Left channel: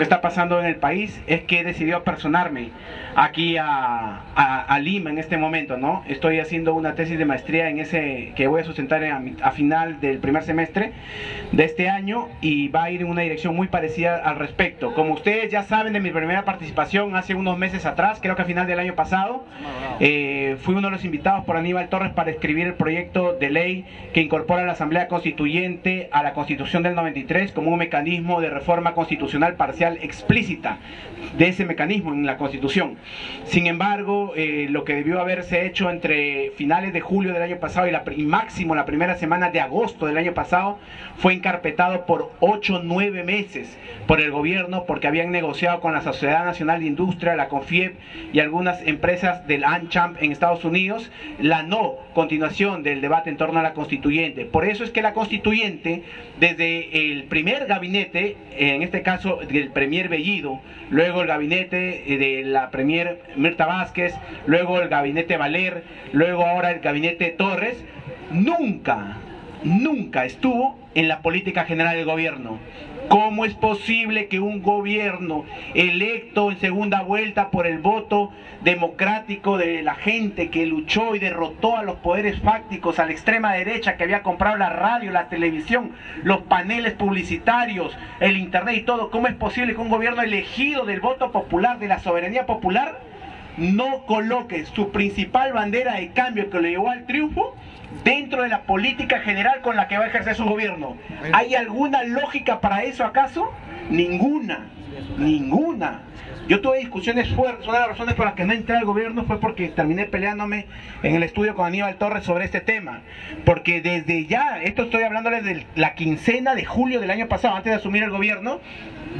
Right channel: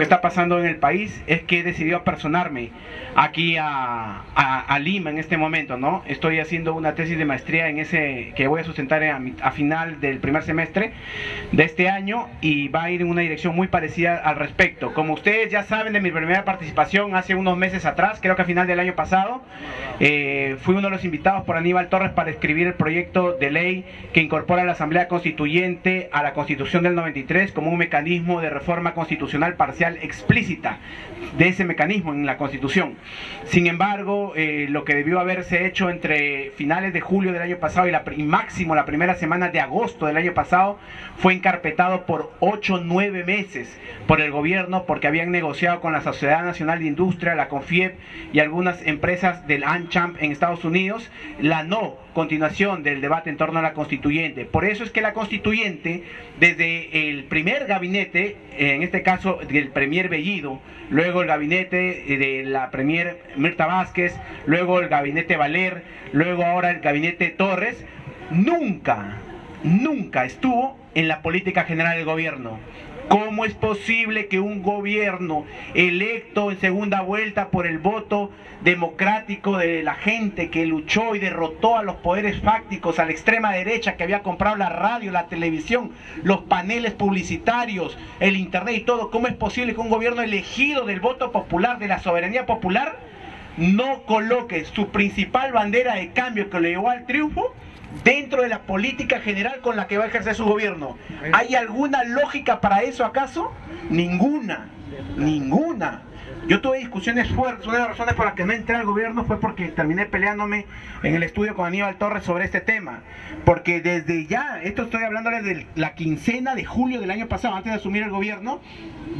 que está pasando en el país es que he decidido apersonarme aquí a Lima en este momento, ¿no? Estoy haciendo una tesis de maestría en ese que voy a sustentar a final del primer semestre de este año, y va a ir en una dirección muy parecida al respecto. Como ustedes ya saben de mi primera participación hace unos meses atrás, creo que a final del año pasado, fui uno de los invitados por Aníbal Torres para escribir el proyecto de ley que incorpora a la Asamblea Constituyente a la Constitución del 93 como un mecanismo de reforma constitucional parcial explícita de ese mecanismo en la Constitución. Sin embargo, lo que debió haberse hecho entre finales de julio del año pasado y máximo la primera semana de agosto del año pasado fue encarpetado por 8 o 9 meses por el gobierno, porque habían negociado con la Sociedad Nacional de Industria, la CONFIEP y algunas empresas del AmCham en Estados Unidos la no continuación del debate en torno a la constituyente. Por eso es que la constituyente, desde el primer gabinete, en este caso del premier Bellido, luego el gabinete de la premier Mirta Vázquez, luego el gabinete Valer, luego ahora el gabinete Torres, nunca estuvo en la política general del gobierno. ¿Cómo es posible que un gobierno electo en segunda vuelta por el voto democrático de la gente que luchó y derrotó a los poderes fácticos, a la extrema derecha que había comprado la radio, la televisión, los paneles publicitarios, el internet y todo, cómo es posible que un gobierno elegido del voto popular, de la soberanía popular, no coloque su principal bandera de cambio que le llevó al triunfo dentro de la política general con la que va a ejercer su gobierno? ¿Hay alguna lógica para eso acaso? Ninguna. Yo tuve discusiones fuertes. Una de las razones por las que no entré al gobierno fue porque terminé peleándome en el estudio con Aníbal Torres sobre este tema, porque desde ya, esto estoy hablándoles de la quincena de julio del año pasado, antes de asumir el gobierno,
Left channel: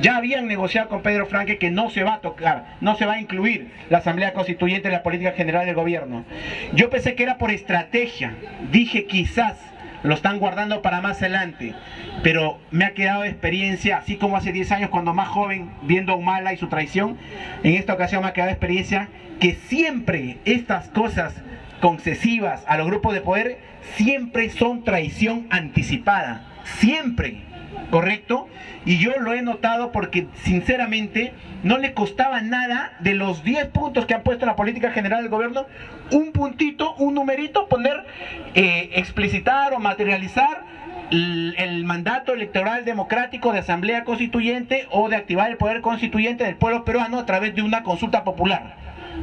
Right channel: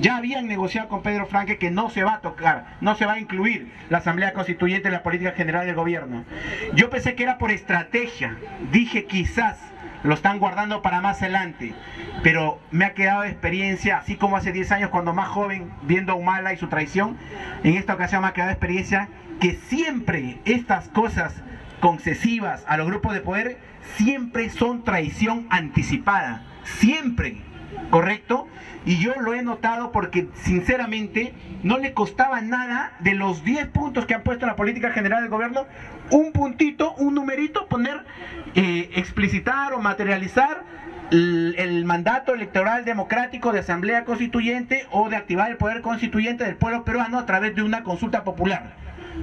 ya habían negociado con Pedro Franque que no se va a tocar, no se va a incluir la Asamblea Constituyente en la política general del gobierno. Yo pensé que era por estrategia, dije quizás lo están guardando para más adelante, pero me ha quedado de experiencia, así como hace 10 años cuando más joven, viendo a Humala y su traición, en esta ocasión me ha quedado de experiencia que siempre estas cosas concesivas a los grupos de poder siempre son traición anticipada, siempre, ¿correcto? Y yo lo he notado porque sinceramente no le costaba nada de los 10 puntos que han puesto en la política general del gobierno, un puntito, un numerito, poner, explicitar o materializar el mandato electoral democrático de Asamblea Constituyente o de activar el poder constituyente del pueblo peruano a través de una consulta popular.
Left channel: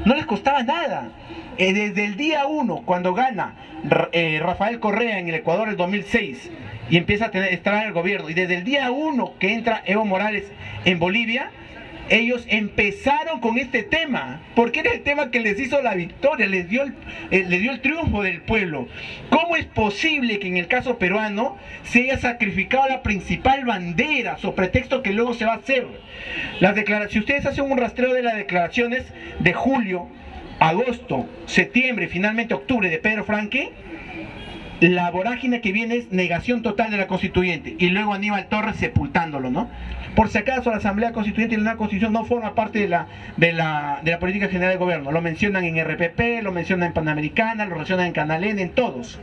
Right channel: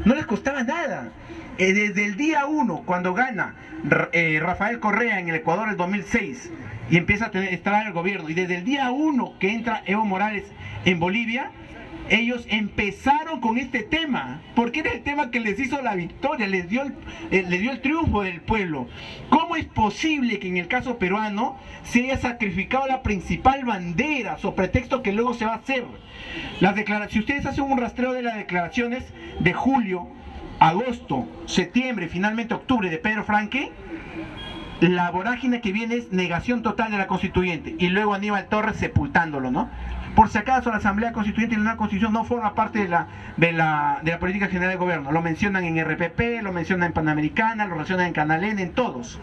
No les costaba nada. Desde el día 1, cuando gana Rafael Correa en el Ecuador el 2006 y empieza a estar en el gobierno, y desde el día 1 que entra Evo Morales en Bolivia, ellos empezaron con este tema, porque era el tema que les hizo la victoria, les dio el triunfo del pueblo. ¿Cómo es posible que en el caso peruano se haya sacrificado la principal bandera, sobre pretexto que luego se va a hacer? Si ustedes hacen un rastreo de las declaraciones de julio, agosto, septiembre y finalmente octubre de Pedro Franque, la vorágine que viene es negación total de la constituyente, y luego Aníbal Torres sepultándolo, ¿no? Por si acaso la Asamblea Constituyente y la nueva Constitución no forma parte de la política general del gobierno. Lo mencionan en RPP, lo mencionan en Panamericana, lo mencionan en Canal N, en todos.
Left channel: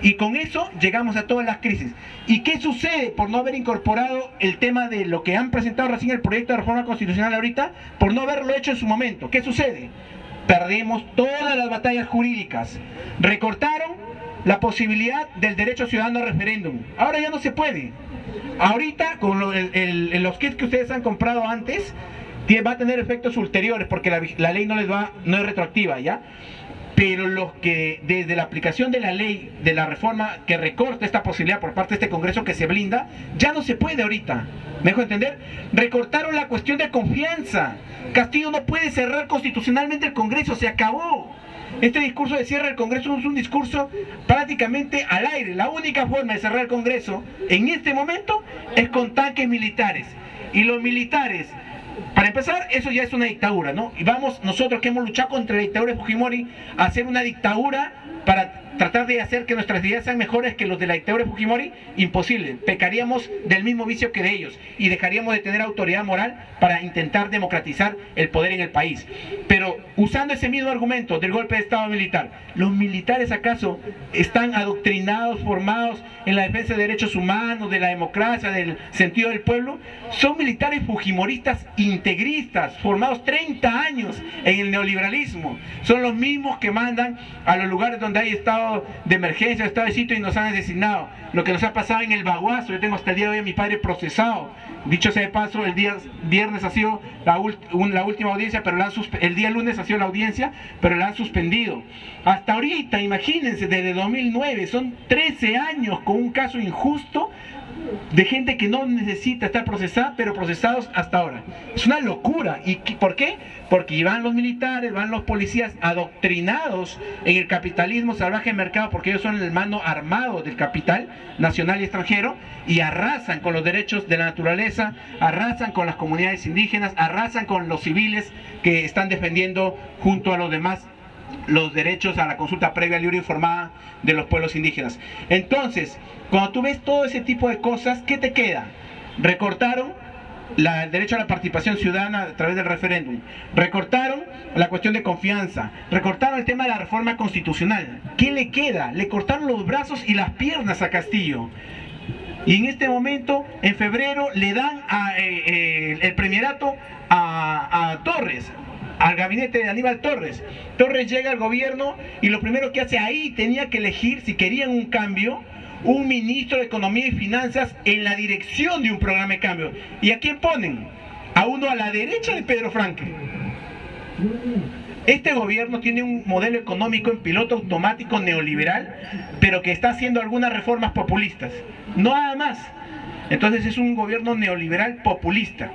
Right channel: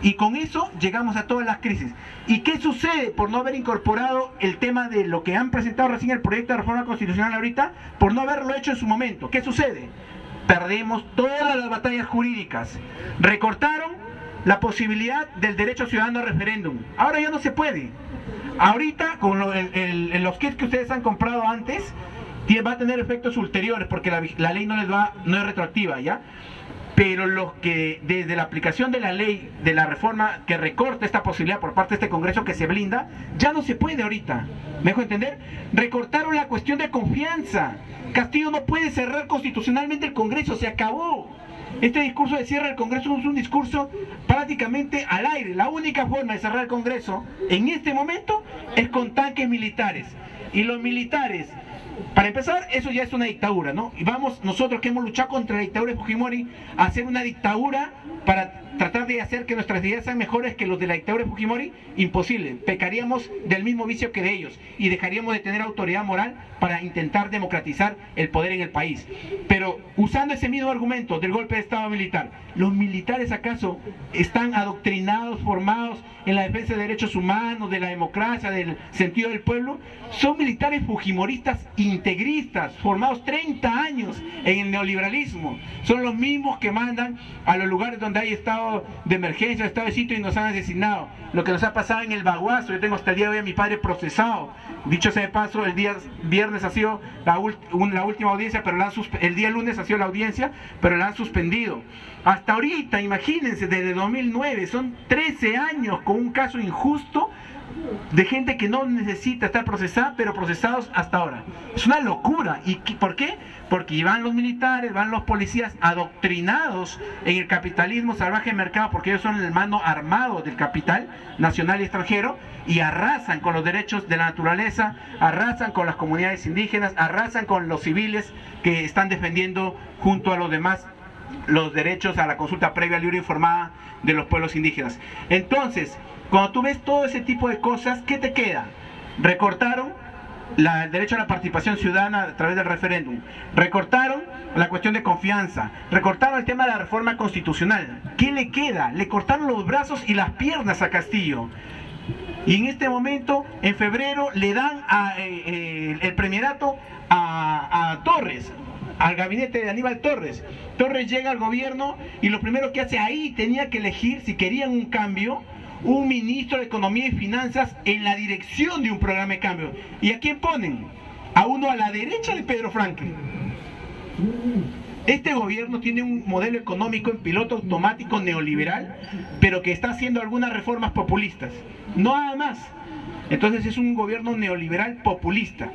Y con eso llegamos a todas las crisis. ¿Y qué sucede por no haber incorporado el tema de lo que han presentado recién el proyecto de reforma constitucional ahorita? Por no haberlo hecho en su momento. ¿Qué sucede? Perdimos todas las batallas jurídicas. Recortaron la posibilidad del derecho ciudadano a referéndum. Ahora ya no se puede. Ahorita, con los kits que ustedes han comprado antes, va a tener efectos ulteriores, porque la ley no es retroactiva, ¿ya? Pero los que desde la aplicación de la ley, de la reforma que recorta esta posibilidad por parte de este Congreso que se blinda, ya no se puede ahorita. ¿Me dejo entender? Recortaron la cuestión de confianza. Castillo no puede cerrar constitucionalmente el Congreso, se acabó. Este discurso de cierre del Congreso es un discurso prácticamente al aire. La única forma de cerrar el Congreso en este momento es con tanques militares. Y los militares, para empezar, eso ya es una dictadura, ¿no? Y vamos nosotros que hemos luchado contra la dictadura de Fujimori a hacer una dictadura para tratar de hacer que nuestras ideas sean mejores que los de la dictadura de Fujimori, imposible. Pecaríamos del mismo vicio que de ellos y dejaríamos de tener autoridad moral para intentar democratizar el poder en el país. Pero usando ese mismo argumento del golpe de Estado militar, ¿los militares acaso están adoctrinados, formados en la defensa de derechos humanos, de la democracia, del sentido del pueblo? Son militares fujimoristas integristas, formados 30 años en el neoliberalismo. Son los mismos que mandan a los lugares donde hay estado de emergencia, estado de sitio, y nos han asesinado. Lo que nos ha pasado en el Baguazo, yo tengo hasta el día de hoy a mi padre procesado. Dicho sea de paso, el día viernes ha sido la última audiencia, pero el día lunes ha sido la audiencia, pero la han suspendido. Hasta ahorita, imagínense, desde 2009, son 13 años con un caso injusto de gente que no necesita estar procesada, pero procesados hasta ahora. Es una locura. ¿Y por qué? Porque van los militares, van los policías adoctrinados en el capitalismo salvaje de mercado, porque ellos son el mano armado del capital nacional y extranjero, y arrasan con los derechos de la naturaleza, arrasan con las comunidades indígenas, arrasan con los civiles que están defendiendo junto a los demás los derechos a la consulta previa, libre e informada de los pueblos indígenas. Entonces, cuando tú ves todo ese tipo de cosas, ¿qué te queda? Recortaron el derecho a la participación ciudadana a través del referéndum, recortaron la cuestión de confianza, recortaron el tema de la reforma constitucional. ¿Qué le queda? Le cortaron los brazos y las piernas a Castillo. Y en este momento, en febrero, le dan el premierato a Torres, al gabinete de Aníbal Torres. Torres llega al gobierno y lo primero que hace ahí, tenía que elegir, si querían un cambio, un ministro de Economía y Finanzas en la dirección de un programa de cambio. ¿Y a quién ponen? A uno a la derecha de Pedro Franque. Este gobierno tiene un modelo económico en piloto automático neoliberal, pero que está haciendo algunas reformas populistas, no nada más. Entonces es un gobierno neoliberal populista.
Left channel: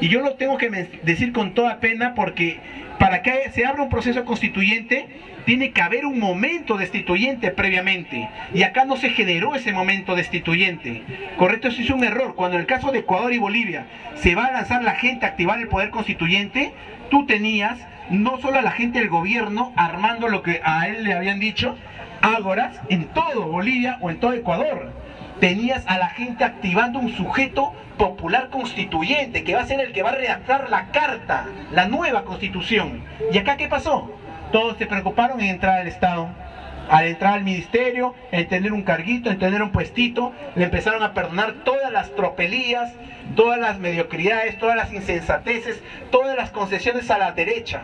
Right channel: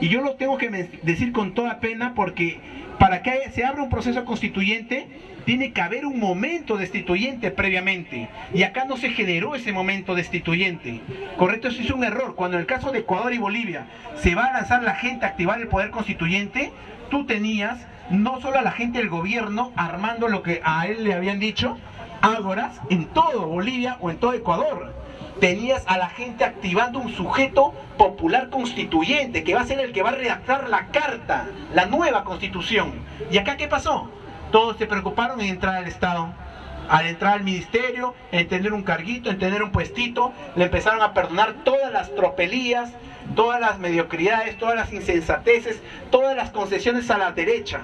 Y yo lo tengo que decir con toda pena, porque para que se abra un proceso constituyente tiene que haber un momento destituyente previamente, y acá no se generó ese momento destituyente. Correcto, eso es un error. Cuando en el caso de Ecuador y Bolivia se va a lanzar la gente a activar el poder constituyente, tú tenías no solo a la gente del gobierno armando lo que a él le habían dicho, ágoras en todo Bolivia o en todo Ecuador. Tenías a la gente activando un sujeto popular constituyente que va a ser el que va a redactar la carta, la nueva constitución. ¿Y acá qué pasó? Todos se preocuparon en entrar al Estado, al entrar al ministerio, en tener un carguito, en tener un puestito. Le empezaron a perdonar todas las tropelías, todas las mediocridades, todas las insensateces, todas las concesiones a la derecha.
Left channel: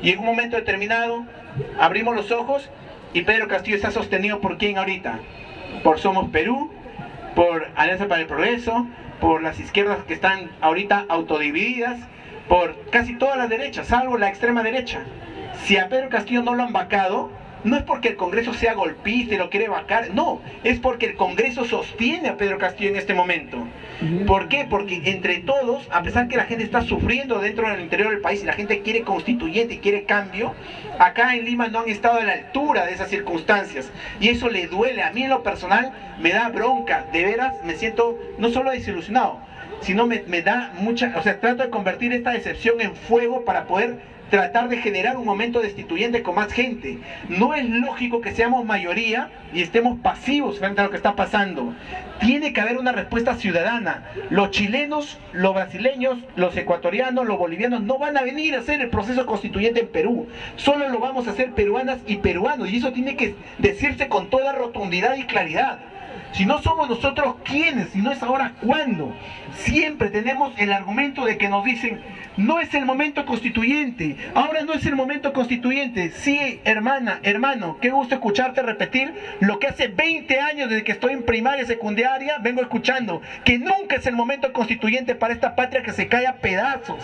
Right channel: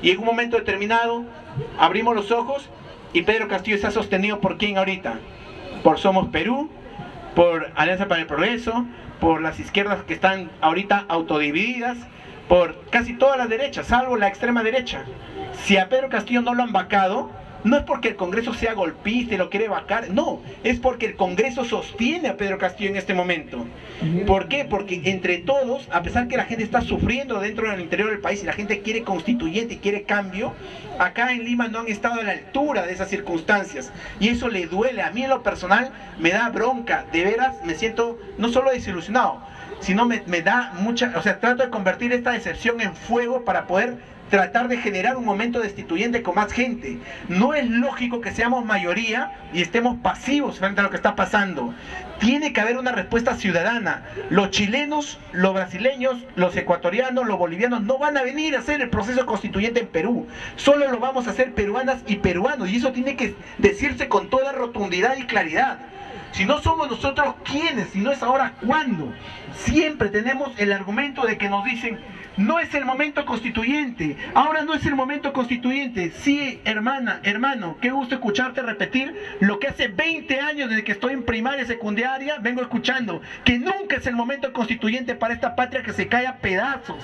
Y en un momento determinado abrimos los ojos y Pedro Castillo está sostenido por ¿quién ahorita? Por Somos Perú, por Alianza para el Progreso, por las izquierdas que están ahorita autodivididas, por casi todas las derechas, salvo la extrema derecha. Si a Pedro Castillo no lo han vacado, no es porque el Congreso sea golpista y lo quiere vacar, no, es porque el Congreso sostiene a Pedro Castillo en este momento. ¿Por qué? Porque entre todos, a pesar que la gente está sufriendo dentro del interior del país y la gente quiere constituyente y quiere cambio, acá en Lima no han estado a la altura de esas circunstancias, y eso le duele. A mí en lo personal me da bronca, de veras me siento no solo desilusionado, sino me da mucha, o sea, trato de convertir esta decepción en fuego para poder tratar de generar un momento destituyente con más gente. No es lógico que seamos mayoría y estemos pasivos frente a lo que está pasando. Tiene que haber una respuesta ciudadana. Los chilenos, los brasileños, los ecuatorianos, los bolivianos no van a venir a hacer el proceso constituyente en Perú. Solo lo vamos a hacer peruanas y peruanos, y eso tiene que decirse con toda rotundidad y claridad. Si no somos nosotros, ¿quiénes? Si no es ahora, ¿cuándo? Siempre tenemos el argumento de que nos dicen: no es el momento constituyente, ahora no es el momento constituyente. Sí, hermana, hermano, qué gusto escucharte repetir lo que hace 20 años desde que estoy en primaria y secundaria vengo escuchando, que nunca es el momento constituyente para esta patria que se cae a pedazos.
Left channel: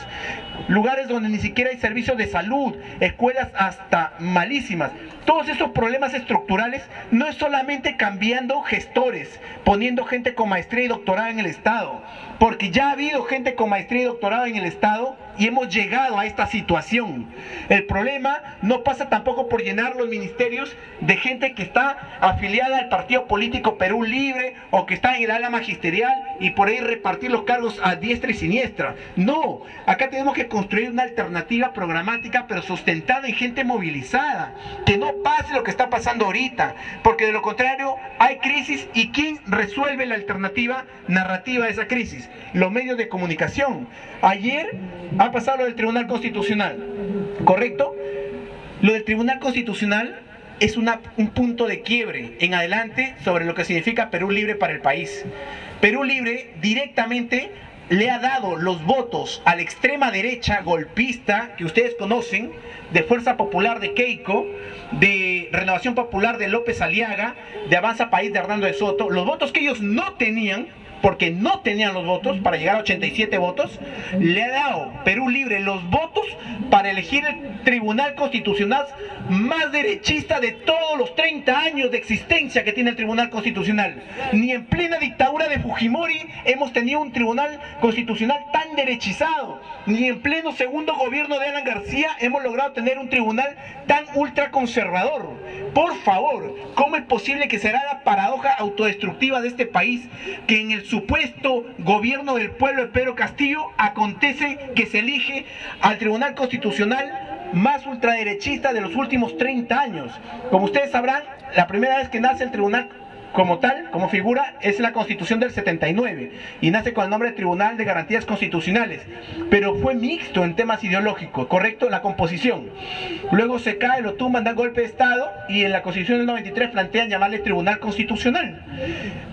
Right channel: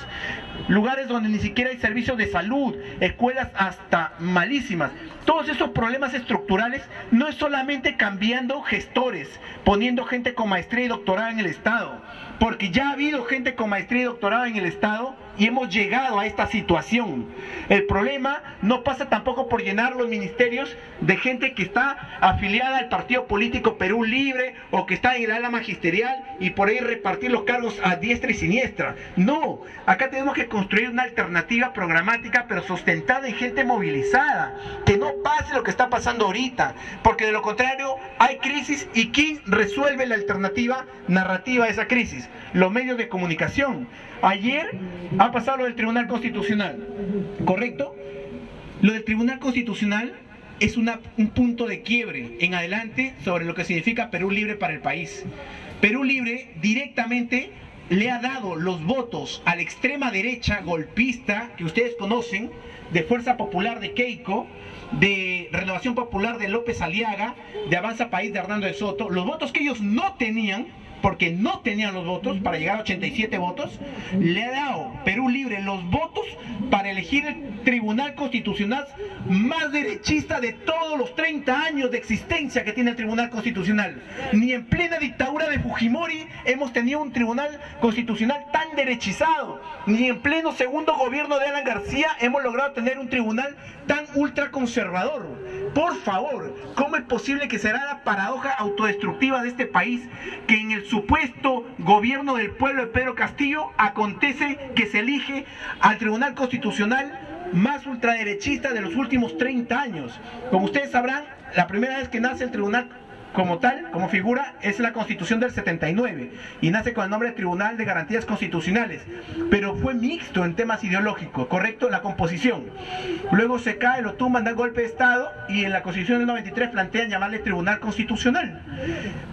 Lugares donde ni siquiera hay servicios de salud, escuelas hasta malísimas. Todos esos problemas estructurales no es solamente cambiando gestores, poniendo gente con maestría y doctorado en el Estado. porque ya ha habido gente con maestría y doctorado en el Estado y hemos llegado a esta situación. El problema no pasa tampoco por llenar los ministerios de gente que está afiliada al partido político Perú Libre o que está en el ala magisterial y por ahí repartir los cargos a diestra y siniestra. No, acá tenemos que construir una alternativa programática pero sustentada en gente movilizada, que no pase lo que está pasando ahorita, porque de lo contrario hay crisis. ¿Y quién resuelve la alternativa narrativa de esa crisis? Los medios de comunicación. Ayer ha pasado lo del Tribunal Constitucional, ¿correcto? Lo del Tribunal Constitucional es un punto de quiebre en adelante sobre lo que significa Perú Libre para el país. Perú Libre directamente le ha dado los votos a la extrema derecha golpista que ustedes conocen, de Fuerza Popular de Keiko, de Renovación Popular de López Aliaga, de Avanza País de Hernando de Soto, los votos que ellos no tenían, porque no tenían los votos para llegar a 87 votos, le ha dado Perú Libre los votos para elegir el Tribunal Constitucional más derechista de todos los 30 años de existencia que tiene el Tribunal Constitucional. Ni en plena dictadura de Fujimori hemos tenido un Tribunal Constitucional tan derechizado, ni en pleno segundo gobierno de Alan García hemos logrado tener un tribunal tan ultraconservador. Por favor, ¿cómo es posible que será la paradoja autodestructiva de este país que en el supuesto gobierno del pueblo de Pedro Castillo acontece que se elige al Tribunal Constitucional más ultraderechista de los últimos 30 años? Como ustedes sabrán, la primera vez que nace el tribunal como tal, como figura, es la Constitución del 79 y nace con el nombre de Tribunal de Garantías Constitucionales, pero fue mixto en temas ideológicos, ¿correcto? La composición. Luego se cae, lo tumban, dan golpe de Estado y en la Constitución del 93 plantean llamarle Tribunal Constitucional.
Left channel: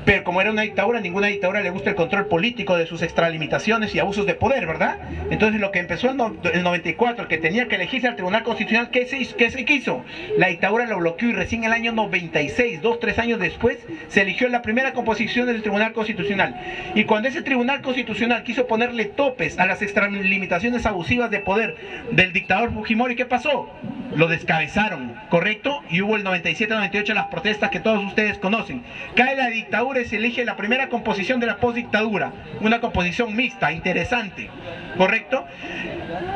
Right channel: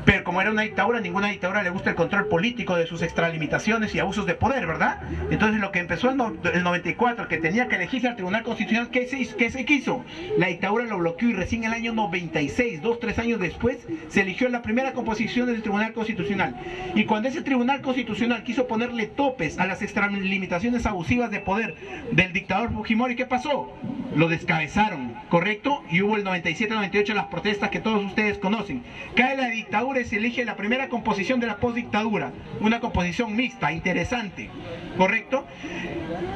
Pero como era una dictadura, ninguna dictadura le gusta el control político de sus extralimitaciones y abusos de poder, ¿verdad? Entonces lo que empezó en el 94, que tenía que elegirse al Tribunal Constitucional, ¿qué se hizo? La dictadura lo bloqueó y recién en el año 96, 2-3 años después, se eligió la primera composición del Tribunal Constitucional. Y cuando ese Tribunal Constitucional quiso ponerle topes a las extralimitaciones abusivas de poder del dictador Fujimori, ¿qué pasó? Lo descabezaron, ¿correcto? Y hubo el 97-98 las protestas que todos ustedes conocen. Cae la dictadura y se elige la primera composición de la postdictadura, una composición mixta, interesante, ¿correcto?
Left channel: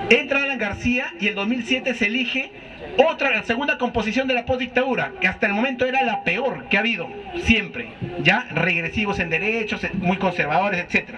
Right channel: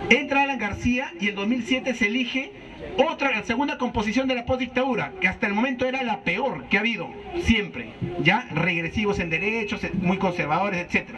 Entra Alan García y en 2007 se elige la segunda composición de la postdictadura, que hasta el momento era la peor que ha habido siempre, ya regresivos en derechos, muy conservadores, etc.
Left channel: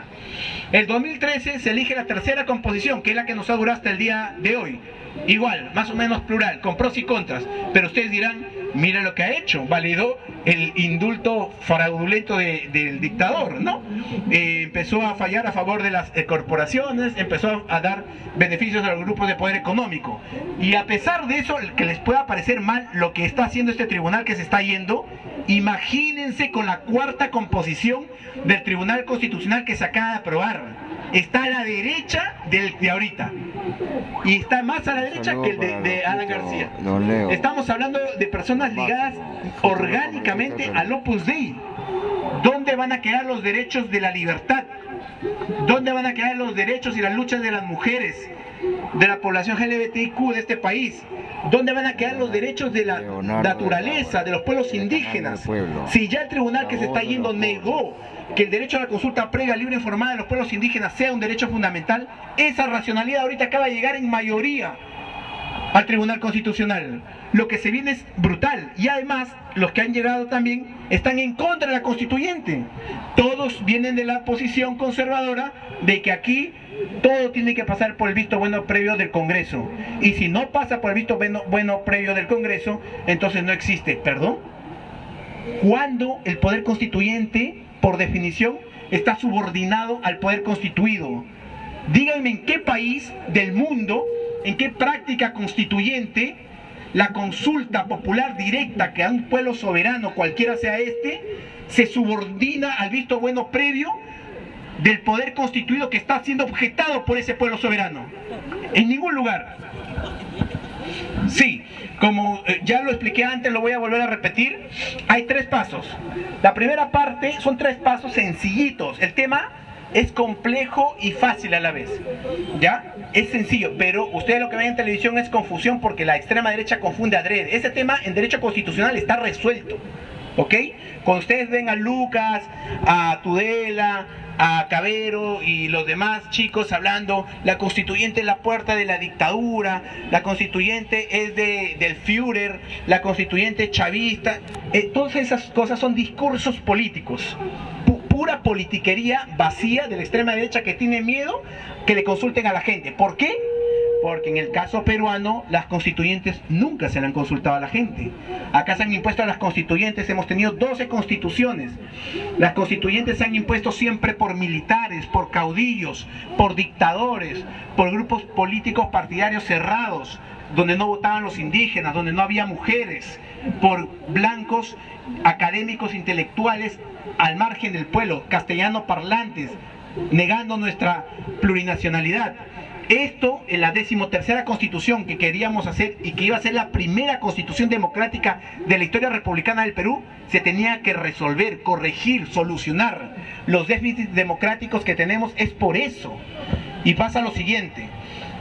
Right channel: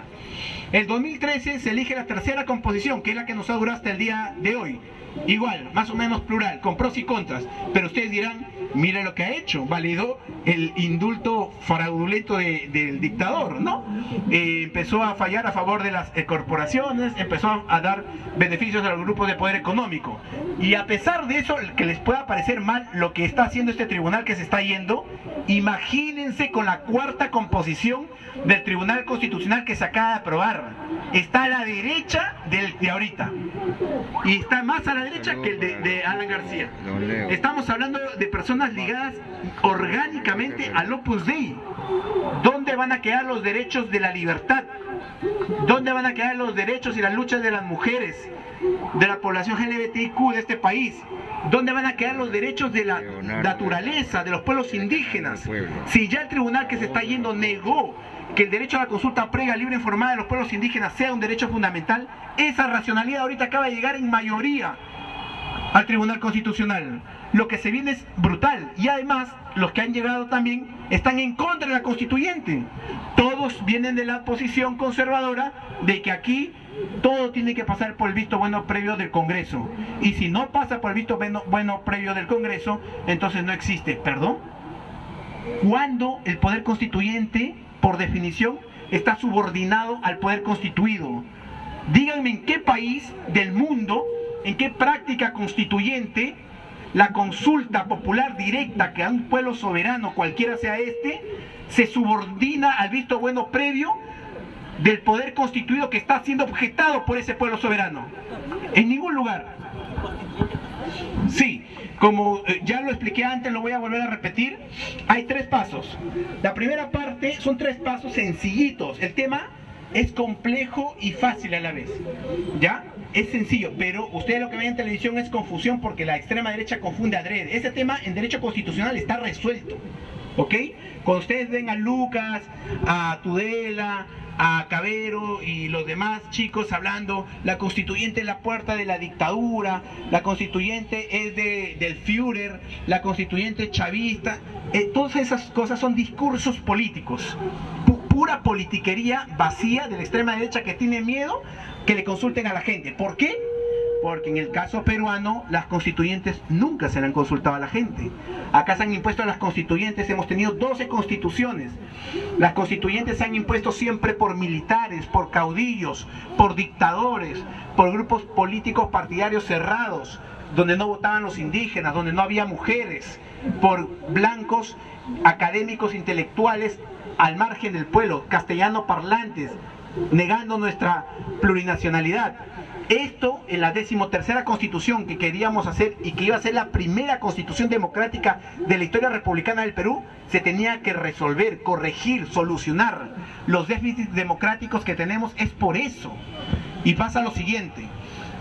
El 2013 se elige la tercera composición, que es la que nos ha durado hasta el día de hoy. Igual, más o menos plural, con pros y contras, pero ustedes dirán, mire lo que ha hecho, validó el indulto fraudulento del dictador, ¿no? Empezó a fallar a favor de las corporaciones, empezó a dar beneficios a los grupos de poder económico. Y a pesar de eso, que les pueda parecer mal lo que está haciendo este tribunal que se está yendo, imagínense con la cuarta composición del Tribunal Constitucional que se acaba de aprobar. Está a la derecha de ahorita. Y está más a la derecha que el de Alan García. Estamos hablando de personas ligadas orgánicamente al Opus Dei. ¿Dónde van a quedar los derechos de la libertad? ¿Dónde van a quedar los derechos y las luchas de las mujeres, de la población LGBTIQ de este país? ¿Dónde van a quedar los derechos de la naturaleza, de los pueblos indígenas? Si ya el tribunal que se está yendo negó que el derecho a la consulta previa, libre e informada de los pueblos indígenas sea un derecho fundamental, esa racionalidad ahorita acaba de llegar en mayoría al Tribunal Constitucional. Lo que se viene es brutal, y además los que han llegado también están en contra de la constituyente. Todos vienen de la posición conservadora de que aquí todo tiene que pasar por el visto bueno previo del Congreso, y si no pasa por el visto bueno previo del Congreso, entonces no existe. ¿Perdón? ¿Cuándo el poder constituyente, por definición, está subordinado al poder constituido? Díganme en qué país del mundo, en qué práctica constituyente, la consulta popular directa que a un pueblo soberano, cualquiera sea este, se subordina al visto bueno previo del poder constituido que está siendo objetado por ese pueblo soberano. En ningún lugar. Sí, como ya lo expliqué antes, lo voy a volver a repetir. Hay 3 pasos. La primera parte son 3 pasos sencillitos. El tema es complejo y fácil a la vez, ¿ya? Es sencillo, pero ustedes lo que ven en televisión es confusión porque la extrema derecha confunde adrede. Ese tema en derecho constitucional está resuelto, ¿ok? Cuando ustedes ven a Lucas, a Tudela, a Cabero y los demás chicos hablando, la constituyente es la puerta de la dictadura, la constituyente es del Führer, la constituyente es chavista. Todas esas cosas son discursos políticos, pura politiquería vacía de la extrema derecha que tiene miedo que le consulten a la gente. ¿Por qué? Porque en el caso peruano las constituyentes nunca se le han consultado a la gente. Acá se han impuesto a las constituyentes, hemos tenido 12 constituciones. Las constituyentes se han impuesto siempre por militares, por caudillos, por dictadores, por grupos políticos partidarios cerrados, donde no votaban los indígenas, donde no había mujeres, por blancos académicos intelectuales al margen del pueblo, castellano parlantes, negando nuestra plurinacionalidad. Esto en la 13ª constitución que queríamos hacer y que iba a ser la primera constitución democrática de la historia republicana del Perú, se tenía que resolver, corregir, solucionar los déficits democráticos que tenemos. Es por eso. Y pasa lo siguiente.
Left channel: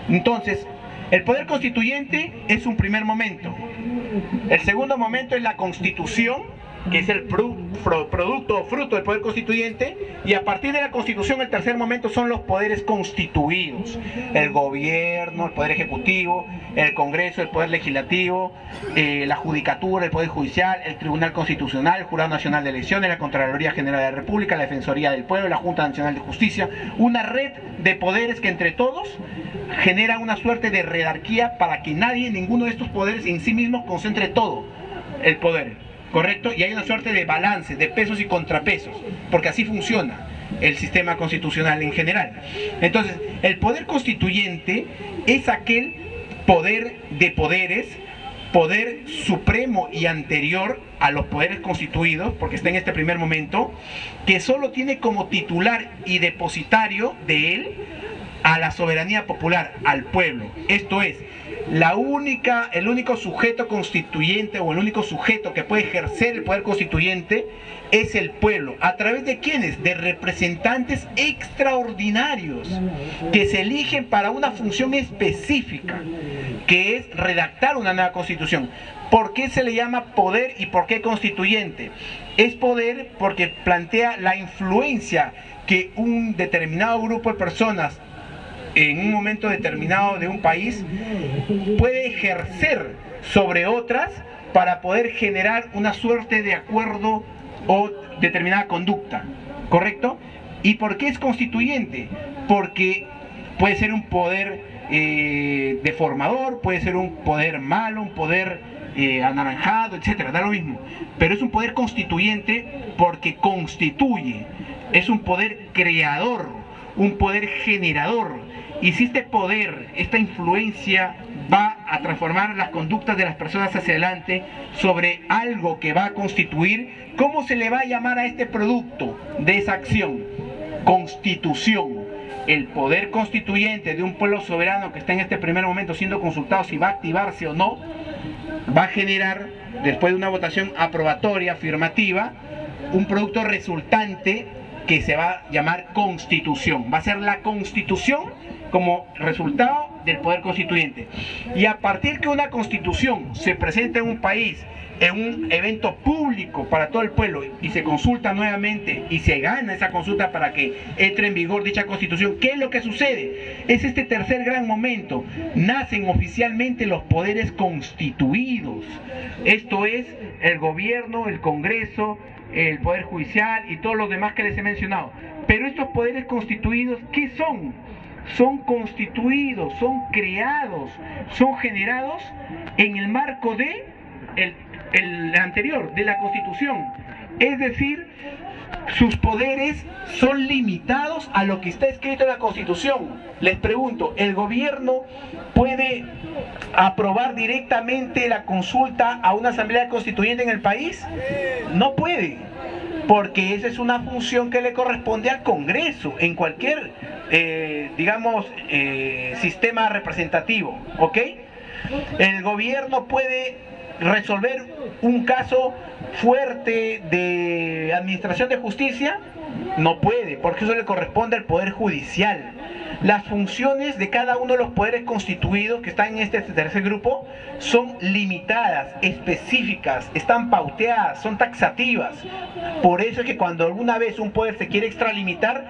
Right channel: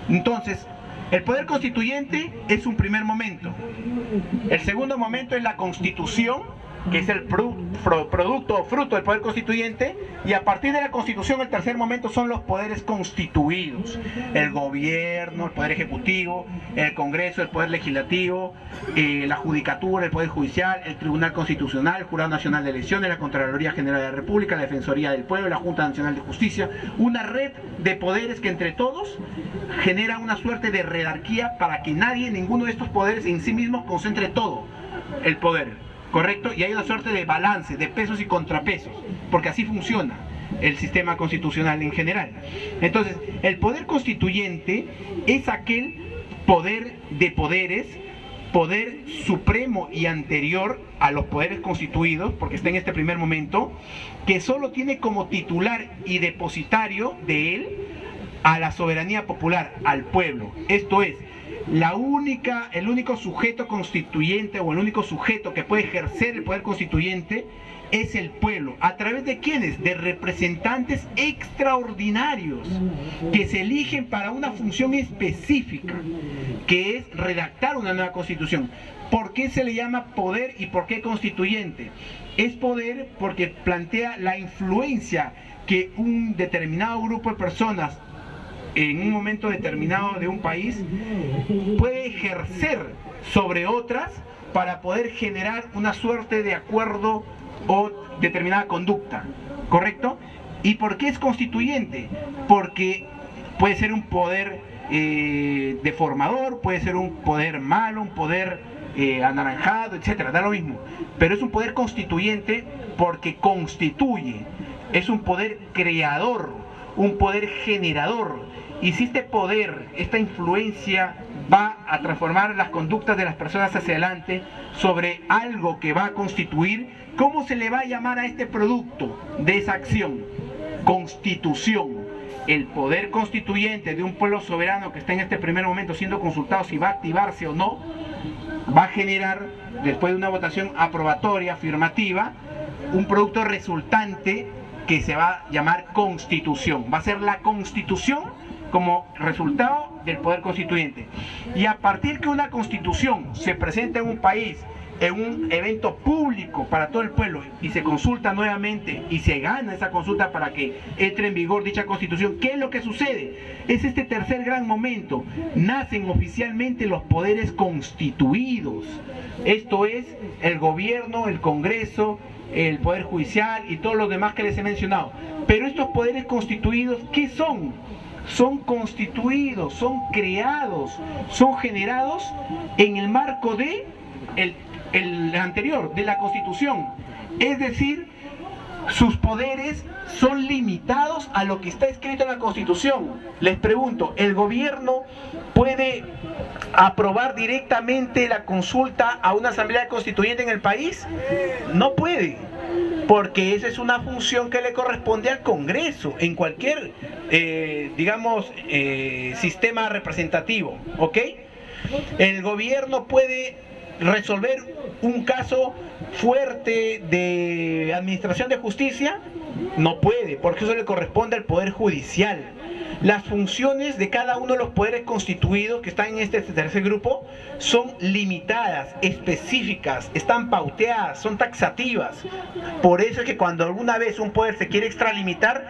Entonces, el poder constituyente es un primer momento. El segundo momento es la constitución, que es el producto o fruto del poder constituyente, y a partir de la constitución el tercer momento son los poderes constituidos: el gobierno, el poder ejecutivo, el Congreso, el poder legislativo, la judicatura, el poder judicial, el Tribunal Constitucional, el Jurado Nacional de Elecciones, la Contraloría General de la República, la Defensoría del Pueblo, la Junta Nacional de Justicia, una red de poderes que entre todos generan una suerte de jerarquía para que nadie, ninguno de estos poderes en sí mismos concentre todo el poder. ¿Correcto? Y hay una suerte de balance, de pesos y contrapesos, porque así funciona el sistema constitucional en general. Entonces, el poder constituyente es aquel poder de poderes, poder supremo y anterior a los poderes constituidos, porque está en este primer momento, que solo tiene como titular y depositario de él a la soberanía popular, al pueblo. Esto es, el único sujeto constituyente o el único sujeto que puede ejercer el poder constituyente es el pueblo. ¿A través de quiénes? De representantes extraordinarios que se eligen para una función específica, que es redactar una nueva constitución. ¿Por qué se le llama poder y por qué constituyente? Es poder porque plantea la influencia que un determinado grupo de personas en un momento determinado de un país puede ejercer sobre otras para poder generar una suerte de acuerdo o determinada conducta, ¿correcto? ¿Y por qué es constituyente? Porque puede ser un poder deformador, puede ser un poder malo, un poder anaranjado, etcétera, da lo mismo, pero es un poder constituyente porque constituye, es un poder creador, un poder generador. Y si este poder, esta influencia va a transformar las conductas de las personas hacia adelante sobre algo que va a constituir, ¿cómo se le va a llamar a este producto de esa acción? Constitución. El poder constituyente de un pueblo soberano que está en este primer momento siendo consultado si va a activarse o no, va a generar, después de una votación aprobatoria, afirmativa, un producto resultante que se va a llamar constitución. Va a ser la constitución como resultado del poder constituyente. Y a partir que una constitución se presenta en un país, en un evento público para todo el pueblo, y se consulta nuevamente y se gana esa consulta para que entre en vigor dicha constitución, ¿qué es lo que sucede? Es este tercer gran momento. Nacen oficialmente los poderes constituidos. Esto es el gobierno, el Congreso, el Poder Judicial y todos los demás que les he mencionado. Pero estos poderes constituidos, ¿qué son? Son constituidos, son creados, son generados en el marco de el anterior, de la Constitución. Es decir, sus poderes son limitados a lo que está escrito en la Constitución. Les pregunto, ¿el gobierno puede aprobar directamente la consulta a una asamblea constituyente en el país? No puede, porque esa es una función que le corresponde al Congreso en cualquier, sistema representativo, ¿ok? El gobierno puede resolver un caso fuerte de administración de justicia, no puede, porque eso le corresponde al Poder Judicial. Las funciones de cada uno de los poderes constituidos que están en este tercer grupo son limitadas, específicas, están pauteadas, son taxativas. Por eso es que cuando alguna vez un poder se quiere extralimitar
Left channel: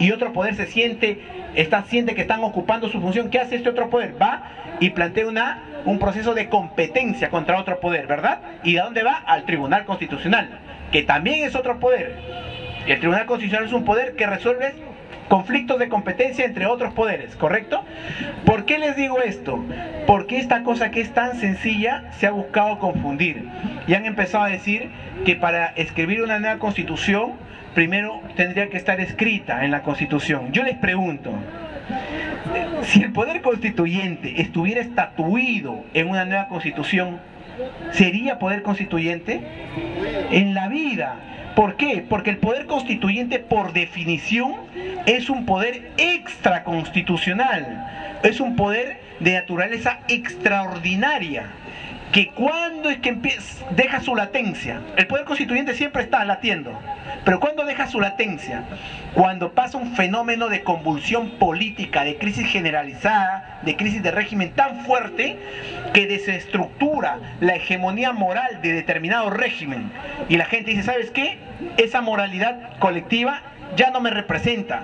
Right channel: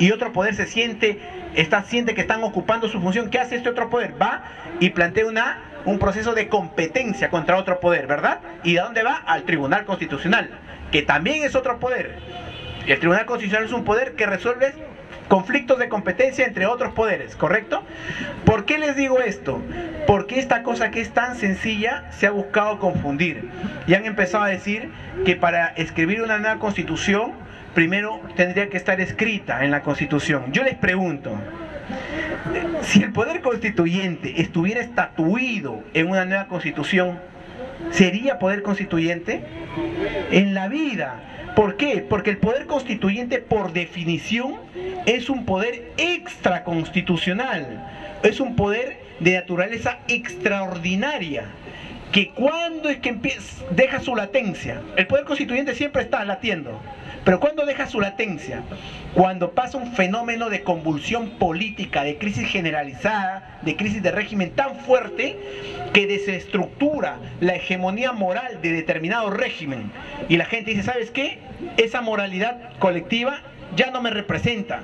y otro poder siente que están ocupando su función, ¿qué hace este otro poder? Va y plantea un proceso de competencia contra otro poder, ¿verdad? ¿Y a dónde va? Al Tribunal Constitucional, que también es otro poder. Y el Tribunal Constitucional es un poder que resuelve conflictos de competencia entre otros poderes, ¿correcto? ¿Por qué les digo esto? Porque esta cosa que es tan sencilla se ha buscado confundir y han empezado a decir que para escribir una nueva constitución primero tendría que estar escrita en la constitución. Yo les pregunto, si el poder constituyente estuviera estatuido en una nueva constitución, ¿sería poder constituyente? En la vida. ¿Por qué? Porque el poder constituyente, por definición, es un poder extraconstitucional. Es un poder de naturaleza extraordinaria. Que cuando es que deja su latencia. El poder constituyente siempre está latiendo. Pero ¿cuándo deja su latencia? Cuando pasa un fenómeno de convulsión política, de crisis generalizada, de crisis de régimen tan fuerte que desestructura la hegemonía moral de determinado régimen. Y la gente dice, ¿sabes qué? Esa moralidad colectiva ya no me representa.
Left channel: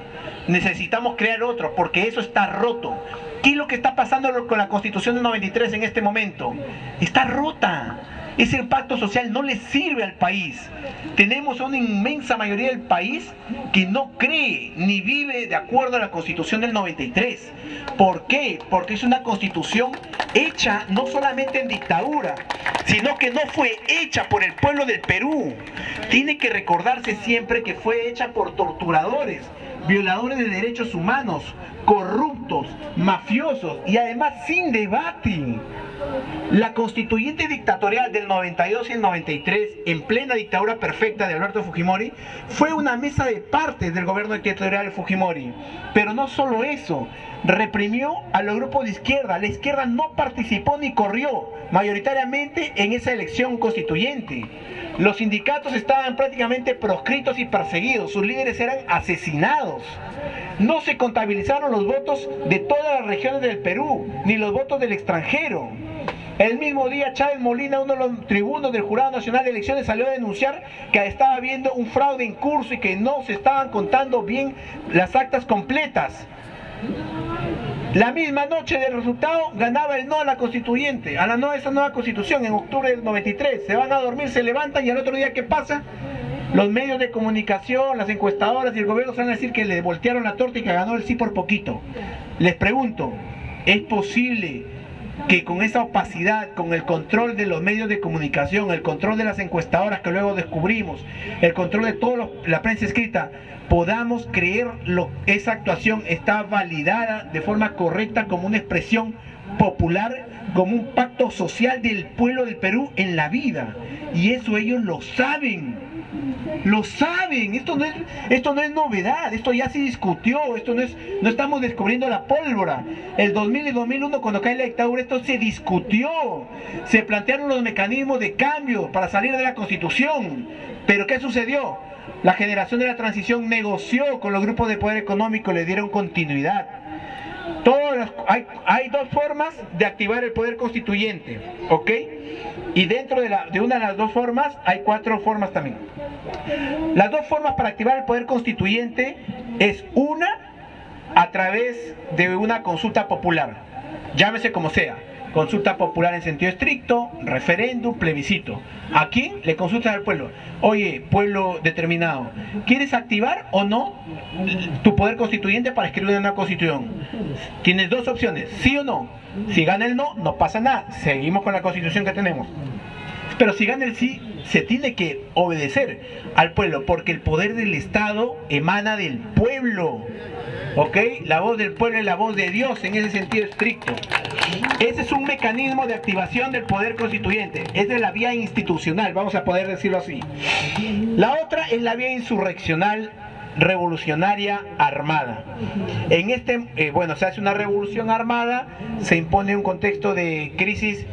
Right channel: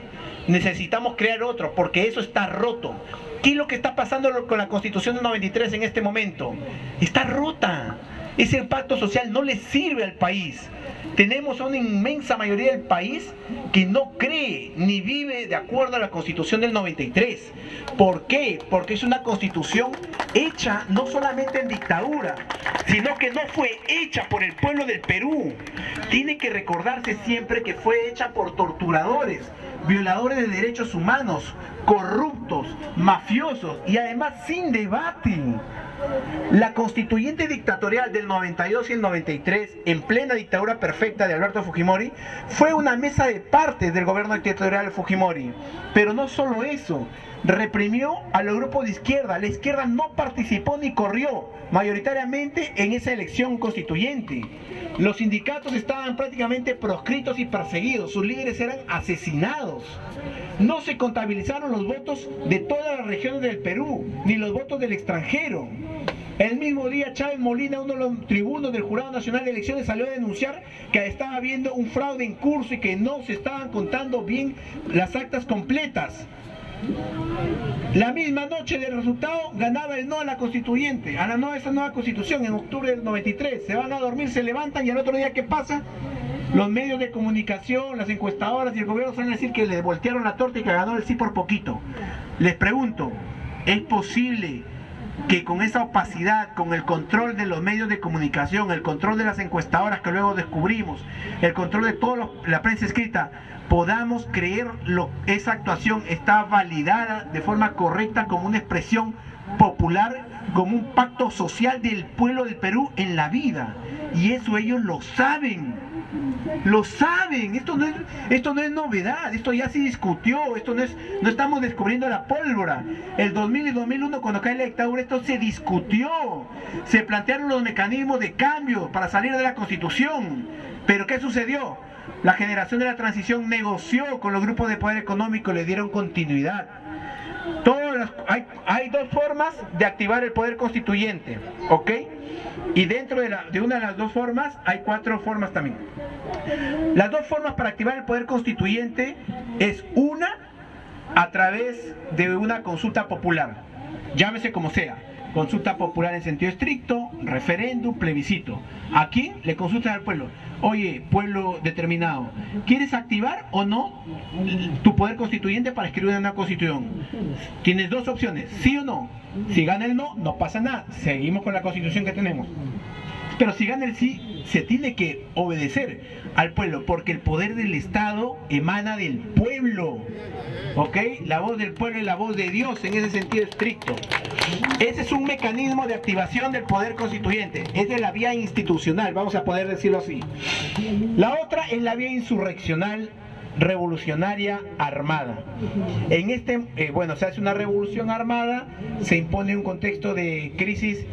Necesitamos crear otro, porque eso está roto. ¿Qué es lo que está pasando con la Constitución del 93 en este momento? Está rota. Ese pacto social no le sirve al país. Tenemos a una inmensa mayoría del país que no cree ni vive de acuerdo a la Constitución del 93. ¿Por qué? Porque es una constitución hecha no solamente en dictadura, sino que no fue hecha por el pueblo del Perú. Tiene que recordarse siempre que fue hecha por torturadores, violadores de derechos humanos, corruptos, mafiosos y además sin debate. La constituyente dictatorial del 92 y el 93, en plena dictadura perfecta de Alberto Fujimori, fue una mesa de partes del gobierno dictatorial de Fujimori. Pero no solo eso, reprimió a los grupos de izquierda. La izquierda no participó ni corrió mayoritariamente en esa elección constituyente. Los sindicatos estaban prácticamente proscritos y perseguidos, sus líderes eran asesinados. No se contabilizaron los votos de todas las regiones del Perú, ni los votos del extranjero. El mismo día Chávez Molina, uno de los tribunos del Jurado Nacional de Elecciones, salió a denunciar que estaba habiendo un fraude en curso y que no se estaban contando bien las actas completas. La misma noche del resultado ganaba el no a la constituyente, a esa nueva constitución en octubre del 93. Se van a dormir, se levantan y al otro día, ¿qué pasa? Los medios de comunicación, las encuestadoras y el gobierno se van a decir que le voltearon la torta y que ganó el sí por poquito. Les pregunto, ¿es posible que con esa opacidad, con el control de los medios de comunicación, el control de las encuestadoras que luego descubrimos, el control de toda la prensa escrita, podamos creer esa actuación está validada de forma correcta como una expresión popular, como un pacto social del pueblo del Perú en la vida? Y eso ellos lo saben. Lo saben, esto no es novedad, esto ya se discutió, no estamos descubriendo la pólvora. El 2000 y 2001, cuando cae la dictadura, esto se discutió, se plantearon los mecanismos de cambio para salir de la Constitución. Pero ¿qué sucedió? La generación de la transición negoció con los grupos de poder económico, le dieron continuidad. Hay dos formas de activar el poder constituyente, ¿ok? Y dentro de una de las dos formas hay 4 formas también. Las dos formas para activar el poder constituyente es una, a través de una consulta popular, llámese como sea, consulta popular en sentido estricto, referéndum, plebiscito. ¿A quién? Le consultan al pueblo. Oye, pueblo determinado, ¿quieres activar o no tu poder constituyente para escribir una constitución? Tienes dos opciones, sí o no. Si gana el no, no pasa nada, seguimos con la constitución que tenemos. Pero si gana el sí, se tiene que obedecer al pueblo, porque el poder del Estado emana del pueblo, ¿ok? La voz del pueblo es la voz de Dios en ese sentido estricto. Ese es un mecanismo de activación del poder constituyente. Esa es la vía institucional, vamos a poder decirlo así. La otra es la vía insurreccional, revolucionaria, armada. En se hace una revolución armada, se impone un contexto de crisis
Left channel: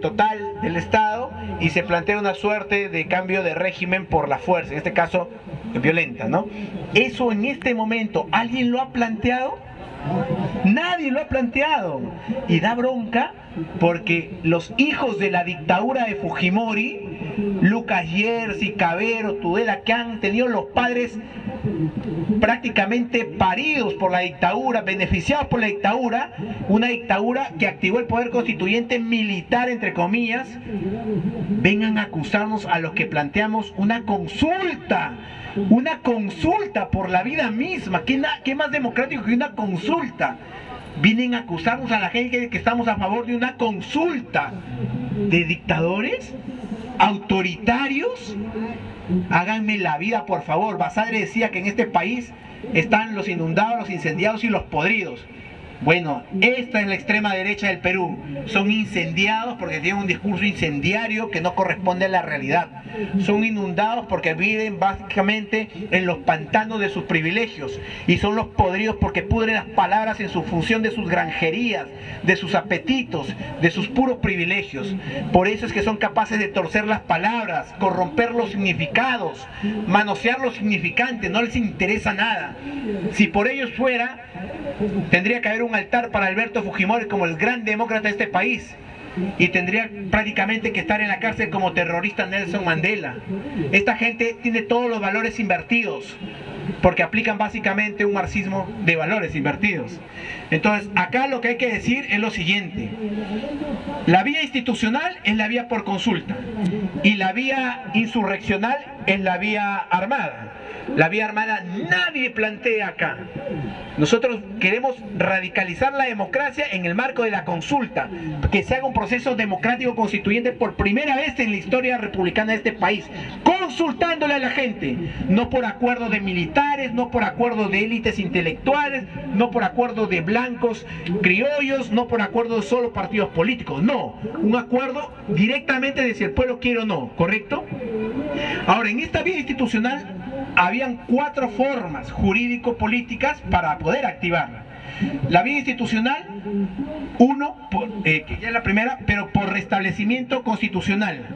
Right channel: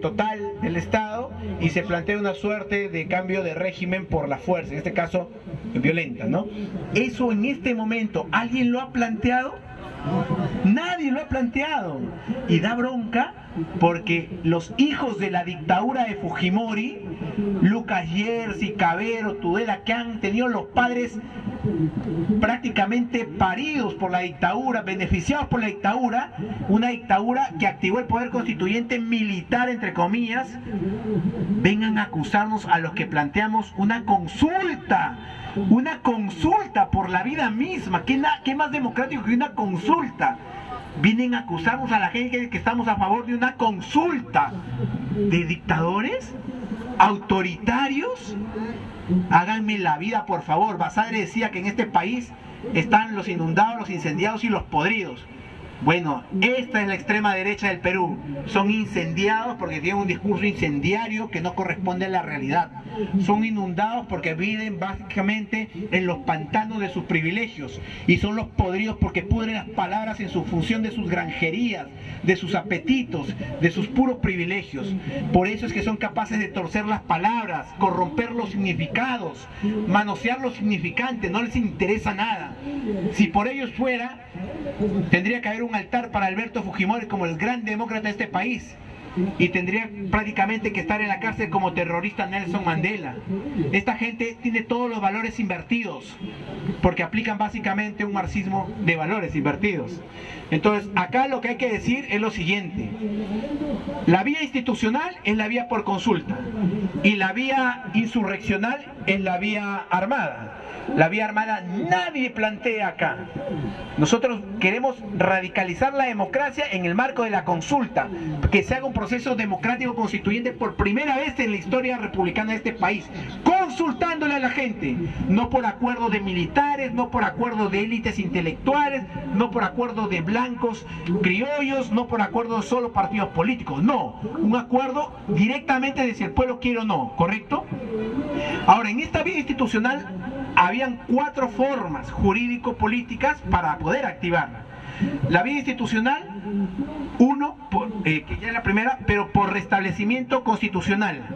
total del Estado y se plantea una suerte de cambio de régimen por la fuerza, en este caso violenta, ¿no? Eso en este momento, ¿alguien lo ha planteado? Nadie lo ha planteado. Y da bronca porque los hijos de la dictadura de Fujimori, Lucas Yersi, Cabero, Tudela, que han tenido los padres prácticamente paridos por la dictadura, beneficiados por la dictadura, una dictadura que activó el poder constituyente militar, entre comillas, vengan a acusarnos a los que planteamos una consulta por la vida misma. ¿Qué más democrático que una consulta? Vienen a acusarnos a la gente de que estamos a favor de una consulta. ¿De dictadores? ¿Autoritarios? Háganme la vida, por favor. Basadre decía que en este país están los inundados, los incendiados y los podridos. Bueno, esta es la extrema derecha del Perú. Son incendiados porque tienen un discurso incendiario que no corresponde a la realidad. Son inundados porque viven básicamente en los pantanos de sus privilegios. Y son los podridos porque pudren las palabras en su función de sus granjerías, de sus apetitos, de sus puros privilegios. Por eso es que son capaces de torcer las palabras, corromper los significados, manosear los significantes. No les interesa nada. Si por ellos fuera, tendría que haber un altar para Alberto Fujimori como el gran demócrata de este país, y tendría prácticamente que estar en la cárcel como terrorista Nelson Mandela. Esta gente tiene todos los valores invertidos porque aplican básicamente un marxismo de valores invertidos. Entonces acá lo que hay que decir es lo siguiente: la vía institucional es la vía por consulta y la vía insurreccional es la vía armada. La vía armada nadie plantea acá. Nosotros queremos radicalizar la democracia en el marco de la consulta, que se haga un proceso democrático constituyente por primera vez en la historia republicana de este país, consultándole a la gente, no por acuerdos de militares, no por acuerdos de élites intelectuales, no por acuerdos de blancos criollos, no por acuerdos solo partidos políticos, no, un acuerdo directamente de si el pueblo quiere o no, ¿correcto? Ahora, en esta vía institucional habían 4 formas jurídico-políticas para poder activarla. La vía institucional, que ya es la primera, pero por restablecimiento constitucional.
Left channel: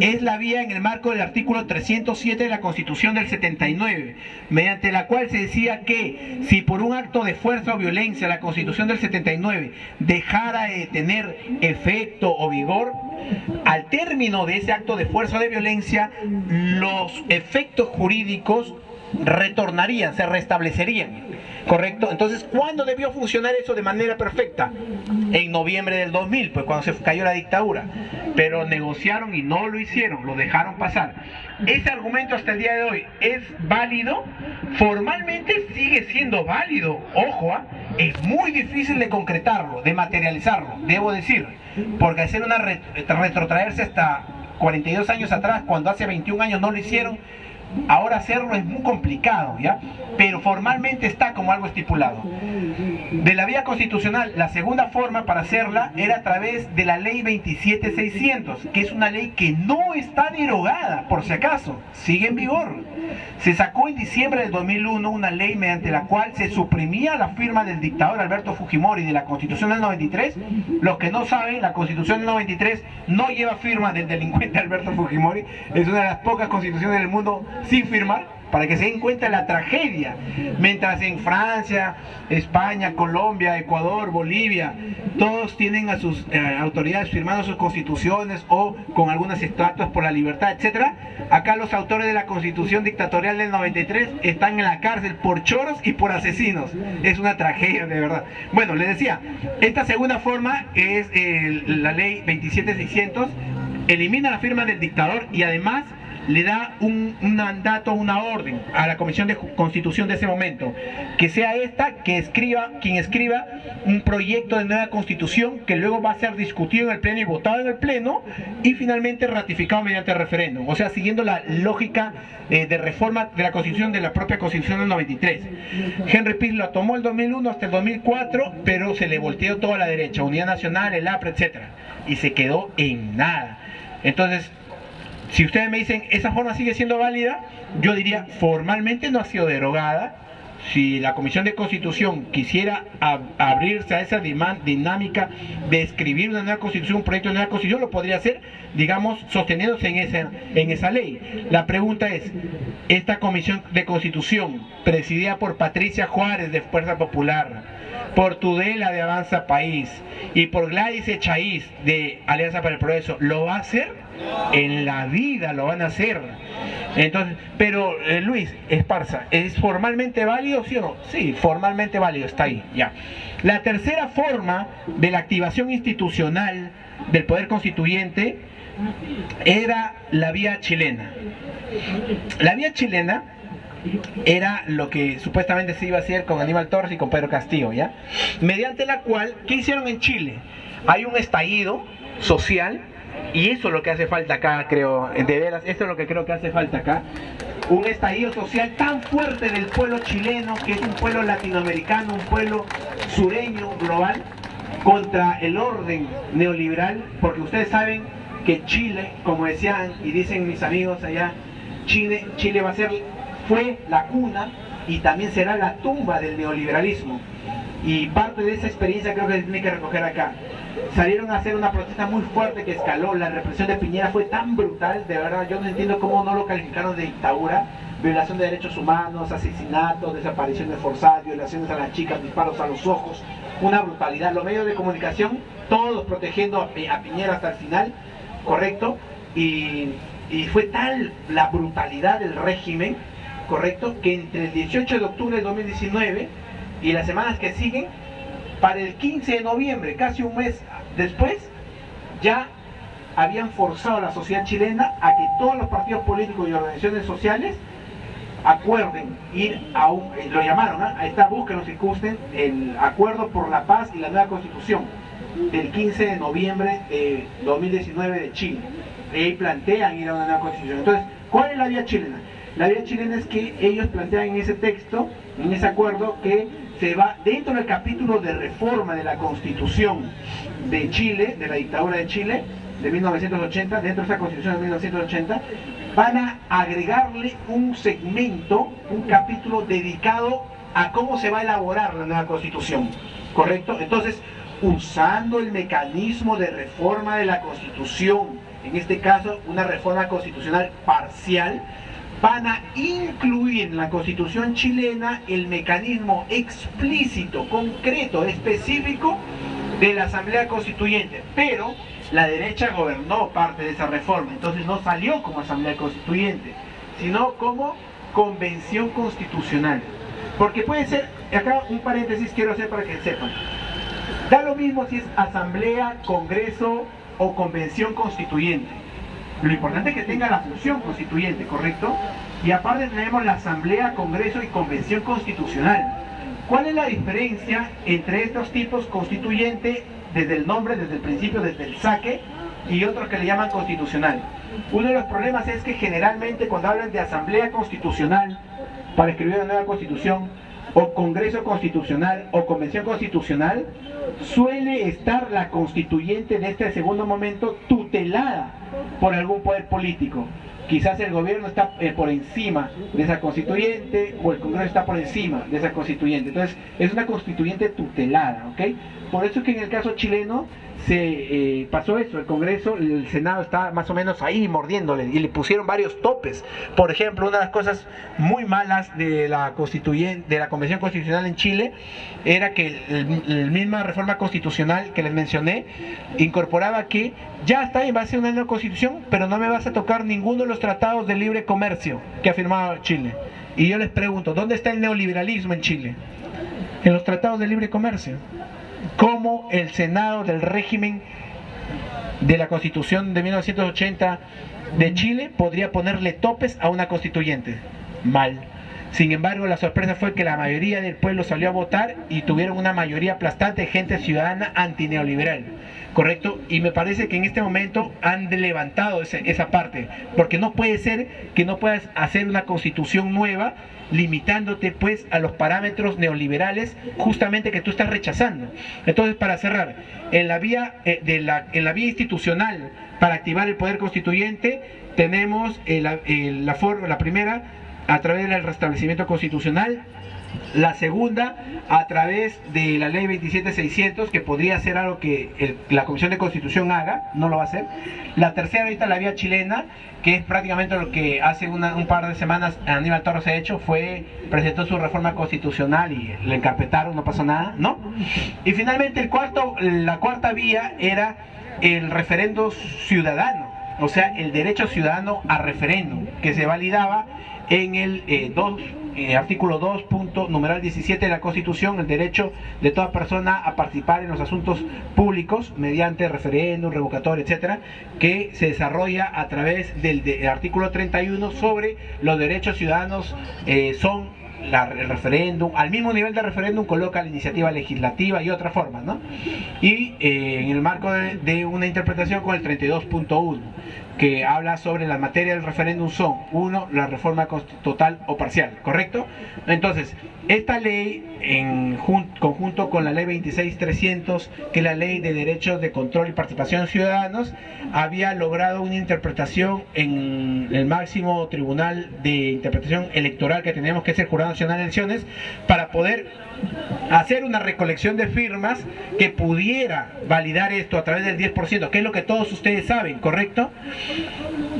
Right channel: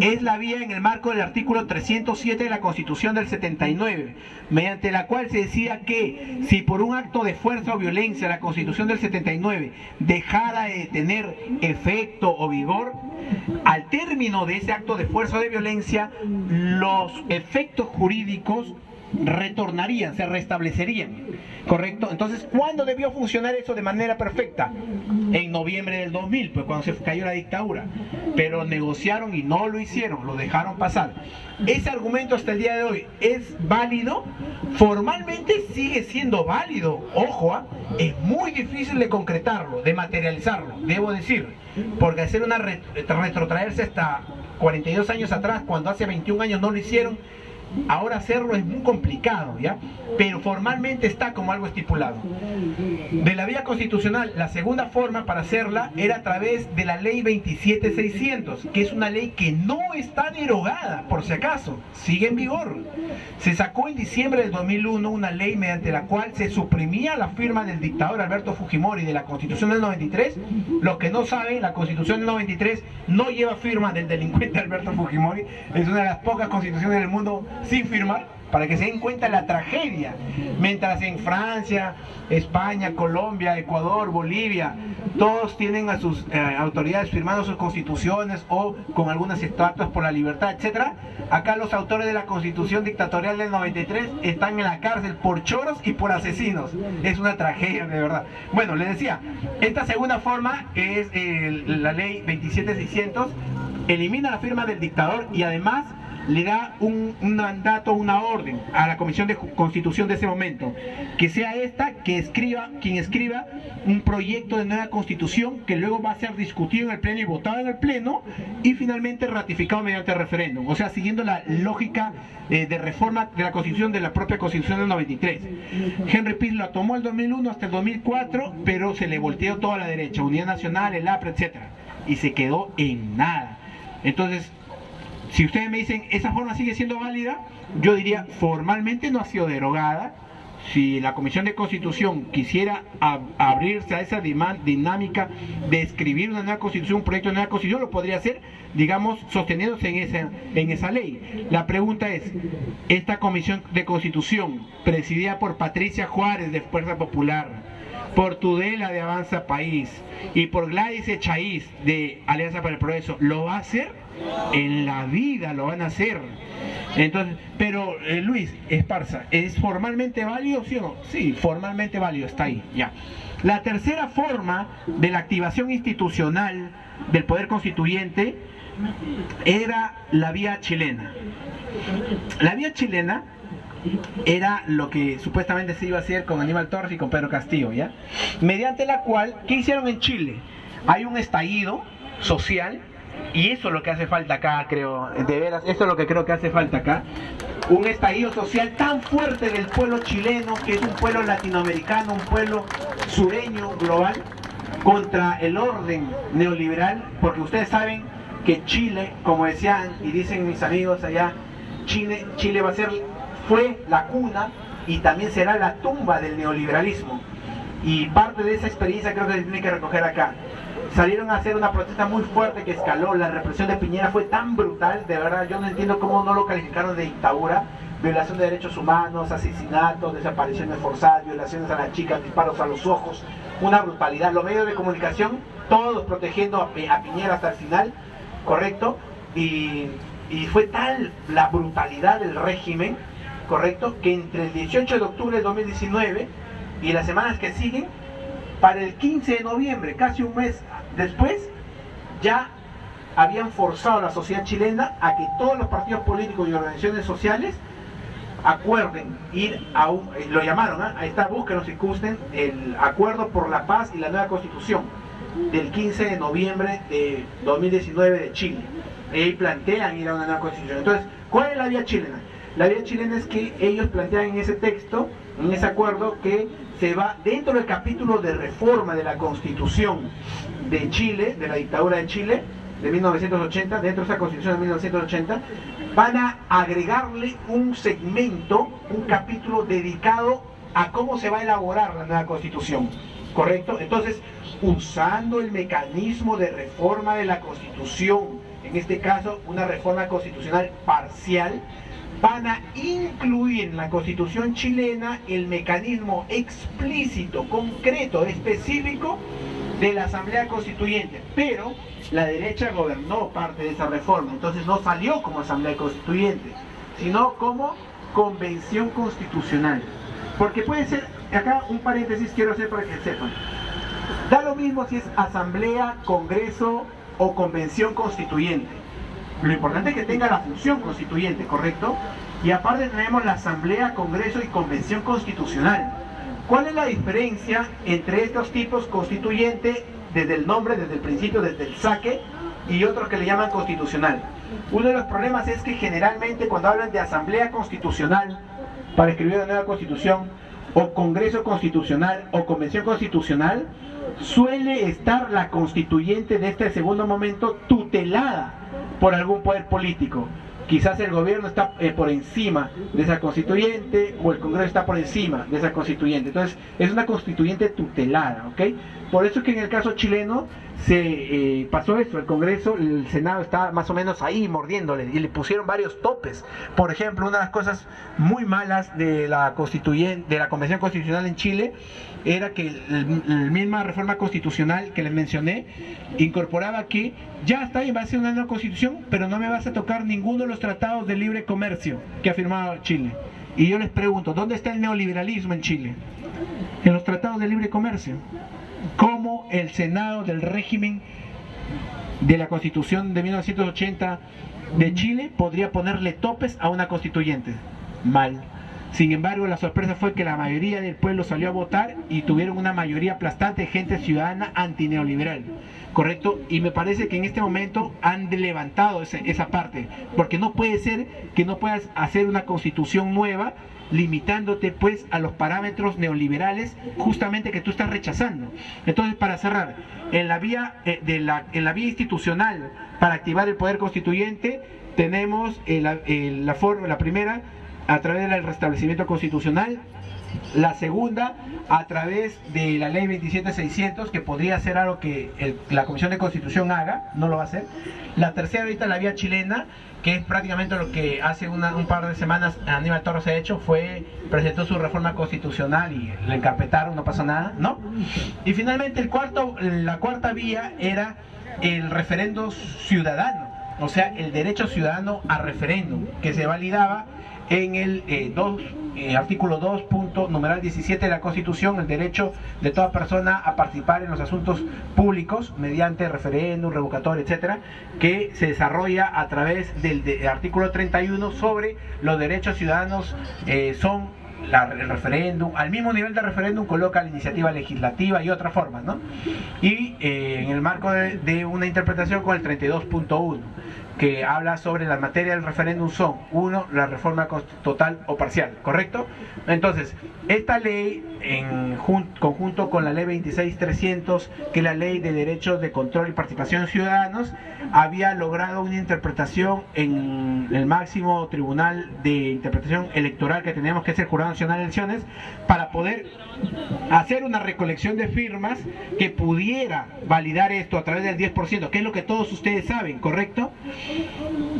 Es la vía en el marco del artículo 307 de la Constitución del 79, mediante la cual se decía que si por un acto de fuerza o violencia la Constitución del 79 dejara de tener efecto o vigor, al término de ese acto de fuerza o de violencia, los efectos jurídicos retornarían, se restablecerían, ¿correcto? Entonces, ¿cuándo debió funcionar eso de manera perfecta? En noviembre del 2000, pues cuando se cayó la dictadura, pero negociaron y no lo hicieron, lo dejaron pasar. Ese argumento hasta el día de hoy es válido, formalmente sigue siendo válido, ojo, es muy difícil de concretarlo, de materializarlo, debo decir, porque hacer retrotraerse hasta 42 años atrás, cuando hace 21 años no lo hicieron, ahora hacerlo es muy complicado, ¿ya? Pero formalmente está como algo estipulado. De la vía constitucional, la segunda forma para hacerla era a través de la ley 27600, que es una ley que no está derogada, por si acaso, sigue en vigor. Se sacó en diciembre del 2001 una ley mediante la cual se suprimía la firma del dictador Alberto Fujimori de la Constitución del 93. Los que no saben, la Constitución del 93 no lleva firma del delincuente Alberto Fujimori. Es una de las pocas constituciones del mundo sin firmar, para que se den cuenta la tragedia. Mientras en Francia, España, Colombia, Ecuador, Bolivia, todos tienen a sus autoridades firmando sus constituciones o con algunos estatutos por la libertad, etcétera. Acá los autores de la Constitución dictatorial del 93 están en la cárcel por choros y por asesinos. Es una tragedia, de verdad. Bueno, les decía, esta segunda forma es la ley 27600, elimina la firma del dictador y además le da un mandato, una orden a la Comisión de Constitución de ese momento, que sea esta quien escriba un proyecto de nueva Constitución que luego va a ser discutido en el Pleno y votado en el Pleno y finalmente ratificado mediante referéndum, o sea, siguiendo la lógica de reforma de la Constitución, de la propia Constitución del 93. Henry Piz la tomó el 2001 hasta el 2004, pero se le volteó toda a la derecha, Unidad Nacional, el APRA, etcétera, y se quedó en nada. Entonces, si ustedes me dicen, ¿esa forma sigue siendo válida? Yo diría, formalmente no ha sido derogada. Si la Comisión de Constitución quisiera abrirse a esa dinámica de escribir una nueva Constitución, un proyecto de nueva Constitución, lo podría hacer, digamos, sosteniéndose en esa ley. La pregunta es, esta Comisión de Constitución, presidida por Patricia Juárez de Fuerza Popular, por Tudela de Avanza País y por Gladys Echaíz de Alianza para el Progreso, ¿lo va a hacer? En la vida lo van a hacer. Entonces, pero Luis Esparza, ¿es formalmente válido, sí o no? Sí, formalmente válido, está ahí, ya. La tercera forma de la activación institucional del poder constituyente era la vía chilena. La vía chilena era lo que supuestamente se iba a hacer con Aníbal Torres y con Pedro Castillo, ¿ya? Mediante la cual, ¿qué hicieron en Chile? Hay un estallido social, y eso es lo que hace falta acá, creo, de veras, eso es lo que creo que hace falta acá. Un estallido social tan fuerte del pueblo chileno, que es un pueblo latinoamericano, un pueblo sureño, global, contra el orden neoliberal, porque ustedes saben que Chile, como decían y dicen mis amigos allá, Chile fue la cuna y también será la tumba del neoliberalismo. Y parte de esa experiencia creo que se tiene que recoger acá. Salieron a hacer una protesta muy fuerte que escaló. La represión de Piñera fue tan brutal, de verdad, yo no entiendo cómo no lo calificaron de dictadura. Violación de derechos humanos, asesinatos, desapariciones forzadas, violaciones a las chicas, disparos a los ojos, una brutalidad. Los medios de comunicación, todos protegiendo a Piñera hasta el final, correcto, y fue tal la brutalidad del régimen, correcto, que entre el 18 de octubre de 2019 y las semanas que siguen, para el 15 de noviembre, casi un mes después, ya habían forzado a la sociedad chilena a que todos los partidos políticos y organizaciones sociales acuerden ir a un, lo llamaron, ahí está, búsquenlo si gusten, el Acuerdo por la Paz y la Nueva Constitución del 15 de noviembre de 2019 de Chile. Y plantean ir a una nueva constitución. Entonces, ¿cuál es la vía chilena? La vía chilena es que ellos plantean en ese texto, en ese acuerdo, que se va dentro del capítulo de reforma de la Constitución de Chile, de la dictadura de Chile, de 1980, dentro de esa Constitución de 1980, van a agregarle un segmento, un capítulo dedicado a cómo se va a elaborar la nueva Constitución, ¿correcto? Entonces, usando el mecanismo de reforma de la Constitución, en este caso una reforma constitucional parcial, van a incluir en la Constitución chilena el mecanismo explícito, concreto, específico de la Asamblea Constituyente, pero la derecha gobernó parte de esa reforma, entonces no salió como Asamblea Constituyente, sino como Convención Constitucional. Porque puede ser, acá un paréntesis quiero hacer para que sepan, da lo mismo si es Asamblea, Congreso o Convención Constituyente. Lo importante es que tenga la función constituyente, ¿correcto? Y aparte tenemos la Asamblea, Congreso y Convención Constitucional. ¿Cuál es la diferencia entre estos tipos constituyente, desde el nombre, desde el principio, desde el saque, y otros que le llaman constitucional? Uno de los problemas es que generalmente cuando hablan de Asamblea Constitucional para escribir una nueva Constitución, o Congreso Constitucional o Convención Constitucional, suele estar la constituyente en este segundo momento tutelada por algún poder político. Quizás el gobierno está por encima de esa constituyente, o el Congreso está por encima de esa constituyente. Entonces es una constituyente tutelada, ¿ok? Por eso es que en el caso chileno se pasó eso, el Congreso, el Senado está más o menos ahí mordiéndole y le pusieron varios topes. Por ejemplo, una de las cosas muy malas de la Convención Constitucional en Chile era que la misma reforma constitucional que les mencioné incorporaba que ya está bien, va a ser una nueva constitución, pero no me vas a tocar ninguno de los tratados de libre comercio que ha firmado Chile. Y yo les pregunto, ¿dónde está el neoliberalismo en Chile? En los tratados de libre comercio. ¿Cómo el Senado del régimen de la Constitución de 1980 de Chile podría ponerle topes a una constituyente? Mal. Sin embargo, la sorpresa fue que la mayoría del pueblo salió a votar y tuvieron una mayoría aplastante de gente ciudadana antineoliberal, ¿correcto? Y me parece que en este momento han levantado esa parte, porque no puede ser que no puedas hacer una constitución nueva limitándote pues a los parámetros neoliberales justamente que tú estás rechazando. Entonces, para cerrar, en la vía institucional para activar el poder constituyente tenemos la primera, a través del restablecimiento constitucional, La segunda, a través de la ley 27600, que podría ser algo que la Comisión de Constitución haga, no lo va a hacer. La tercera, ahorita la vía chilena, que es prácticamente lo que hace un par de semanas Aníbal Torres ha hecho, presentó su reforma constitucional y le encarpetaron, no pasó nada, ¿no? Y finalmente la cuarta vía era el referendo ciudadano, o sea, el derecho ciudadano a referéndum, que se validaba en el artículo 2, numeral 17 de la Constitución, el derecho de toda persona a participar en los asuntos públicos mediante referéndum, revocatorio, etcétera, que se desarrolla a través del artículo 31 sobre los derechos ciudadanos. Son el referéndum, al mismo nivel de referéndum coloca la iniciativa legislativa y otras formas, ¿no? Y en el marco de una interpretación con el 32.1, que habla sobre la materia del referéndum son, 1, la reforma total o parcial, ¿correcto? Entonces, esta ley, en conjunto con la ley 26300, que es la ley de derechos de control y participación de ciudadanos, había logrado una interpretación en el máximo tribunal de interpretación electoral que teníamos, que es el Jurado Nacional de Elecciones, para poder hacer una recolección de firmas que pudiera validar esto a través del 10%, que es lo que todos ustedes saben, ¿correcto?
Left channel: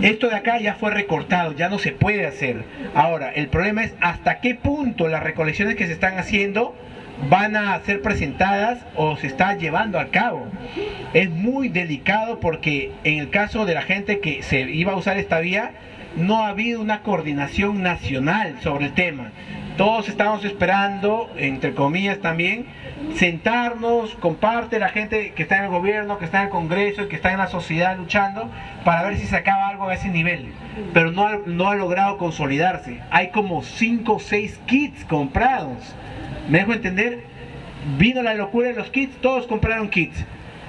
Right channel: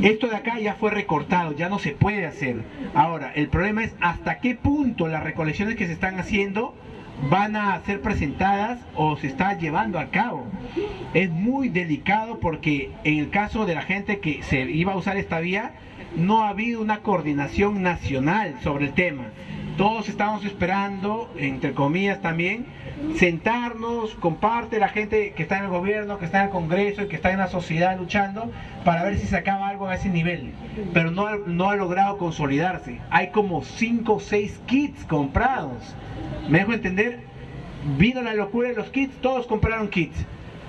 Esto de acá ya fue recortado, ya no se puede hacer. Ahora, el problema es hasta qué punto las recolecciones que se están haciendo van a ser presentadas o se está llevando a cabo. Es muy delicado porque en el caso de la gente que se iba a usar esta vía, no ha habido una coordinación nacional sobre el tema. Todos estamos esperando, entre comillas también, sentarnos con parte de la gente que está en el gobierno, que está en el Congreso y que está en la sociedad luchando para ver si se acaba algo a ese nivel. Pero no ha logrado consolidarse. Hay como 5 o 6 kits comprados. ¿Me dejo entender? Vino la locura de los kits, todos compraron kits,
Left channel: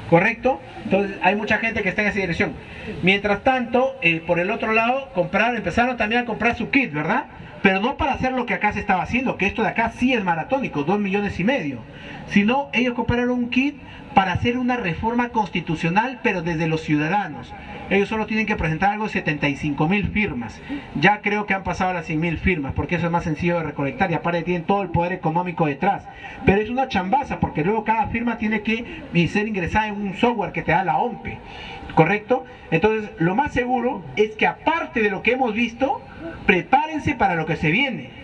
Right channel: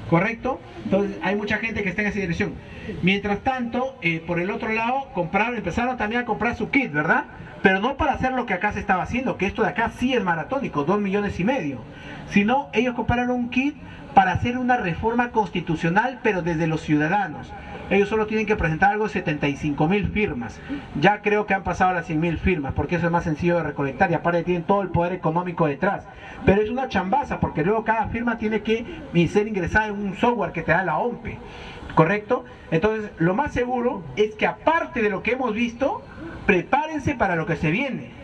¿correcto? Entonces hay mucha gente que está en esa dirección. Mientras tanto, por el otro lado, empezaron también a comprar su kit, ¿verdad? Pero no para hacer lo que acá se estaba haciendo, que esto de acá sí es maratónico, 2,5 millones, sino ellos compraron un kit para hacer una reforma constitucional, pero desde los ciudadanos. Ellos solo tienen que presentar algo de 75,000 firmas. Ya creo que han pasado las 100,000 firmas, porque eso es más sencillo de recolectar y aparte tienen todo el poder económico detrás. Pero es una chambaza, porque luego cada firma tiene que ser ingresada en un software que te da la OMPE, ¿correcto? Entonces, lo más seguro es que aparte de lo que hemos visto, prepárense para lo que se viene.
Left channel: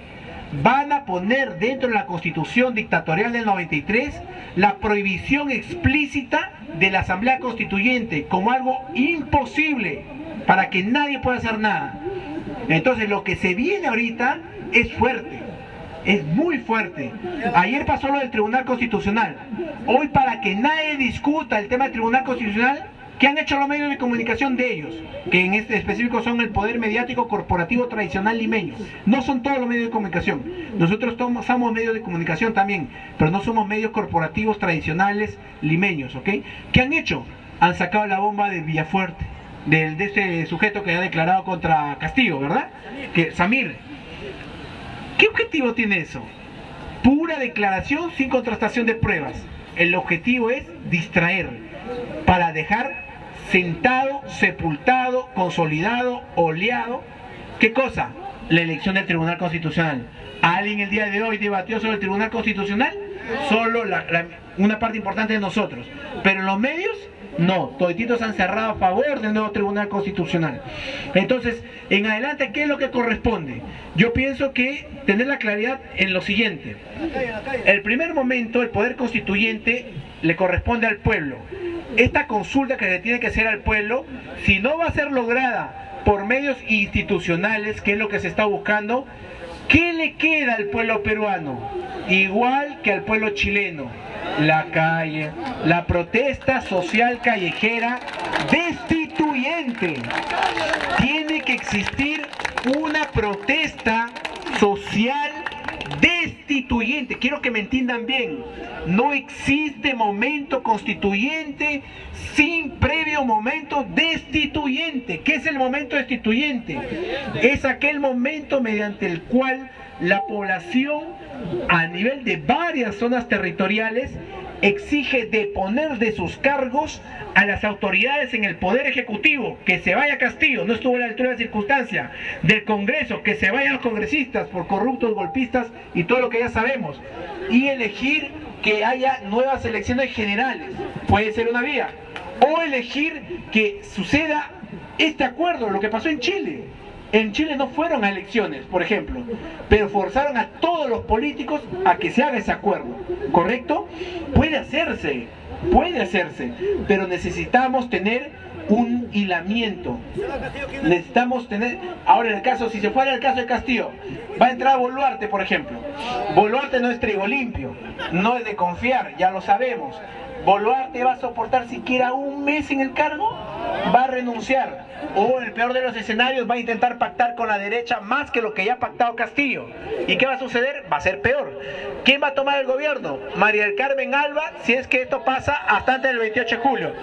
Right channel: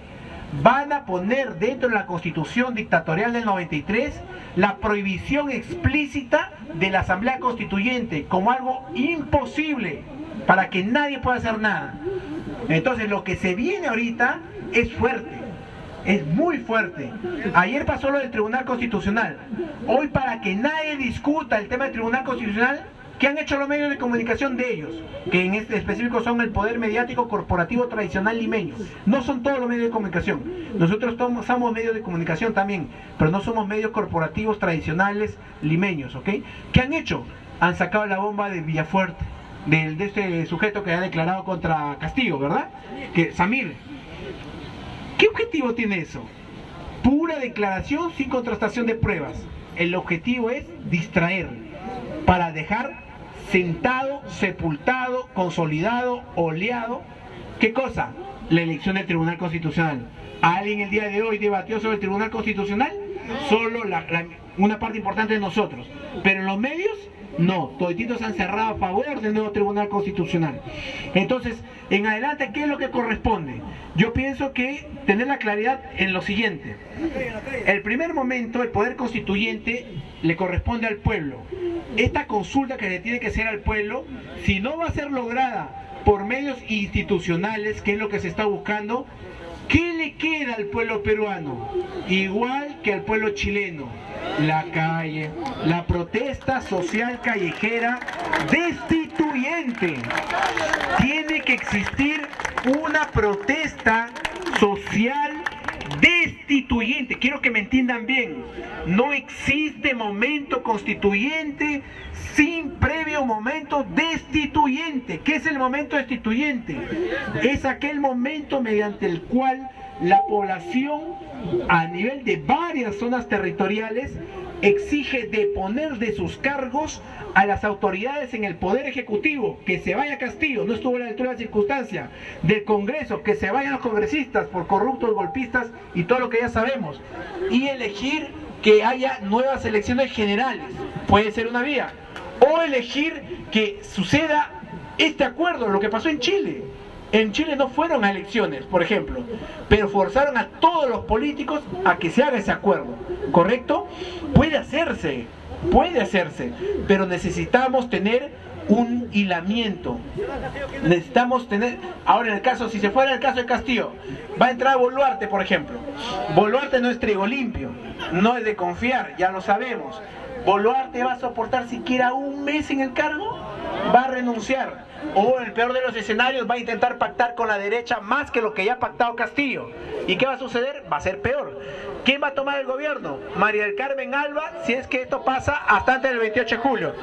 Van a poner dentro de la Constitución dictatorial del 93 la prohibición explícita de la Asamblea Constituyente como algo imposible para que nadie pueda hacer nada. Entonces, lo que se viene ahorita es fuerte. Es muy fuerte. Ayer pasó lo del Tribunal Constitucional. Hoy, para que nadie discuta el tema del Tribunal Constitucional, ¿qué han hecho los medios de comunicación de ellos? Que en este específico son el poder mediático corporativo tradicional limeño. No son todos los medios de comunicación. Nosotros somos medios de comunicación también, pero no somos medios corporativos tradicionales limeños, ¿ok? ¿Qué han hecho? Han sacado la bomba de Villafuerte, de ese sujeto que ha declarado contra Castillo, ¿verdad? Samir. ¿Qué objetivo tiene eso? Pura declaración sin contrastación de pruebas. El objetivo es distraer, para dejar sentado, sepultado, consolidado, oleado. ¿Qué cosa? La elección del Tribunal Constitucional. ¿Alguien el día de hoy debatió sobre el Tribunal Constitucional? Solo una parte importante de nosotros. Pero en los medios, no. Todititos han cerrado a favor del nuevo Tribunal Constitucional. Entonces, en adelante, ¿qué es lo que corresponde? Yo pienso que tener la claridad en lo siguiente. El primer momento, el poder constituyente le corresponde al pueblo. Esta consulta que le tiene que hacer al pueblo, si no va a ser lograda por medios institucionales, que es lo que se está buscando, ¿qué le queda al pueblo peruano? Igual que al pueblo chileno: la calle, la protesta social callejera destituyente. Tiene que existir una protesta social destituyente. Quiero que me entiendan bien. No existe momento constituyente sin previo momento destituyente. ¿Qué es el momento destituyente? Es aquel momento mediante el cual la población, a nivel de varias zonas territoriales, exige deponer de sus cargos a las autoridades en el Poder Ejecutivo, que se vaya Castillo, no estuvo a la altura de la circunstancia, del Congreso, que se vayan los congresistas por corruptos, golpistas y todo lo que ya sabemos, y elegir que haya nuevas elecciones generales, puede ser una vía, o elegir que suceda este acuerdo, lo que pasó en Chile. En Chile no fueron a elecciones, por ejemplo, pero forzaron a todos los políticos a que se haga ese acuerdo, ¿correcto? Puede hacerse, pero necesitamos tener un hilamiento. Necesitamos tener, ahora en el caso, si se fuera el caso de Castillo, va a entrar Boluarte, por ejemplo. Boluarte no es trigo limpio, no es de confiar, ya lo sabemos. Boluarte va a soportar siquiera un mes en el cargo, va a renunciar, o en el peor de los escenarios va a intentar pactar con la derecha más que lo que ya ha pactado Castillo. ¿Y qué va a suceder? Va a ser peor. ¿Quién va a tomar el gobierno? María del Carmen Alba, si es que esto pasa hasta antes del 28 de julio.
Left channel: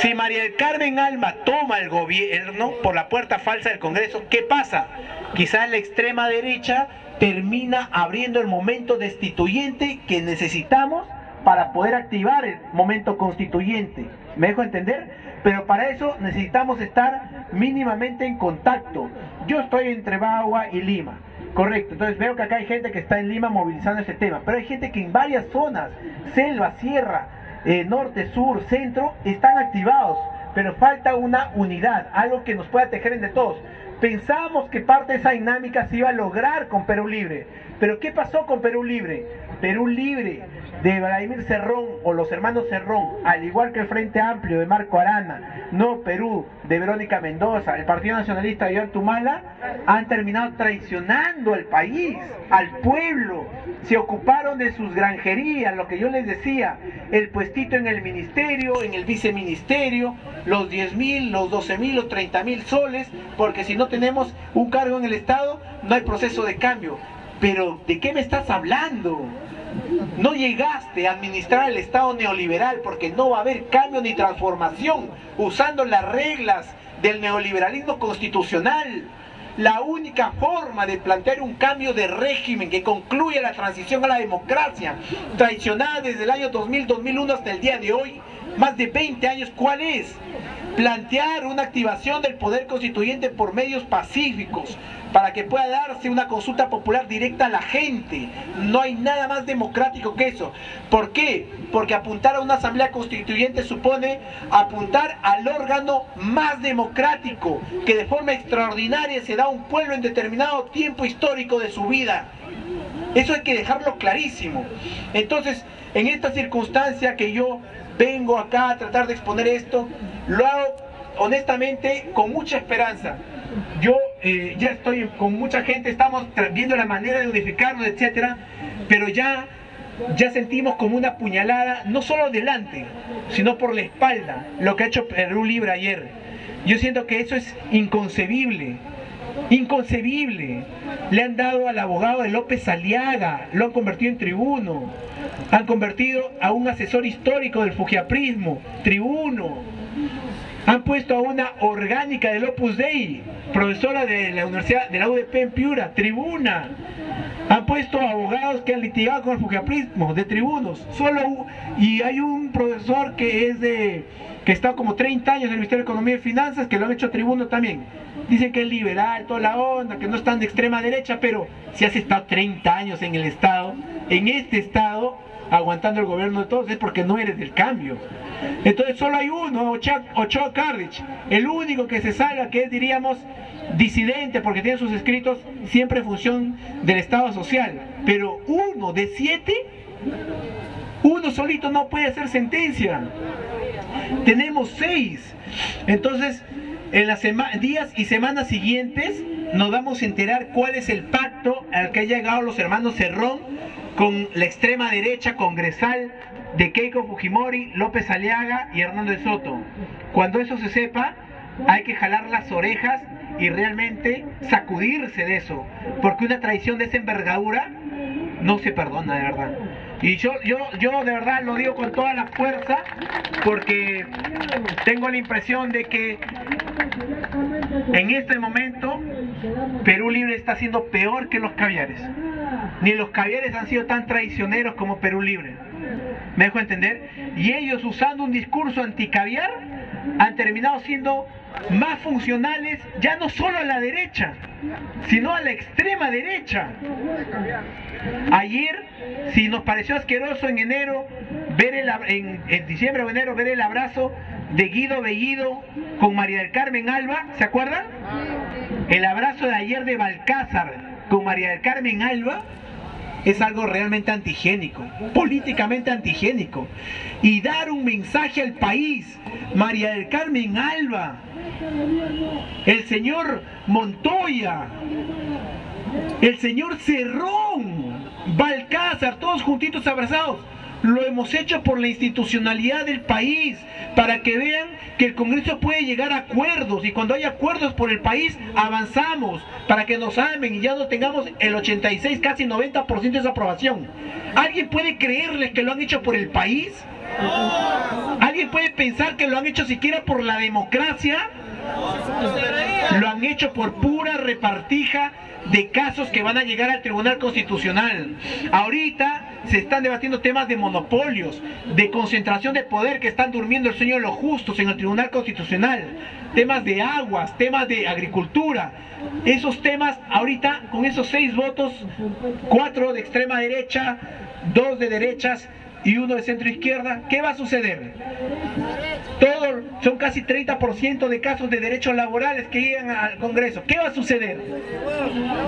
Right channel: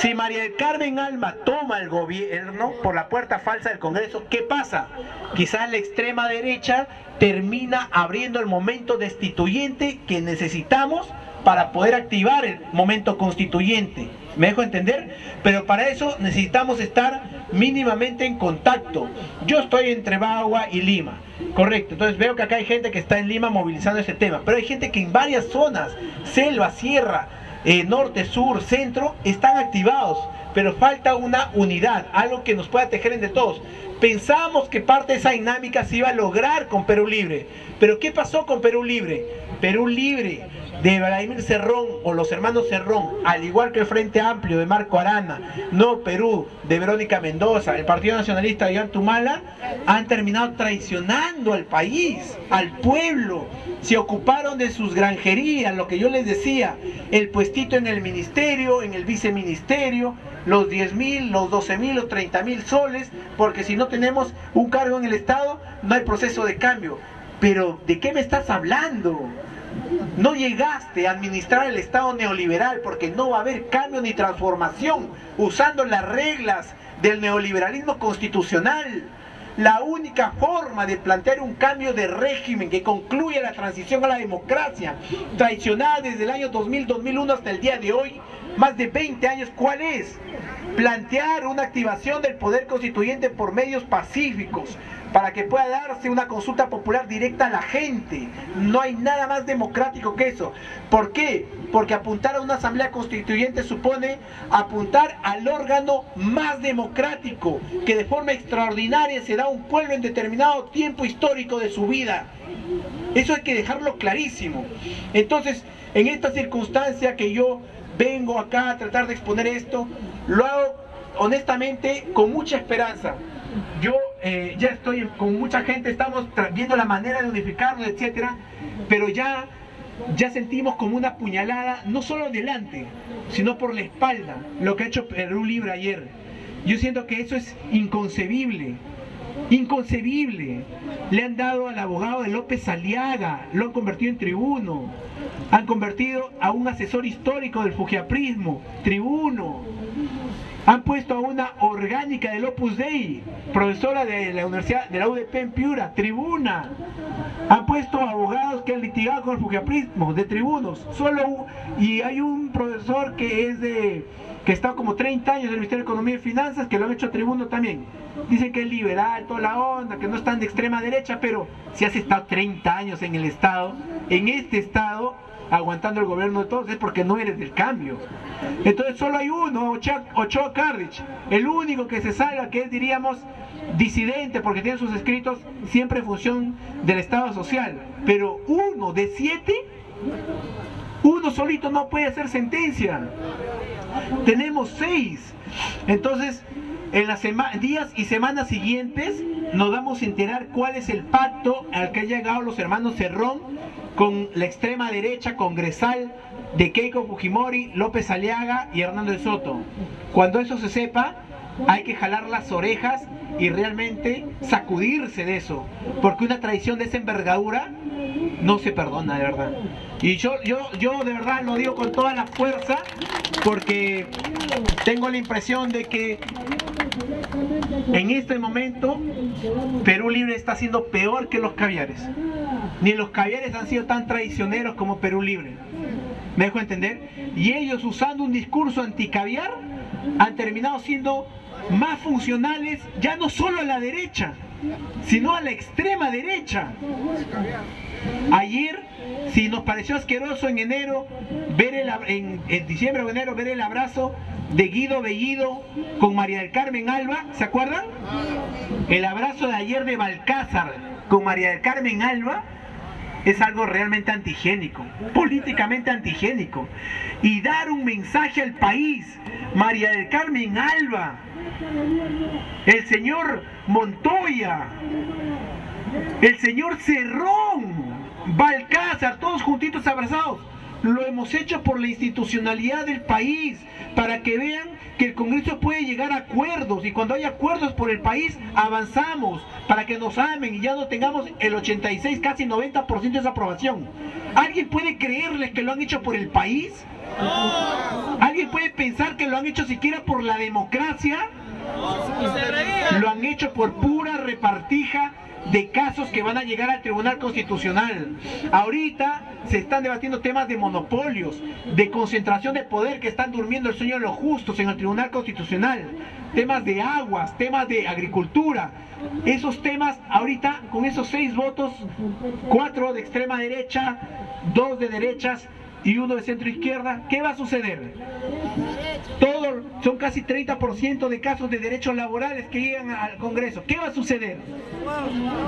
Si María del Carmen Alba toma el gobierno por la puerta falsa del Congreso, ¿qué pasa? Quizás la extrema derecha termina abriendo el momento destituyente que necesitamos para poder activar el momento constituyente. ¿Me dejo entender? Pero para eso necesitamos estar mínimamente en contacto. Yo estoy entre Bagua y Lima, correcto. Entonces veo que acá hay gente que está en Lima movilizando ese tema, pero hay gente que en varias zonas, selva, sierra, norte, sur, centro, están activados. Pero falta una unidad, algo que nos pueda tejer entre todos. Pensábamos que parte de esa dinámica se iba a lograr con Perú Libre. Pero ¿qué pasó con Perú Libre? Perú Libre de Vladimir Cerrón o los hermanos Cerrón, al igual que el Frente Amplio de Marco Arana, No Perú de Verónica Mendoza, el Partido Nacionalista de Ollanta, han terminado traicionando al país, al pueblo. Se ocuparon de sus granjerías, lo que yo les decía, el puestito en el ministerio, en el viceministerio, los 10.000, los 12.000, los 30.000 soles, porque si no tenemos un cargo en el Estado, no hay proceso de cambio. Pero, ¿de qué me estás hablando? No llegaste a administrar el Estado neoliberal porque no va a haber cambio ni transformación usando las reglas del neoliberalismo constitucional. La única forma de plantear un cambio de régimen que concluya la transición a la democracia, traicionada desde el año 2000-2001 hasta el día de hoy, más de 20 años, ¿cuál es? Plantear una activación del poder constituyente por medios pacíficos, para que pueda darse una consulta popular directa a la gente. No hay nada más democrático que eso. ¿Por qué? Porque apuntar a una asamblea constituyente supone apuntar al órgano más democrático, que de forma extraordinaria se da a un pueblo en determinado tiempo histórico de su vida. Eso hay que dejarlo clarísimo. Entonces, en esta circunstancia que yo vengo acá a tratar de exponer esto, lo hago honestamente con mucha esperanza. Yo ya estoy con mucha gente, estamos viendo la manera de unificarnos, etcétera, pero ya sentimos como una puñalada, no solo delante, sino por la espalda, lo que ha hecho Perú Libre ayer. Yo siento que eso es inconcebible. Inconcebible. Le han dado al abogado de López Aliaga, lo han convertido en tribuno, han convertido a un asesor histórico del fujiaprismo, tribuno. Han puesto a una orgánica del Opus Dei, profesora de la Universidad de la UDP en Piura, tribuna. Han puesto abogados que han litigado con el fujiaprismo, de tribunos. Y hay un profesor que está como 30 años en el Ministerio de Economía y Finanzas, que lo han hecho tribuno también. Dicen que es liberal, toda la onda, que no es tan de extrema derecha, pero si has estado 30 años en el Estado, en este Estado, aguantando el gobierno de todos, es porque no eres del cambio. Entonces solo hay uno, Ochoa Carrich, el único que se salva, que es, diríamos, disidente, porque tiene sus escritos siempre en función del Estado social. Pero uno de 7, uno solito no puede hacer sentencia. Tenemos 6. Entonces, en las días y semanas siguientes nos vamos a enterar cuál es el pacto al que han llegado los hermanos Cerrón con la extrema derecha congresal de Keiko Fujimori, López Aliaga y Hernando de Soto. Cuando eso se sepa, hay que jalar las orejas y realmente sacudirse de eso, porque una traición de esa envergadura no se perdona, de verdad. Y yo de verdad lo digo con toda la fuerza, porque tengo la impresión de que en este momento Perú Libre está siendo peor que los caviares. Ni los caviares han sido tan traicioneros como Perú Libre. ¿Me dejo entender? Y ellos, usando un discurso anticaviar, han terminado siendo más funcionales, ya no solo a la derecha, sino a la extrema derecha. Ayer, si nos pareció asqueroso en enero, en diciembre o enero, ver el abrazo de Guido Bellido con María del Carmen Alba, ¿se acuerdan? El abrazo de ayer de Balcázar con María del Carmen Alba es algo realmente antihigiénico, políticamente antihigiénico. Y dar un mensaje al país, María del Carmen Alba, el señor Montoya, el señor Cerrón, Balcázar, todos juntitos abrazados. Lo hemos hecho por la institucionalidad del país, para que vean que el Congreso puede llegar a acuerdos, y cuando hay acuerdos por el país, avanzamos, para que nos amen y ya no tengamos el 86, casi 90% de esa aprobación. ¿Alguien puede creerles que lo han hecho por el país? ¿Alguien puede pensar que lo han hecho siquiera por la democracia? Lo han hecho por pura repartija de casos que van a llegar al Tribunal Constitucional. Ahorita se están debatiendo temas de monopolios, de concentración de poder, que están durmiendo el sueño de los justos en el Tribunal Constitucional, temas de aguas, temas de agricultura. Esos temas ahorita, con esos 6 votos, 4 de extrema derecha, 2 de derechas y 1 de centro izquierda, ¿qué va a suceder? Son casi 30% de casos de derechos laborales que llegan al Congreso. ¿Qué va a suceder?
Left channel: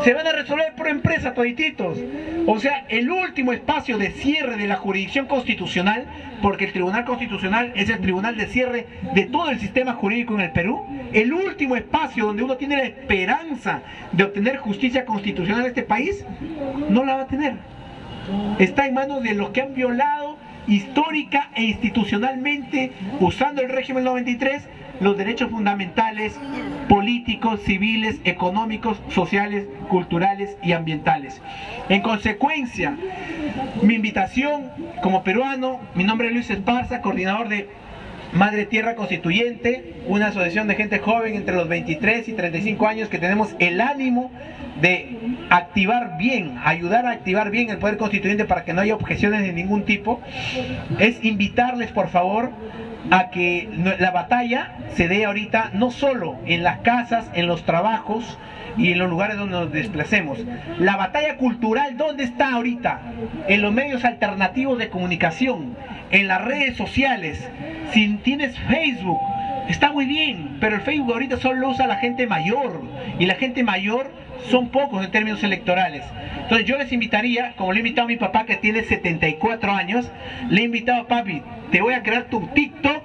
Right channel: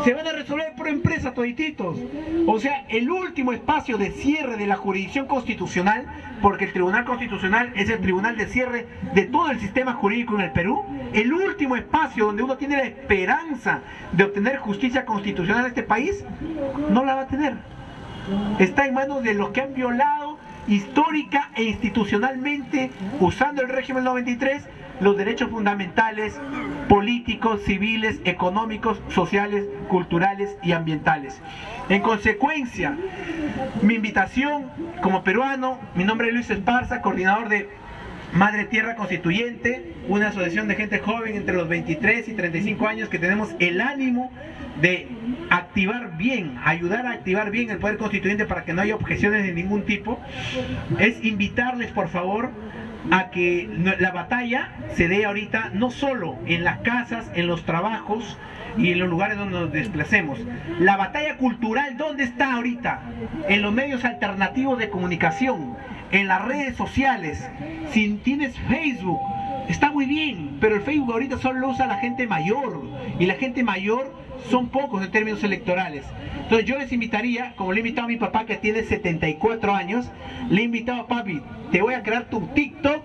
Se van a resolver por empresa todititos. O sea, el último espacio de cierre de la jurisdicción constitucional, porque el Tribunal Constitucional es el tribunal de cierre de todo el sistema jurídico en el Perú, el último espacio donde uno tiene la esperanza de obtener justicia constitucional en este país, no la va a tener. Está en manos de los que han violado histórica e institucionalmente, usando el régimen 93, los derechos fundamentales, políticos, civiles, económicos, sociales, culturales y ambientales. En consecuencia, mi invitación como peruano, mi nombre es Luis Esparza, coordinador de Madre Tierra Constituyente, una asociación de gente joven entre los 23 y 35 años que tenemos el ánimo de activar bien, ayudar a activar bien el poder constituyente para que no haya objeciones de ningún tipo. Es invitarles, por favor, a que la batalla se dé ahorita no solo en las casas, en los trabajos y en los lugares donde nos desplacemos. La batalla cultural, ¿dónde está ahorita? En los medios alternativos de comunicación, en las redes sociales. Si tienes Facebook, está muy bien, pero el Facebook ahorita solo lo usa la gente mayor, y la gente mayor son pocos en términos electorales. Entonces yo les invitaría, como le he invitado a mi papá que tiene 74 años, le he invitado a papi, te voy a crear tu TikTok,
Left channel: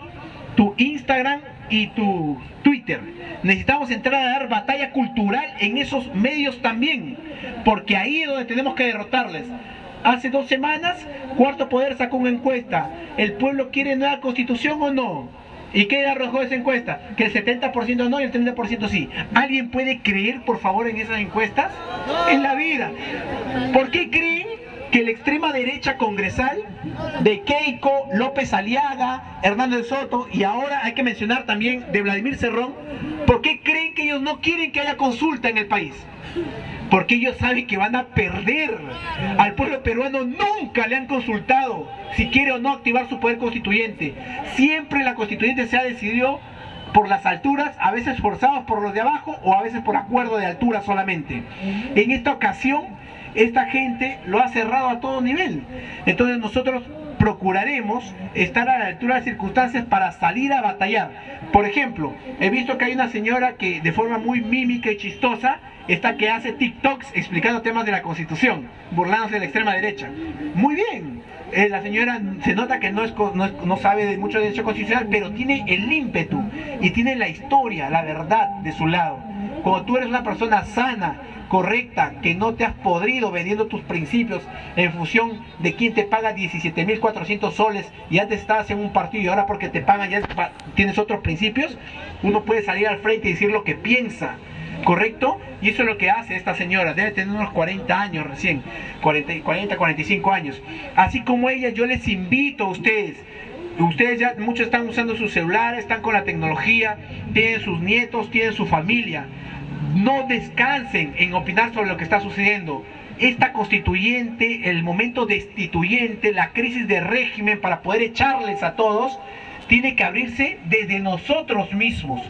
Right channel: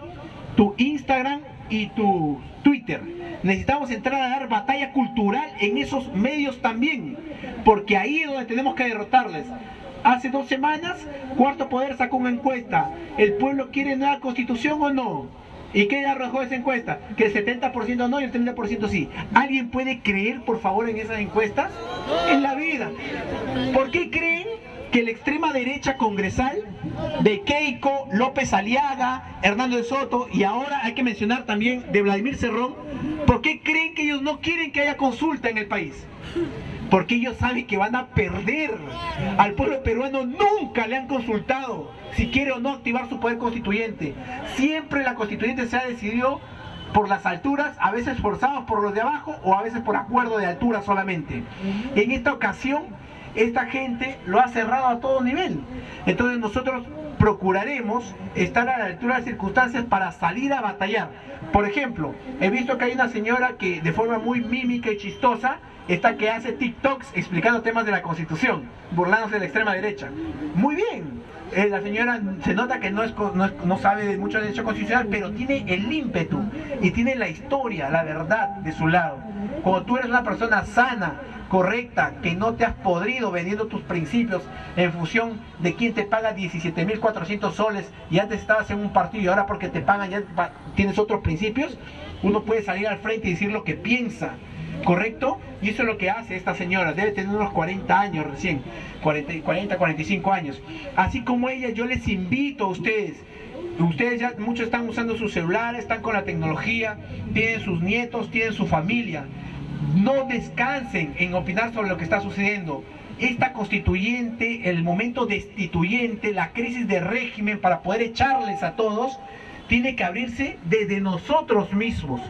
tu Instagram y tu Twitter. Necesitamos entrar a dar batalla cultural en esos medios también, porque ahí es donde tenemos que derrotarles. Hace 2 semanas, Cuarto Poder sacó una encuesta: ¿el pueblo quiere nueva constitución o no? ¿Y qué arrojó esa encuesta? Que el 70% no y el 30% sí. ¿Alguien puede creer, por favor, en esas encuestas? En la vida. ¿Por qué creen que la extrema derecha congresal de Keiko, López Aliaga, Hernández Soto, y ahora hay que mencionar también de Vladimir Cerrón, por qué creen que ellos no quieren que haya consulta en el país? Porque ellos saben que van a perder. Al pueblo peruano nunca le han consultado si quiere o no activar su poder constituyente. Siempre la constituyente se ha decidido por las alturas, a veces forzados por los de abajo o a veces por acuerdo de altura solamente. En esta ocasión, esta gente lo ha cerrado a todo nivel. Entonces nosotros procuraremos estar a la altura de las circunstancias para salir a batallar. Por ejemplo, he visto que hay una señora que de forma muy mímica y chistosa que hace TikToks explicando temas de la Constitución, burlándose de la extrema derecha. Muy bien. La señora se nota que no sabe de mucho derecho constitucional, pero tiene el ímpetu y tiene la historia, la verdad de su lado. Cuando tú eres una persona sana, correcta, que no te has podrido vendiendo tus principios en función de quién te paga 17.400 soles y antes estabas en un partido y ahora porque te pagan ya tienes otros principios, uno puede salir al frente y decir lo que piensa, ¿correcto? Y eso es lo que hace esta señora. Debe tener unos 40 años recién, 45 años. Así como ella, yo les invito a ustedes. Ustedes ya muchos están usando sus celulares, están con la tecnología, tienen sus nietos, tienen su familia. No descansen en opinar sobre lo que está sucediendo. esta constituyente, el momento destituyente, la crisis de régimen para poder echarles a todos, tiene que abrirse desde nosotros mismos.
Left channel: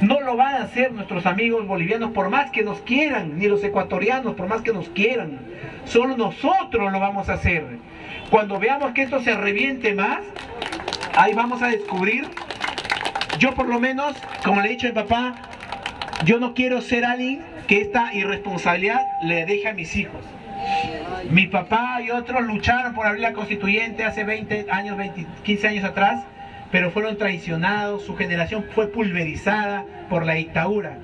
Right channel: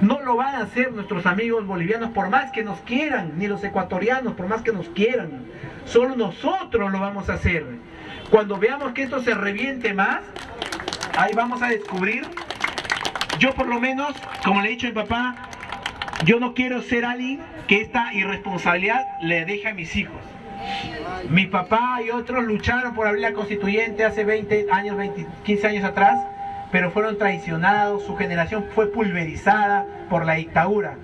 No lo van a hacer nuestros amigos bolivianos por más que nos quieran, ni los ecuatorianos por más que nos quieran. Solo nosotros lo vamos a hacer. Cuando veamos que esto se reviente más, ahí vamos a descubrir. Yo por lo menos, como le he dicho a mi papá, yo no quiero ser alguien que esta irresponsabilidad le deje a mis hijos. Mi papá y otros lucharon por abrir la constituyente hace 20 años, 15 años atrás, pero fueron traicionados, su generación fue pulverizada por la dictadura.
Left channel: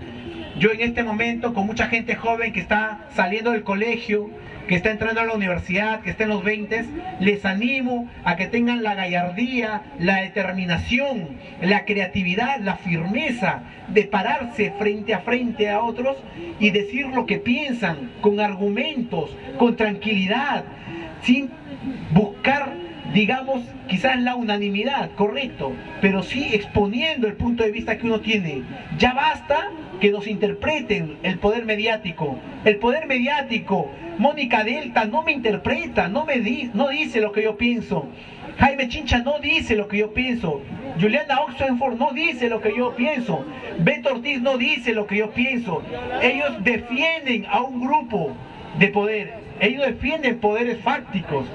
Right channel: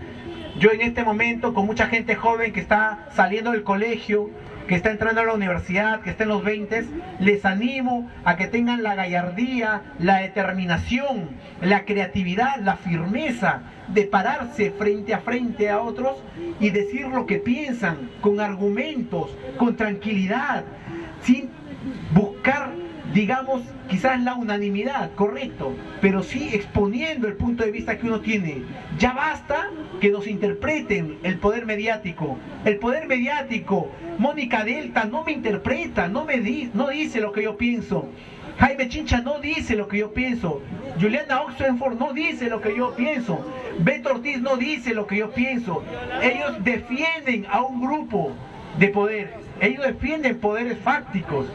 Yo en este momento, con mucha gente joven que está saliendo del colegio, que está entrando a la universidad, que está en los 20, les animo a que tengan la gallardía, la determinación, la creatividad, la firmeza de pararse frente a otros y decir lo que piensan, con argumentos, con tranquilidad, sin buscar, digamos, quizás la unanimidad, correcto, pero sí exponiendo el punto de vista que uno tiene. Ya basta que nos interpreten el poder mediático. El poder mediático, Mónica Delta no me interpreta, no dice lo que yo pienso. Jaime Chincha no dice lo que yo pienso. Juliana Oxenford no dice lo que yo pienso. Beto Ortiz no dice lo que yo pienso. Ellos defienden a un grupo de poder. Ellos defienden poderes fácticos.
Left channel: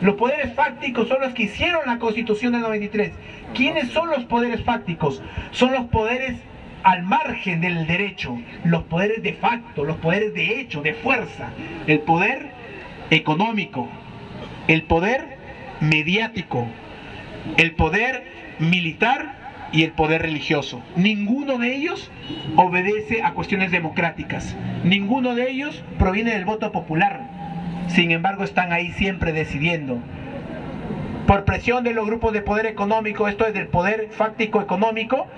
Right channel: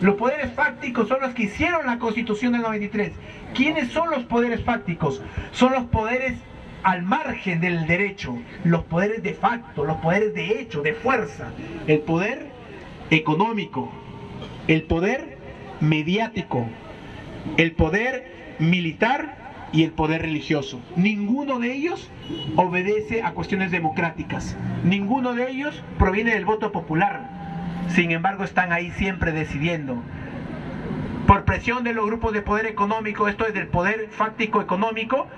Los poderes fácticos son los que hicieron la Constitución del 93. ¿Quiénes son los poderes fácticos? Son los poderes al margen del derecho, los poderes de facto, los poderes de hecho, de fuerza. El poder económico, el poder mediático, el poder militar y el poder religioso. Ninguno de ellos obedece a cuestiones democráticas. Ninguno de ellos proviene del voto popular. Sin embargo, están ahí siempre decidiendo. Por presión de los grupos de poder económico, esto es del poder fáctico económico,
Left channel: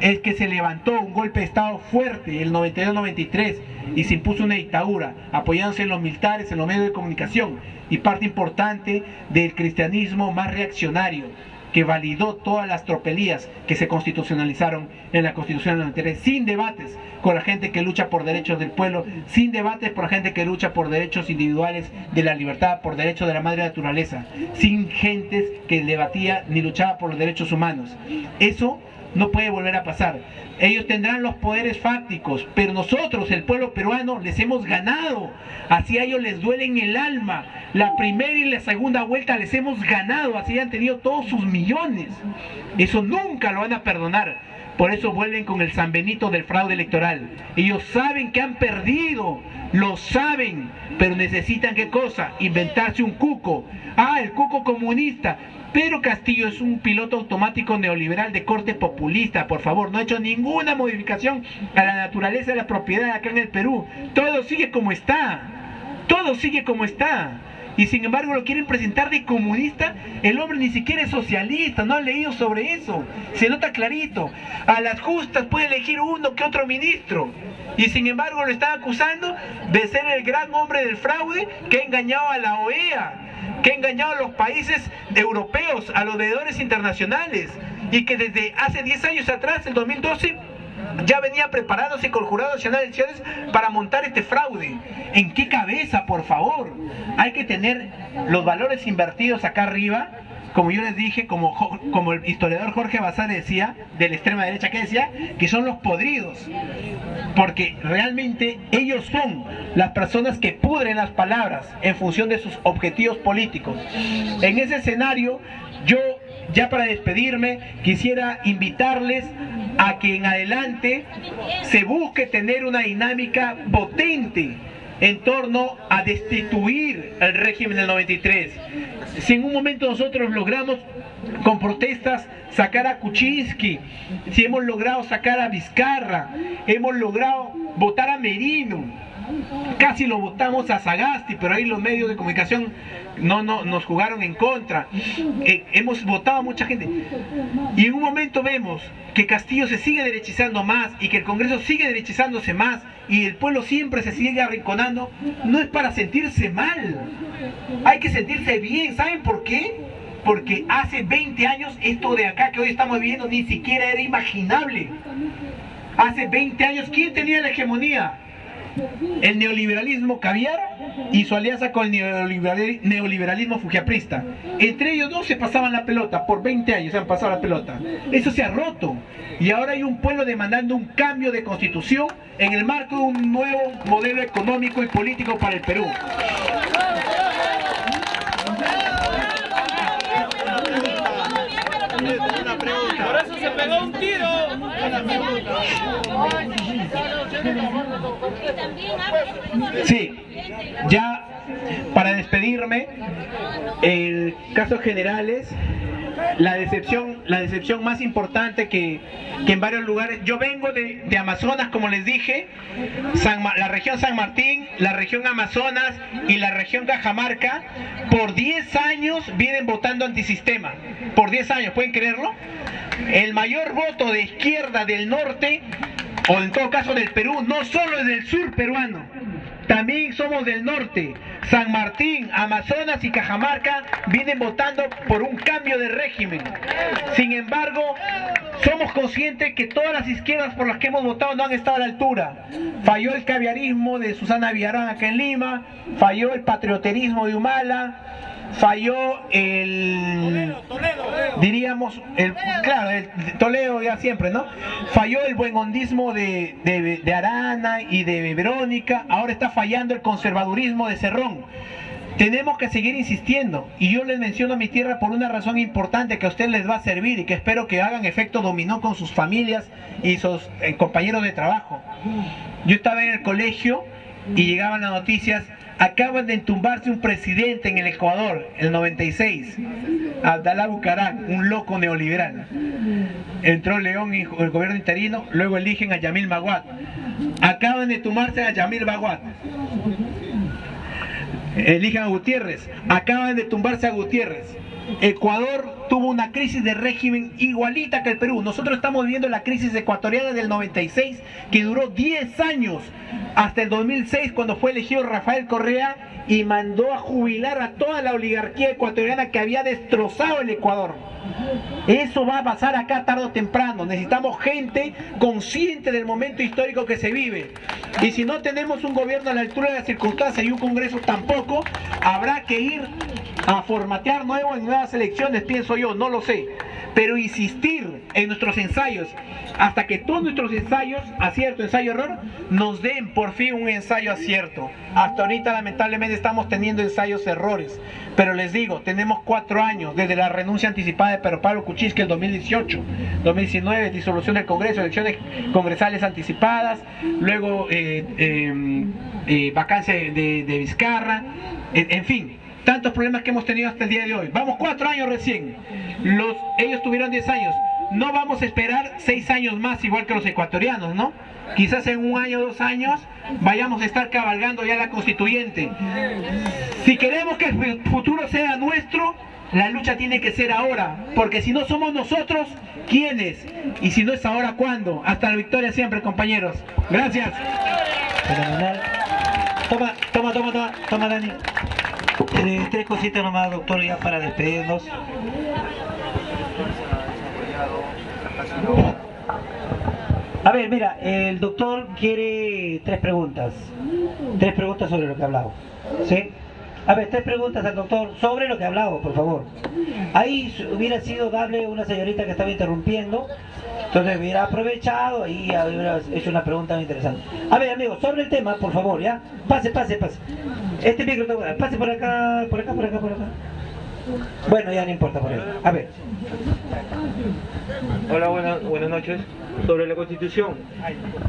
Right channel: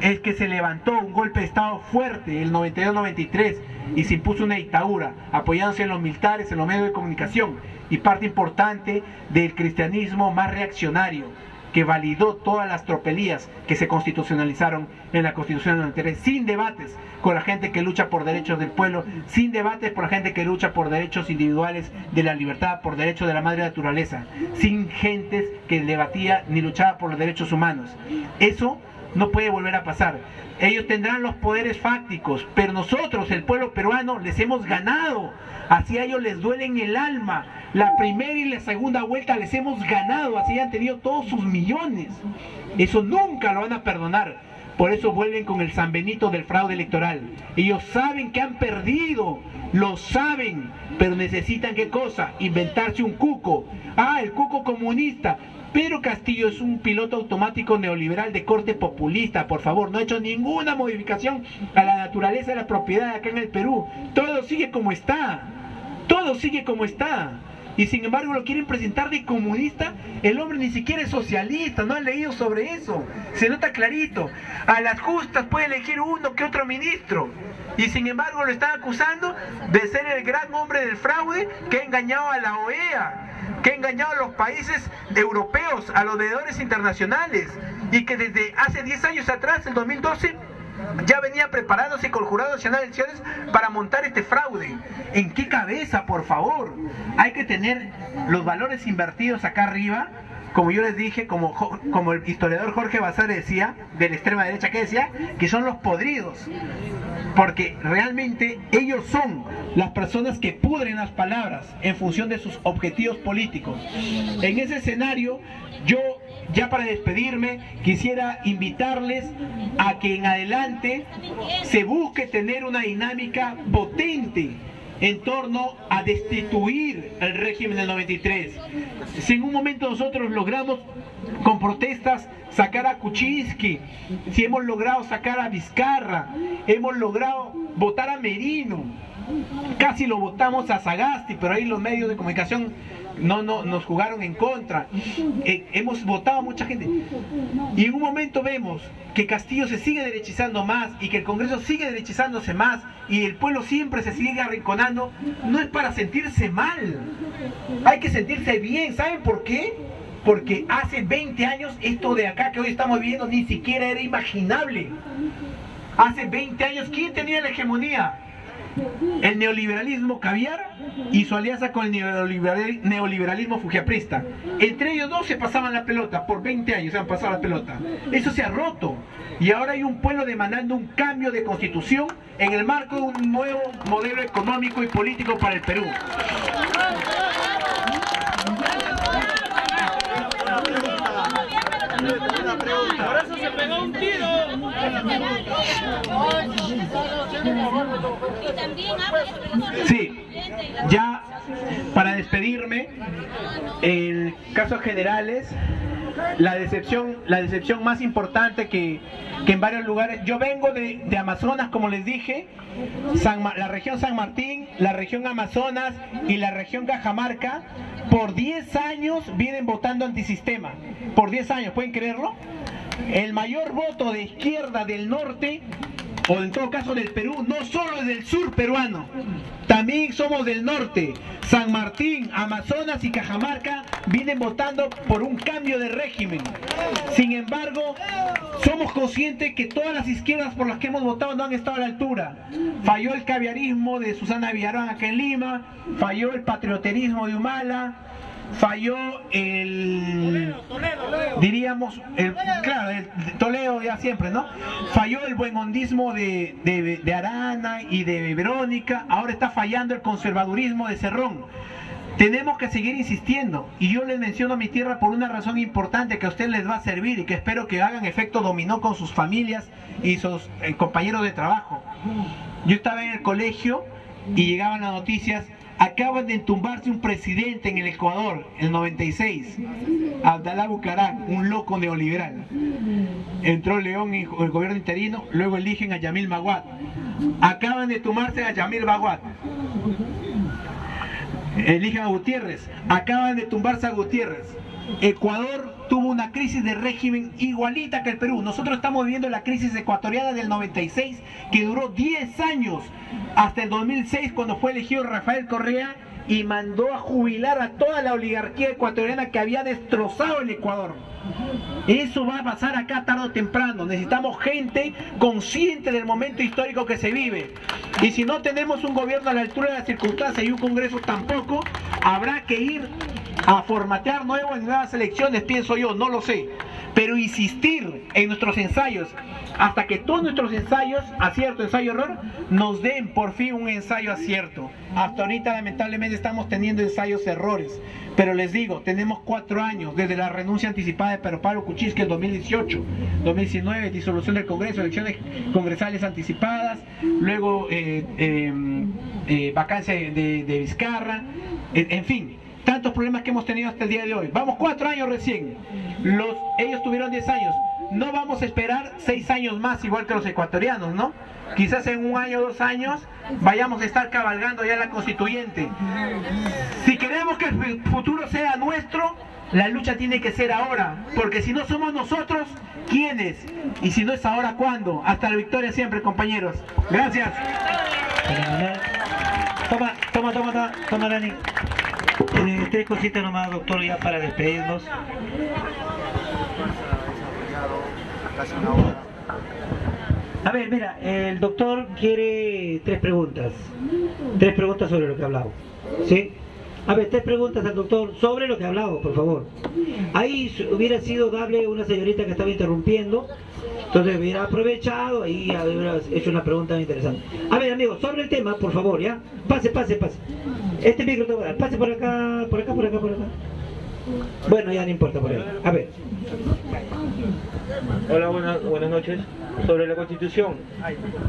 es que se levantó un golpe de Estado fuerte el 92-93 y se impuso una dictadura, apoyándose en los militares, en los medios de comunicación, y parte importante del cristianismo más reaccionario, que validó todas las tropelías que se constitucionalizaron en la Constitución del 93, sin debates con la gente que lucha por derechos del pueblo, sin debates por la gente que lucha por derechos individuales de la libertad, por derechos de la madre naturaleza, sin gentes que debatía ni luchaba por los derechos humanos. Eso no puede volver a pasar. Ellos tendrán los poderes fácticos, pero nosotros, el pueblo peruano, les hemos ganado. Así a ellos les duele en el alma. La primera y la segunda vuelta les hemos ganado, así han tenido todos sus millones. Eso nunca lo van a perdonar. Por eso vuelven con el San Benito del fraude electoral. Ellos saben que han perdido, lo saben, pero necesitan ¿qué cosa? Inventarse un cuco. Ah, el cuco comunista. Pedro Castillo es un piloto automático neoliberal de corte populista, por favor, no ha hecho ninguna modificación a la naturaleza de la propiedad acá en el Perú. Todo sigue como está, todo sigue como está. Y sin embargo lo quieren presentar de comunista. El hombre ni siquiera es socialista, no han leído sobre eso, se nota clarito. A las justas puede elegir uno que otro ministro, y sin embargo lo están acusando de ser el gran hombre del fraude que ha engañado a la OEA, que ha engañado a los países europeos, a los veedores internacionales, y que desde hace 10 años atrás, el 2012, ya venía preparándose con el Jurado Nacional de Elecciones para montar este fraude. ¿En qué cabeza, por favor? Hay que tener los valores invertidos acá arriba, como yo les dije, como el historiador Jorge Basadre decía, de la extrema derecha, que decía que son los podridos, porque realmente ellos son las personas que pudren las palabras en función de sus objetivos políticos. En ese escenario, yo, ya para despedirme, quisiera invitarles a que en adelante se busque tener una dinámica potente en torno a destituir el régimen del 93. Si en un momento nosotros logramos con protestas sacar a Kuczynski, si hemos logrado sacar a Vizcarra, hemos logrado votar a Merino, casi lo votamos a Sagasti, pero ahí los medios de comunicación no nos jugaron en contra. Hemos votado a mucha gente, y en un momento vemos que Castillo se sigue derechizando más y que el Congreso sigue derechizándose más y el pueblo siempre se sigue arrinconando. No es para sentirse mal, hay que sentirse bien. ¿Saben por qué? Porque hace 20 años esto de acá que hoy estamos viviendo ni siquiera era imaginable. Hace 20 años, ¿quién tenía la hegemonía? el neoliberalismo caviar y su alianza con el neoliberalismo fujiaprista. Entre ellos dos se pasaban la pelota, por 20 años se han pasado la pelota. Eso se ha roto y ahora hay un pueblo demandando un cambio de constitución en el marco de un nuevo modelo económico y político para el Perú. Por eso se pegó un tiro. Sí, ya para despedirme, en casos generales, la decepción más importante que en varios lugares. Yo vengo de Amazonas, como les dije, la región San Martín, la región Amazonas y la región Cajamarca, por 10 años vienen votando antisistema. Por 10 años, ¿pueden creerlo? El mayor voto de izquierda del norte, o en todo caso del Perú, no solo es del sur peruano, también somos del norte. San Martín, Amazonas y Cajamarca vienen votando por un cambio de régimen. Sin embargo, somos conscientes que todas las izquierdas por las que hemos votado no han estado a la altura. Falló el caviarismo de Susana Villarán acá en Lima, falló el patrioterismo de Humala, falló el Toledo ya siempre, ¿no? Falló el buenondismo de Arana y de Verónica, ahora está fallando el conservadurismo de Cerrón. Tenemos que seguir insistiendo, y yo les menciono mi tierra por una razón importante que a ustedes les va a servir y que espero que hagan efecto dominó con sus familias y sus compañeros de trabajo. Yo estaba en el colegio y llegaban las noticias: acaban de entumbarse un presidente en el Ecuador, el 96, Abdalá Bucaram, un loco neoliberal. Entró León y el gobierno interino, luego eligen a Yamil Maguad. Acaban de tumbarse a Yamil Maguad. Eligen a Gutiérrez, acaban de tumbarse a Gutiérrez. Ecuador tuvo una crisis de régimen igualita que el Perú. Nosotros estamos viviendo la crisis ecuatoriana del 96, que duró 10 años, hasta el 2006, cuando fue elegido Rafael Correa y mandó a jubilar a toda la oligarquía ecuatoriana que había destrozado el Ecuador. Eso va a pasar acá tarde o temprano. Necesitamos gente consciente del momento histórico que se vive. Y si no tenemos un gobierno a la altura de las circunstancias y un Congreso tampoco, habrá que ir a formatear nuevas elecciones, pienso yo, no lo sé. Pero insistir en nuestros ensayos hasta que todos nuestros ensayos, acierto, ensayo, error, nos den por fin un ensayo acierto. Hasta ahorita lamentablemente estamos teniendo ensayos errores. Pero les digo, tenemos 4 años desde la renuncia anticipada de Pedro Pablo Kuczynski en 2018, 2019, disolución del Congreso, elecciones congresales anticipadas, luego vacancia de Vizcarra, en fin, tantos problemas que hemos tenido hasta el día de hoy. Vamos 4 años recién, ellos tuvieron 10 años, no vamos a esperar 6 años más igual que los ecuatorianos, ¿no? Quizás en 1 año, 2 años vayamos a estar cabalgando ya la constituyente. Si queremos que el futuro sea nuestro, la lucha tiene que ser ahora, porque si no somos nosotros, ¿quiénes? Y si no es ahora, ¿cuándo? Hasta la victoria siempre, compañeros. Gracias. Toma, Dani. 3 cositas nomás, doctor, ya para despedirnos. A ver, mira, el doctor quiere 3 preguntas. 3 preguntas sobre lo que ha hablado. ¿Sí? A ver, 3 preguntas al doctor sobre lo que ha hablado, por favor. Ahí hubiera sido darle una señorita que estaba interrumpiendo, entonces hubiera aprovechado y hubiera hecho una pregunta interesante. A ver, amigos, sobre el tema, por favor, ¿ya? Pase. Este micro, pase por acá. Bueno, ya no importa por ahí. A ver. Hola, buenas noches. Sobre la Constitución,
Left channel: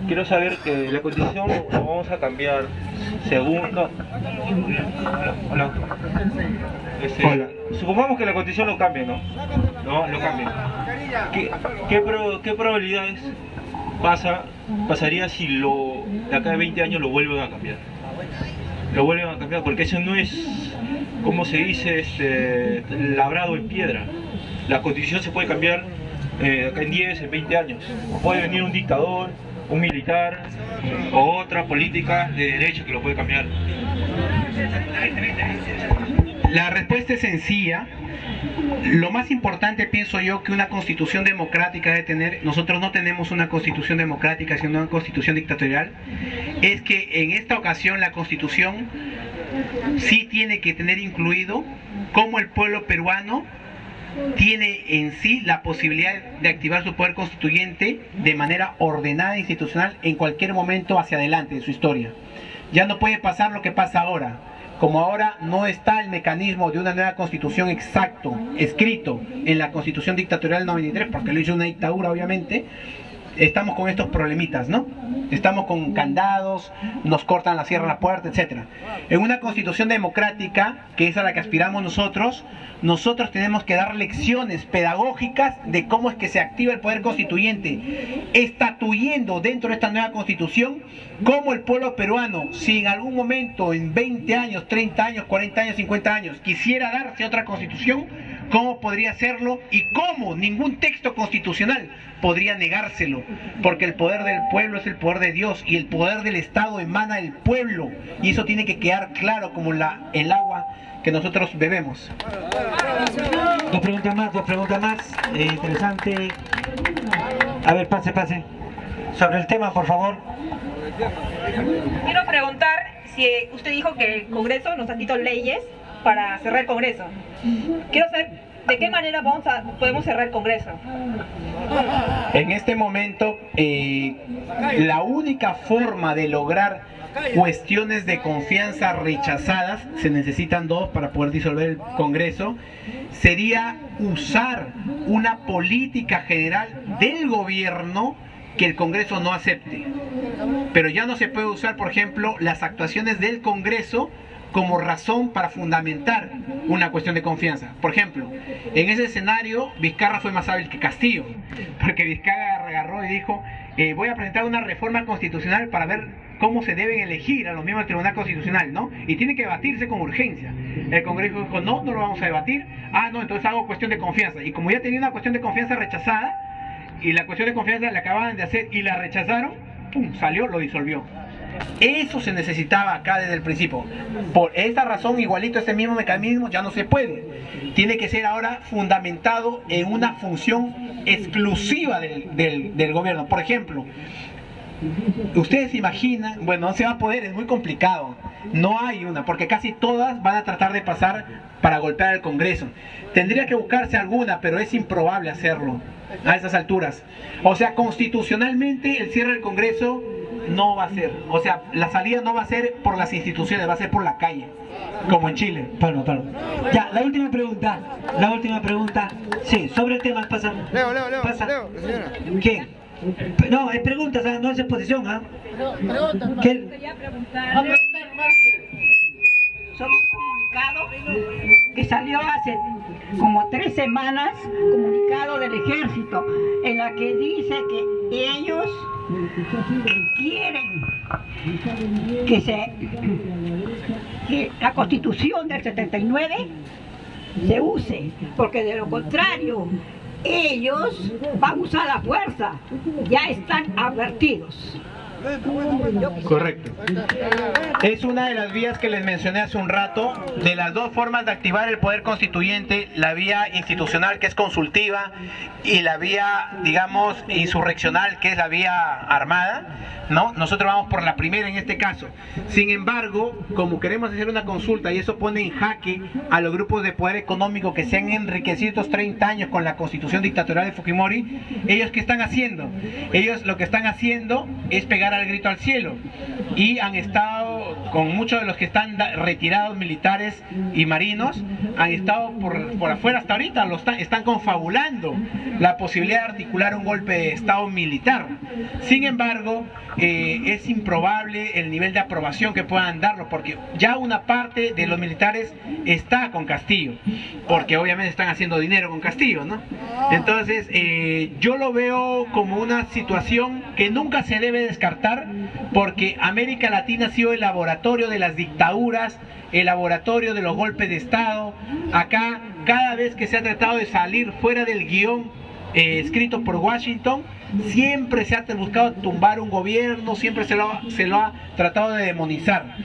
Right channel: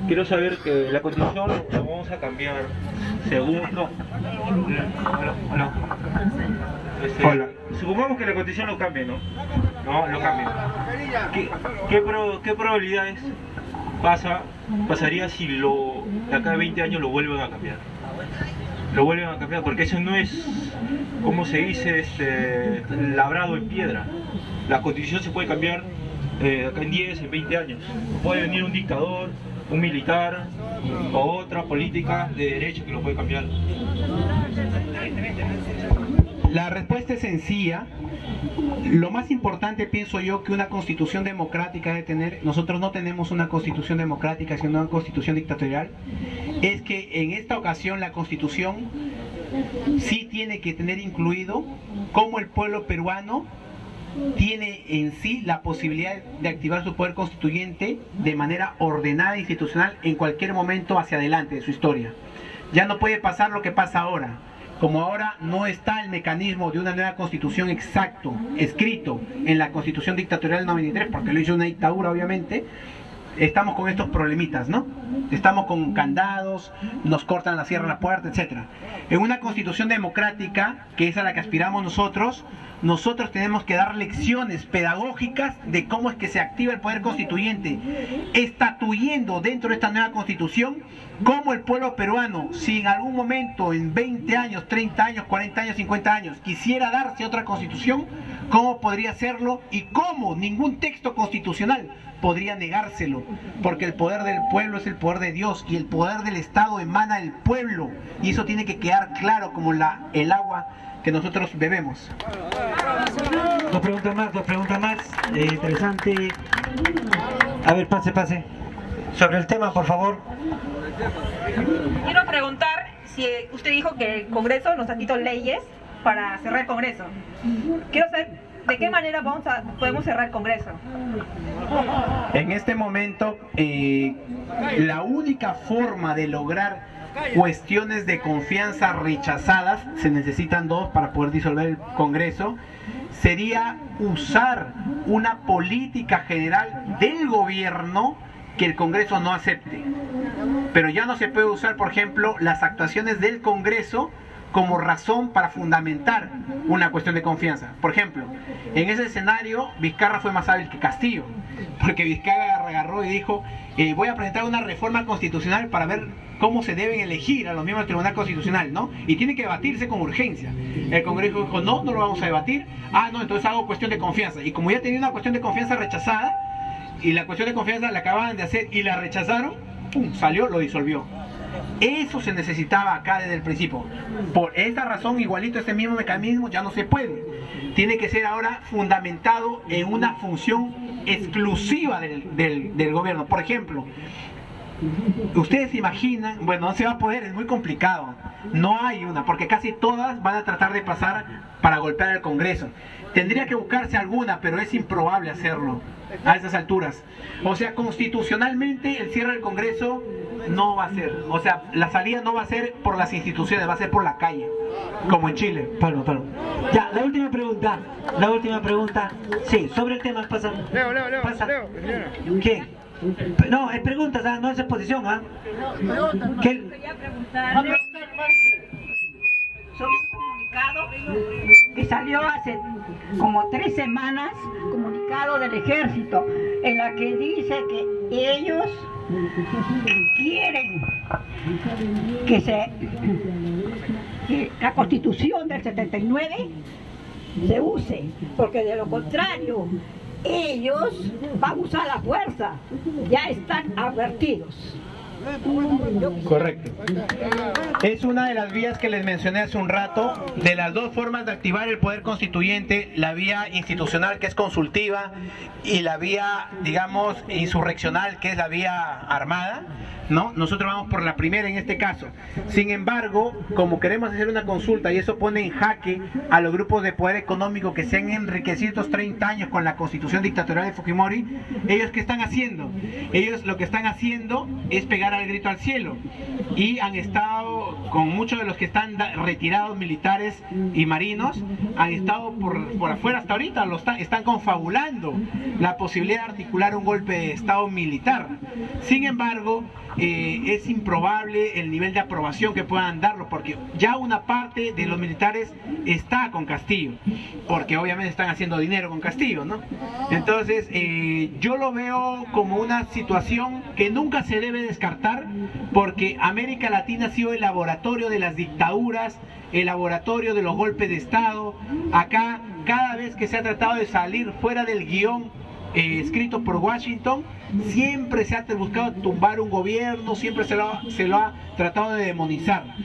quiero saber que la Constitución lo vamos a cambiar según... Supongamos que la Constitución lo cambie, ¿no? Lo cambie. ¿Qué probabilidades pasaría si de acá de 20 años lo vuelven a cambiar? Lo vuelven a cambiar, porque eso no es, como se dice, labrado en piedra. La Constitución se puede cambiar acá en 10, en 20 años. Puede venir un dictador, un militar o otra política de derecha que lo puede cambiar. La respuesta es sencilla Lo más importante, pienso yo, que una constitución democrática debe tener, nosotros no tenemos una constitución democrática, sino una constitución dictatorial, es que en esta ocasión la constitución sí tiene que tener incluido cómo el pueblo peruano tiene en sí la posibilidad de activar su poder constituyente de manera ordenada e institucional en cualquier momento hacia adelante de su historia. Ya no puede pasar lo que pasa ahora. Como ahora no está el mecanismo de una nueva constitución exacto, escrito en la constitución dictatorial del 93, porque lo hizo una dictadura obviamente, estamos con estos problemitas, ¿no? Estamos con candados, nos cortan la cierran la puerta, etc. En una constitución democrática, que es a la que aspiramos nosotros tenemos que dar lecciones pedagógicas de cómo es que se activa el poder constituyente, estatuyendo dentro de esta nueva constitución cómo el pueblo peruano, si en algún momento, en 20 años, 30 años, 40 años, 50 años, quisiera darse otra constitución, cómo podría hacerlo y cómo ningún texto constitucional podría negárselo, porque el poder del pueblo es el poder de Dios y el poder del Estado emana del pueblo, y eso tiene que quedar claro como el agua que nosotros bebemos. Dos preguntas más. Interesante. A ver, pase. Sobre el tema, por favor. Quiero preguntar si usted dijo que el Congreso nos ha quitado leyes para cerrar el Congreso. Quiero saber de qué manera podemos cerrar el Congreso. En este momento, la única forma de lograr cuestiones de confianza rechazadas, se necesitan dos para poder disolver el Congreso, sería usar una política general del gobierno que el Congreso no acepte. Pero ya no se puede usar, por ejemplo, las actuaciones del Congreso como razón para fundamentar una cuestión de confianza. Por ejemplo, en ese escenario Vizcarra fue más hábil que Castillo, porque Vizcarra agarró y dijo, voy a presentar una reforma constitucional para ver cómo se deben elegir a los miembros del Tribunal Constitucional, ¿no? Y tiene que debatirse con urgencia. El Congreso dijo, no lo vamos a debatir. No, entonces hago cuestión de confianza. Y como ya tenía una cuestión de confianza rechazada, y la cuestión de confianza la acababan de hacer y la rechazaron, ¡pum!, salió, lo disolvió. Eso se necesitaba acá desde el principio. Por esta razón, igualito este mismo mecanismo ya no se puede. Tiene que ser ahora fundamentado en una función exclusiva del gobierno. Por ejemplo, ustedes se imaginan, bueno, no se va a poder, es muy complicado. No hay una, porque casi todas van a tratar de pasar para golpear al Congreso. Tendría que buscarse alguna, pero es improbable hacerlo a esas alturas. O sea, constitucionalmente el cierre del Congreso no va a ser. O sea, la salida no va a ser por las instituciones, va a ser por la calle, como en Chile. Pablo. Ya, la última pregunta. Sí, sobre el tema, pasa. Leo, señora. ¿Qué? No, es pregunta, no es exposición, ¿Qué? Quería preguntar sobre un comunicado que salió hace como 3 semanas, comunicado del ejército, en la que dice que ellos quieren que la Constitución del 79 se use, porque de lo contrario ellos van a usar la fuerza, ya están advertidos. Correcto. Es una de las vías que les mencioné hace un rato, de las dos formas de activar el poder constituyente, la vía institucional, que es consultiva, y la vía, digamos, insurreccional, que es la vía armada, ¿no? Nosotros vamos por la primera en este caso. Sin embargo, como queremos hacer una consulta y eso pone en jaque a los grupos de poder económico que se han enriquecido estos 30 años con la constitución dictatorial de Fujimori, ¿ellos qué están haciendo? Ellos lo que están haciendo es pegar al grito al cielo, y han estado con muchos de los que están retirados, militares y marinos, han estado por afuera hasta ahorita, están confabulando la posibilidad de articular un golpe de estado militar. Sin embargo, es improbable el nivel de aprobación que puedan darlo, porque ya una parte de los militares está con Castillo, porque obviamente están haciendo dinero con Castillo, ¿no? Entonces yo lo veo como una situación que nunca se debe descartar, porque América Latina ha sido el laboratorio de las dictaduras, el laboratorio de los golpes de estado. Acá, cada vez que se ha tratado de salir fuera del guión escritos por Washington, siempre se ha buscado tumbar un gobierno, siempre se lo ha tratado de demonizar.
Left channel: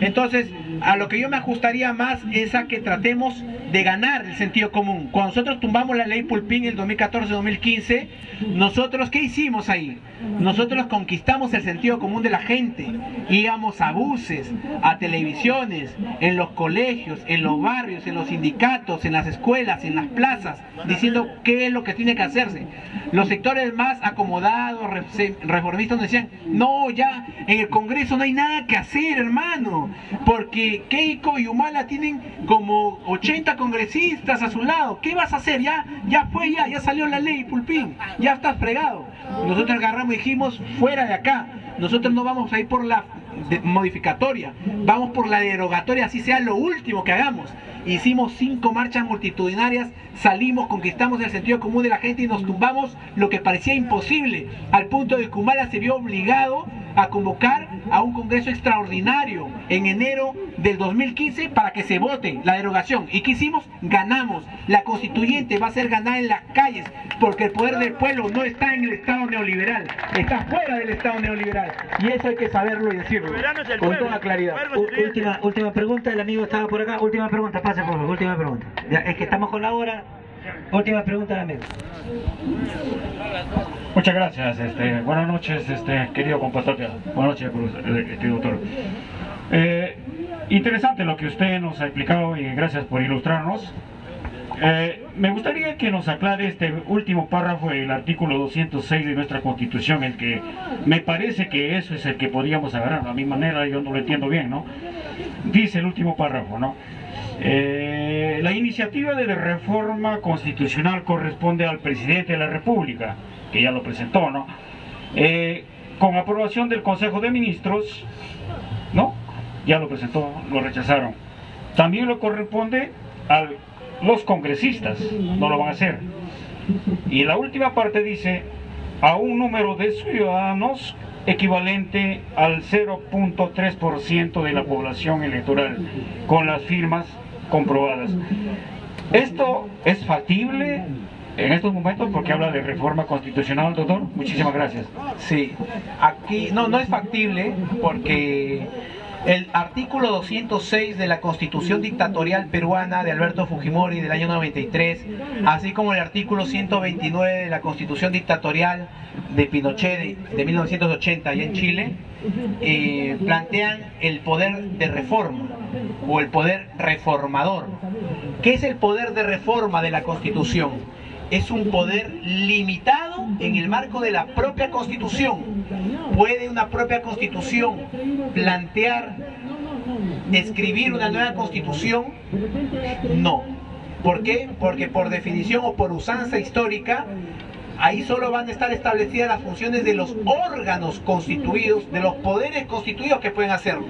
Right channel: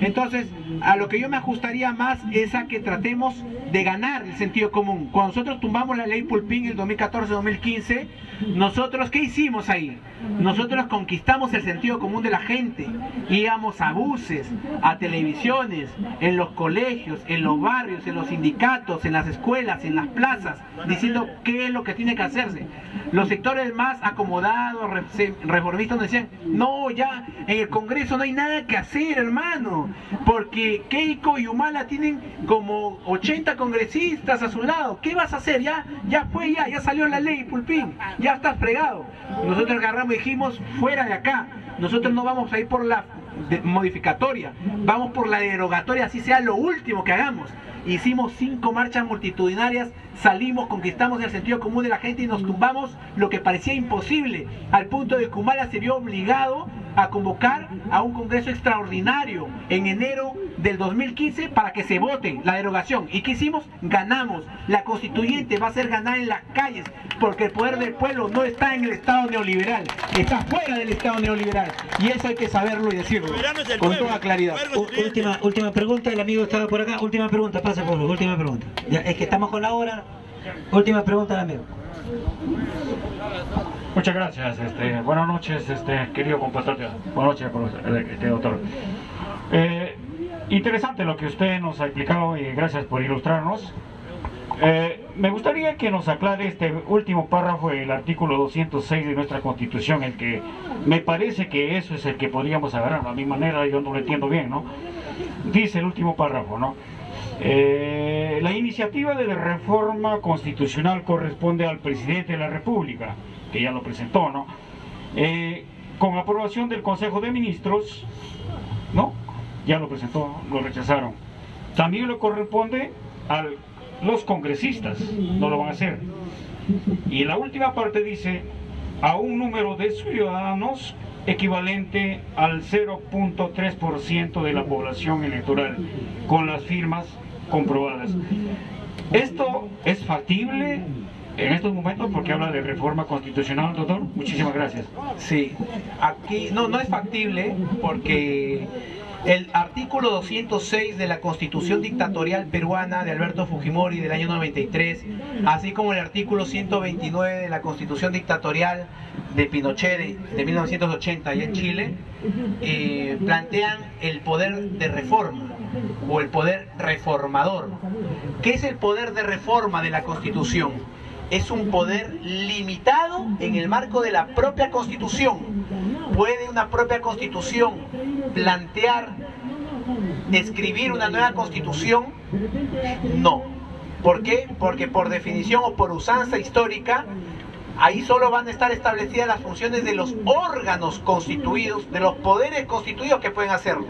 Entonces, a lo que yo me ajustaría más es a que tratemos de ganar el sentido común. Cuando nosotros tumbamos la ley Pulpín en 2014-2015, nosotros, ¿qué hicimos ahí? Nosotros conquistamos el sentido común de la gente. Íbamos a buses, a televisiones, en los colegios, en los barrios, en los sindicatos, en las escuelas, en las plazas, diciendo qué es lo que tiene que hacerse. Los sectores más acomodados, reformistas, nos decían, no, ya en el Congreso no hay nada que hacer, hermano, porque Keiko y Humala tienen como 80 congresistas a su lado. ¿Qué vas a hacer? Ya fue, ya salió la ley Pulpín, ya estás fregado. Nosotros agarramos y dijimos, fuera de acá, nosotros no vamos a ir por la modificatoria, vamos por la derogatoria, así sea lo último que hagamos. Hicimos 5 marchas multitudinarias, salimos, conquistamos el sentido común de la gente y nos tumbamos lo que parecía imposible, al punto de que Humala se vio obligado a convocar a un congreso extraordinario en enero del 2015 para que se vote la derogación. ¿Y qué hicimos? Ganamos. La constituyente va a ser ganada en las calles, porque el poder del pueblo no está en el Estado neoliberal, está fuera del Estado neoliberal, y eso hay que saberlo y decirlo con toda claridad. Última pregunta, el amigo estaba por acá. Última pregunta, pase por favor, última pregunta. Ya, es que estamos con la hora. Última pregunta, amigo. Muchas gracias. Buenas noches, querido compatriota. Buenas noches, doctor. Interesante lo que usted nos ha explicado y gracias por ilustrarnos. Me gustaría que nos aclare este último párrafo del artículo 206 de nuestra Constitución, el que me parece que eso es el que podríamos agarrar. A mi manera yo no lo entiendo bien, ¿no? Dice el último párrafo, ¿no? La iniciativa de la reforma constitucional corresponde al presidente de la República, que ya lo presentó, ¿no? Con aprobación del Consejo de Ministros, ¿no? Ya lo presentó, lo rechazaron. También lo corresponde a los congresistas, no lo van a hacer. Y la última parte dice, a un número de ciudadanos equivalente al 0.3% de la población electoral, con las firmas comprobadas. ¿Esto es factible en estos momentos? Porque habla de reforma constitucional, doctor. Muchísimas gracias. Sí, aquí no es factible porque el artículo 206 de la Constitución dictatorial peruana de Alberto Fujimori del año 93, así como el artículo 129 de la Constitución dictatorial de Pinochet de 1980 allá en Chile, plantean el poder de reforma o el poder reformador. ¿Qué es el poder de reforma de la Constitución? Es un poder limitado en el marco de la propia Constitución. ¿Puede una propia Constitución plantear, escribir una nueva Constitución? No. ¿Por qué? Porque por definición o por usanza histórica, ahí solo van a estar establecidas las funciones de los órganos constituidos, de los poderes constituidos que pueden hacerlo.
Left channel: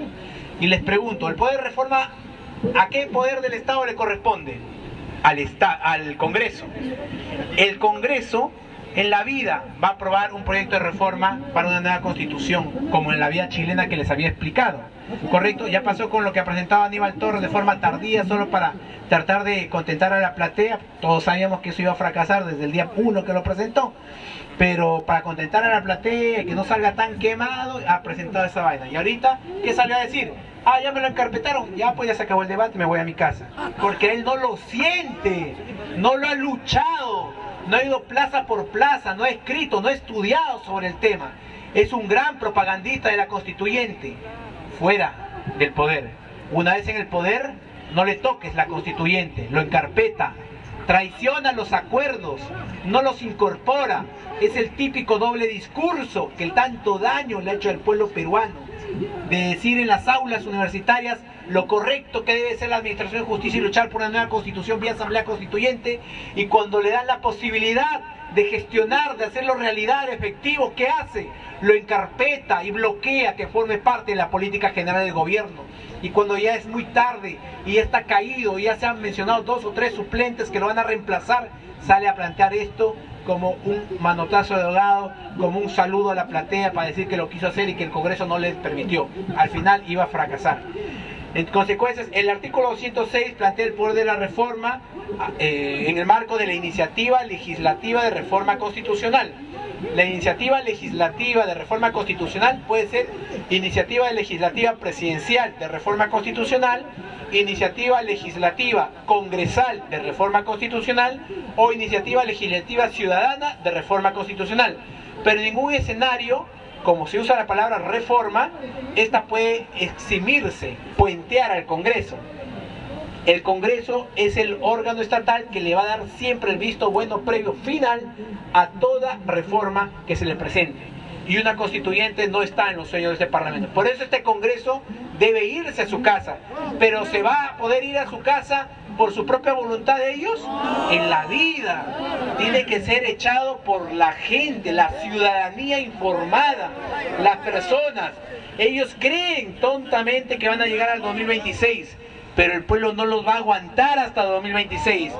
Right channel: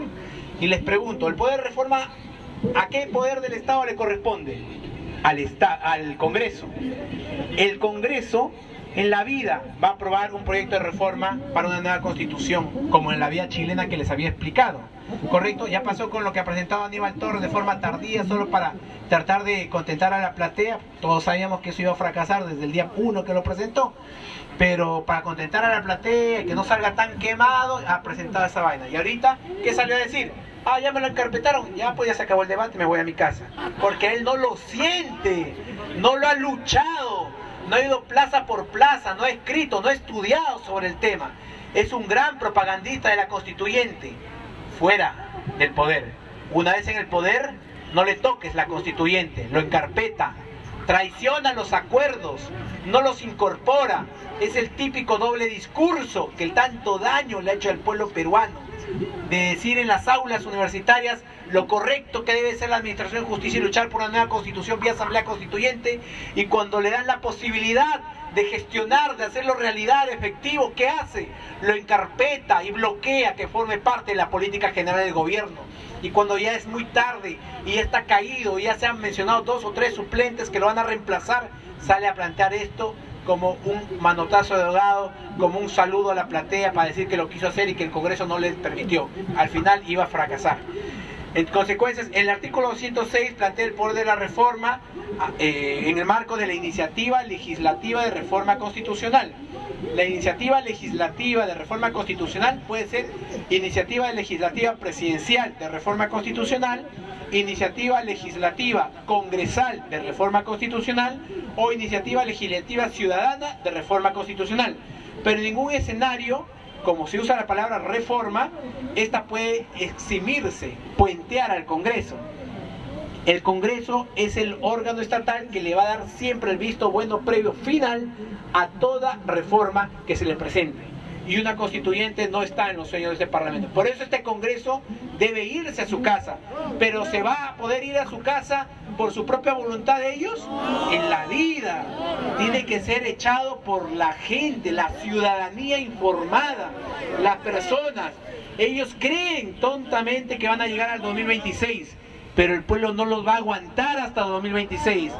Y les pregunto, ¿el poder de reforma a qué poder del Estado le corresponde? Al Congreso. El Congreso en la vida va a aprobar un proyecto de reforma para una nueva constitución, como en la vía chilena que les había explicado. Correcto, ya pasó con lo que ha presentado Aníbal Torres de forma tardía, solo para tratar de contentar a la platea. Todos sabíamos que eso iba a fracasar desde el día 1 que lo presentó, pero para contentar a la platea y que no salga tan quemado, ha presentado esa vaina. Y ahorita, ¿qué salió a decir? Ah, ya me lo encarpetaron, ya pues ya se acabó el debate, me voy a mi casa. Porque él no lo siente, no lo ha luchado, no ha ido plaza por plaza, no ha escrito, no ha estudiado sobre el tema. Es un gran propagandista de la constituyente, fuera del poder. Una vez en el poder, no le toques la constituyente, lo encarpeta, traiciona los acuerdos, no los incorpora. Es el típico doble discurso que tanto daño le ha hecho al pueblo peruano, de decir en las aulas universitarias lo correcto que debe ser la administración de justicia y luchar por una nueva constitución vía asamblea constituyente, y cuando le dan la posibilidad de gestionar, de hacerlo realidad, efectivo, ¿qué hace? Lo encarpeta y bloquea que forme parte de la política general del gobierno. Y cuando ya es muy tarde y ya está caído y ya se han mencionado 2 o 3 suplentes que lo van a reemplazar, sale a plantear esto como un manotazo de ahogado, como un saludo a la platea para decir que lo quiso hacer y que el Congreso no les permitió. Al final iba a fracasar. En consecuencia, el artículo 206 plantea el poder de la reforma en el marco de la iniciativa legislativa de reforma constitucional. La iniciativa legislativa de reforma constitucional puede ser iniciativa legislativa presidencial de reforma constitucional, iniciativa legislativa congresal de reforma constitucional o iniciativa legislativa ciudadana de reforma constitucional. Pero en ningún escenario, como se usa la palabra reforma, esta puede eximirse, puentear al Congreso. El Congreso es el órgano estatal que le va a dar siempre el visto bueno previo final a toda reforma que se le presente. Y una constituyente no está en los sueños de este Parlamento. Por eso este Congreso debe irse a su casa. Pero ¿se va a poder ir a su casa por su propia voluntad de ellos? En la vida. Tiene que ser echado por la gente, la ciudadanía informada, las personas. Ellos creen tontamente que van a llegar al 2026. Pero el pueblo no los va a aguantar hasta 2026.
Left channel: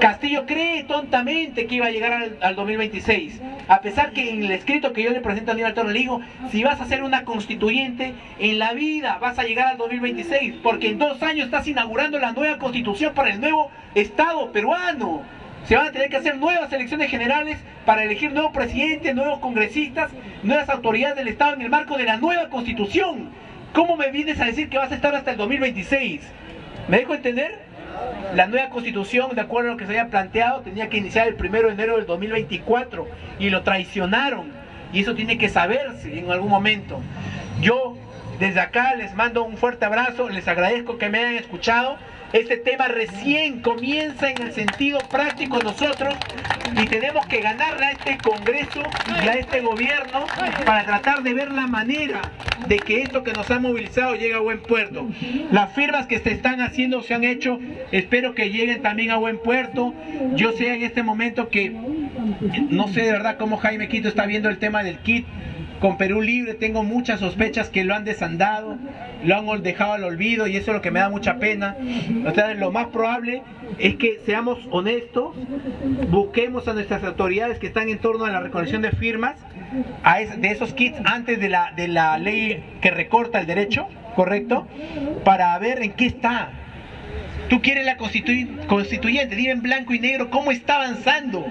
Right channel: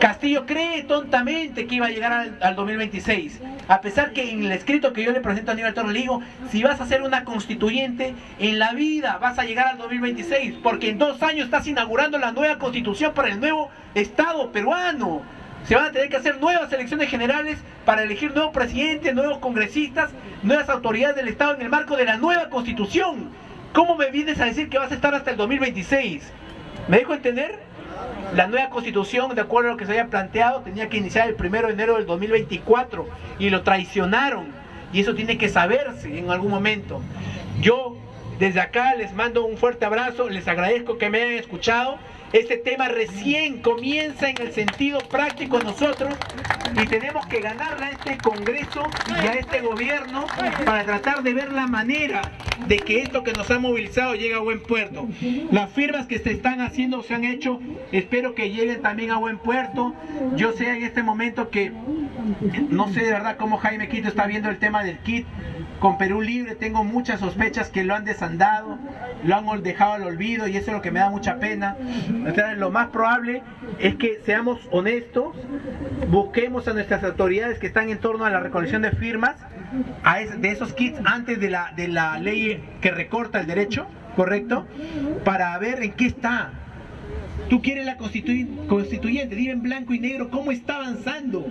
Castillo cree tontamente que iba a llegar al 2026. A pesar que en el escrito que yo le presento a Aníbal Torres le digo, si vas a hacer una constituyente, en la vida vas a llegar al 2026, porque en 2 años estás inaugurando la nueva constitución para el nuevo Estado peruano. Se van a tener que hacer nuevas elecciones generales para elegir nuevos presidentes, nuevos congresistas, nuevas autoridades del Estado en el marco de la nueva constitución. ¿Cómo me vienes a decir que vas a estar hasta el 2026? ¿Me dejo entender? La nueva constitución, de acuerdo a lo que se había planteado, tenía que iniciar el 1 de enero del 2024 y lo traicionaron. Y eso tiene que saberse en algún momento. Yo desde acá les mando un fuerte abrazo, les agradezco que me hayan escuchado. Este tema recién comienza en el sentido práctico nosotros y tenemos que ganarle a este Congreso y a este gobierno para tratar de ver la manera de que esto que nos ha movilizado llegue a buen puerto. Las firmas que se están haciendo se han hecho, espero que lleguen también a buen puerto. Yo sé en este momento que no sé de verdad cómo Jaime Quito está viendo el tema del kit con Perú Libre. Tengo muchas sospechas que lo han desandado, lo han dejado al olvido y eso es lo que me da mucha pena. O sea, lo más probable es que seamos honestos, busquemos a nuestras autoridades que están en torno a la recolección de firmas de esos kits antes de la ley que recorta el derecho, ¿correcto? Para ver en qué está. Tú quieres la constituyente, dime en blanco y negro cómo está avanzando.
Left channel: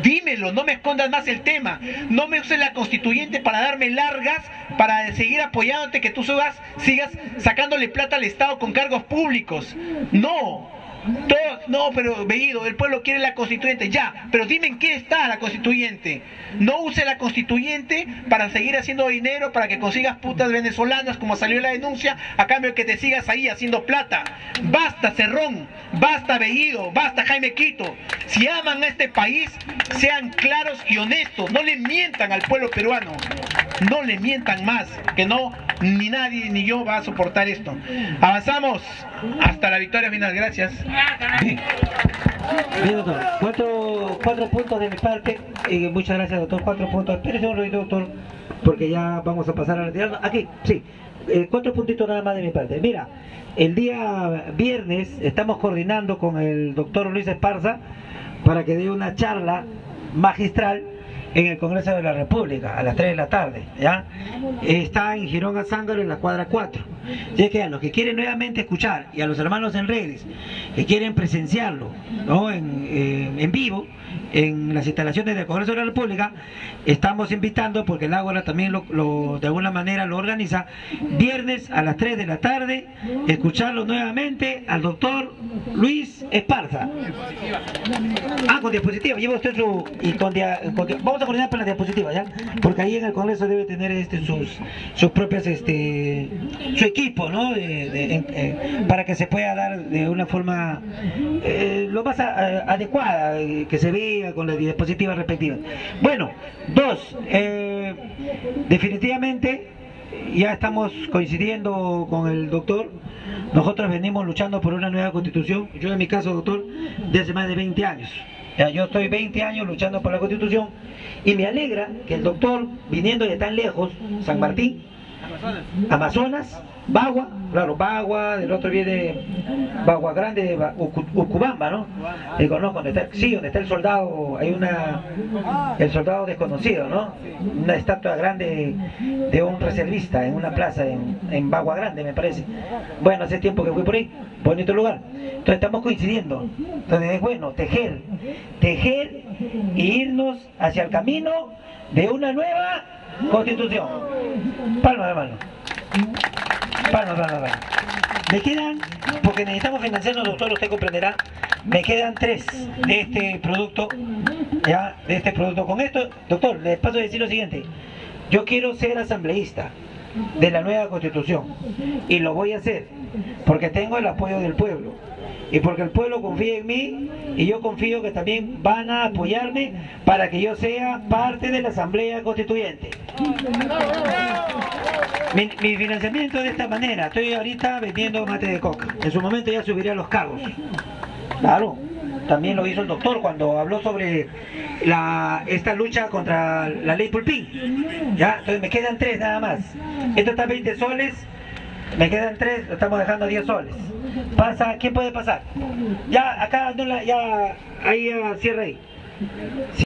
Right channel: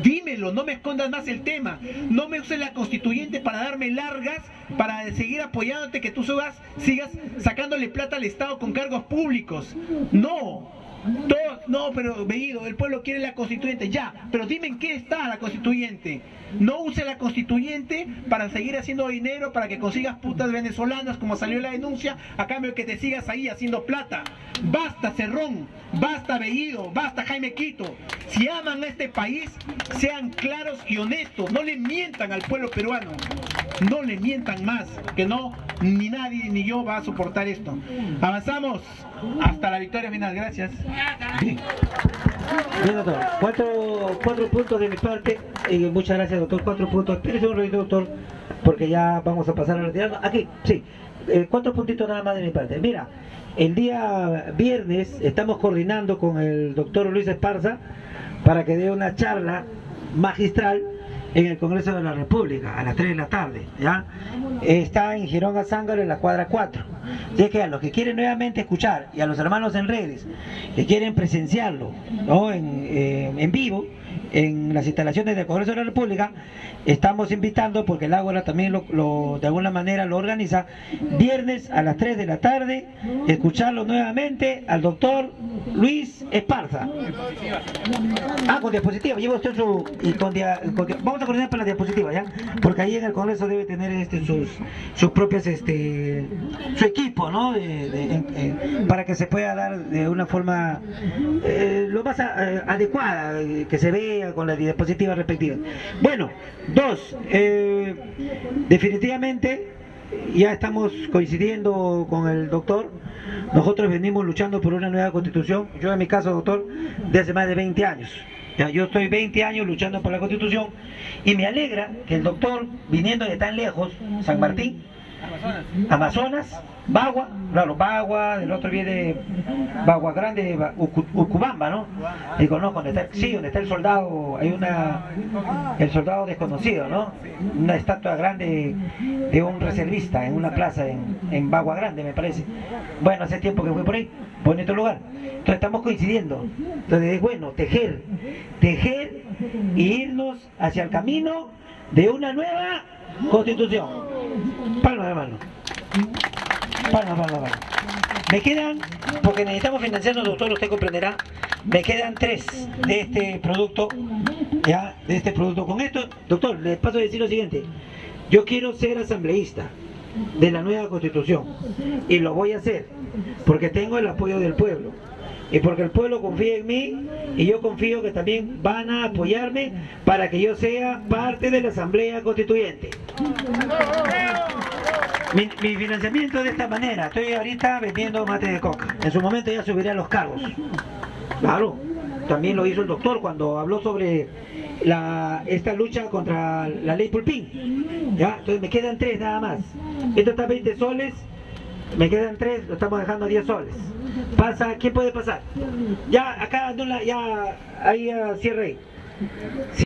Dímelo, no me escondas más el tema. No me uses la constituyente para darme largas, para seguir apoyándote, que tú sigas sacándole plata al Estado con cargos públicos. No. No, pero Bellido, el pueblo quiere la constituyente, ya, pero dime en qué está la constituyente. No use la constituyente para seguir haciendo dinero, para que consigas putas venezolanas, como salió la denuncia, a cambio de que te sigas ahí haciendo plata. Basta Cerrón, basta Bellido, basta Jaime Quito. Si aman a este país, sean claros y honestos, no le mientan al pueblo peruano, no le mientan más, que no, ni nadie ni yo va a soportar esto. Avanzamos hasta la victoria final, gracias. Bien, doctor, cuatro puntos de mi parte. Muchas gracias, doctor. 4 puntos. Espérese un ratito, doctor, porque ya vamos a pasar a retirarnos. Aquí, sí, 4 puntitos nada más de mi parte. Mira, el día viernes estamos coordinando con el doctor Luis Esparza para que dé una charla magistral en el Congreso de la República a las 3 de la tarde, ¿ya? Está en Girón Azángaro, en la cuadra 4. Así que a los que quieren nuevamente escuchar y a los hermanos en redes que quieren presenciarlo, ¿no? en vivo en las instalaciones del Congreso de la República, estamos invitando, porque el Ágora también de alguna manera lo organiza, viernes a las 3 de la tarde, escucharlo nuevamente al doctor Luis Esparza. Con diapositiva, lleva usted su... vamos a coordinar para la diapositiva, ¿ya? Porque ahí en el Congreso debe tener sus propias, su equipo, ¿no? Para que se pueda dar de una forma lo más adecuada, que se vea con la diapositiva respectiva. Bueno, 2, definitivamente ya estamos coincidiendo con el doctor. Nosotros venimos luchando por una nueva constitución. Yo en mi caso, doctor, de hace más de 20 años. Yo estoy 20 años luchando por la constitución y me alegra que el doctor, viniendo de tan lejos, San Martín, Amazonas, Bagua, claro, Bagua, del otro viene Bagua Grande, Ucubamba, ¿no? Digo, no, donde está el soldado, hay el soldado desconocido, ¿no? Una estatua grande de un reservista en una plaza en Bagua Grande, me parece. Bueno, hace tiempo que fui por ahí, bonito lugar. Entonces estamos coincidiendo. Entonces es bueno tejer y irnos hacia el camino de una nueva constitución. Palma de mano. Palma. Me quedan, porque necesitamos financiarnos, doctor, usted comprenderá, me quedan 3 de este producto, ya, de este producto. Con esto, doctor, les paso a decir lo siguiente. Yo quiero ser asambleísta de la nueva constitución y lo voy a hacer porque tengo el apoyo del pueblo y porque el pueblo confía en mí y yo confío que también van a apoyarme para que yo sea parte de la asamblea constituyente. Mi financiamiento es de esta manera. Estoy ahorita vendiendo mate de coca. En su momento ya subiré a los cargos. Claro, también lo hizo el doctor cuando habló sobre esta lucha contra la ley Pulpín. Ya, entonces me quedan 3 nada más. Esto está a 20 soles, me quedan 3, lo estamos dejando a 10 soles. Pasa, ¿qué puede pasar? Ya, acá, no ya, ahí cierre ahí.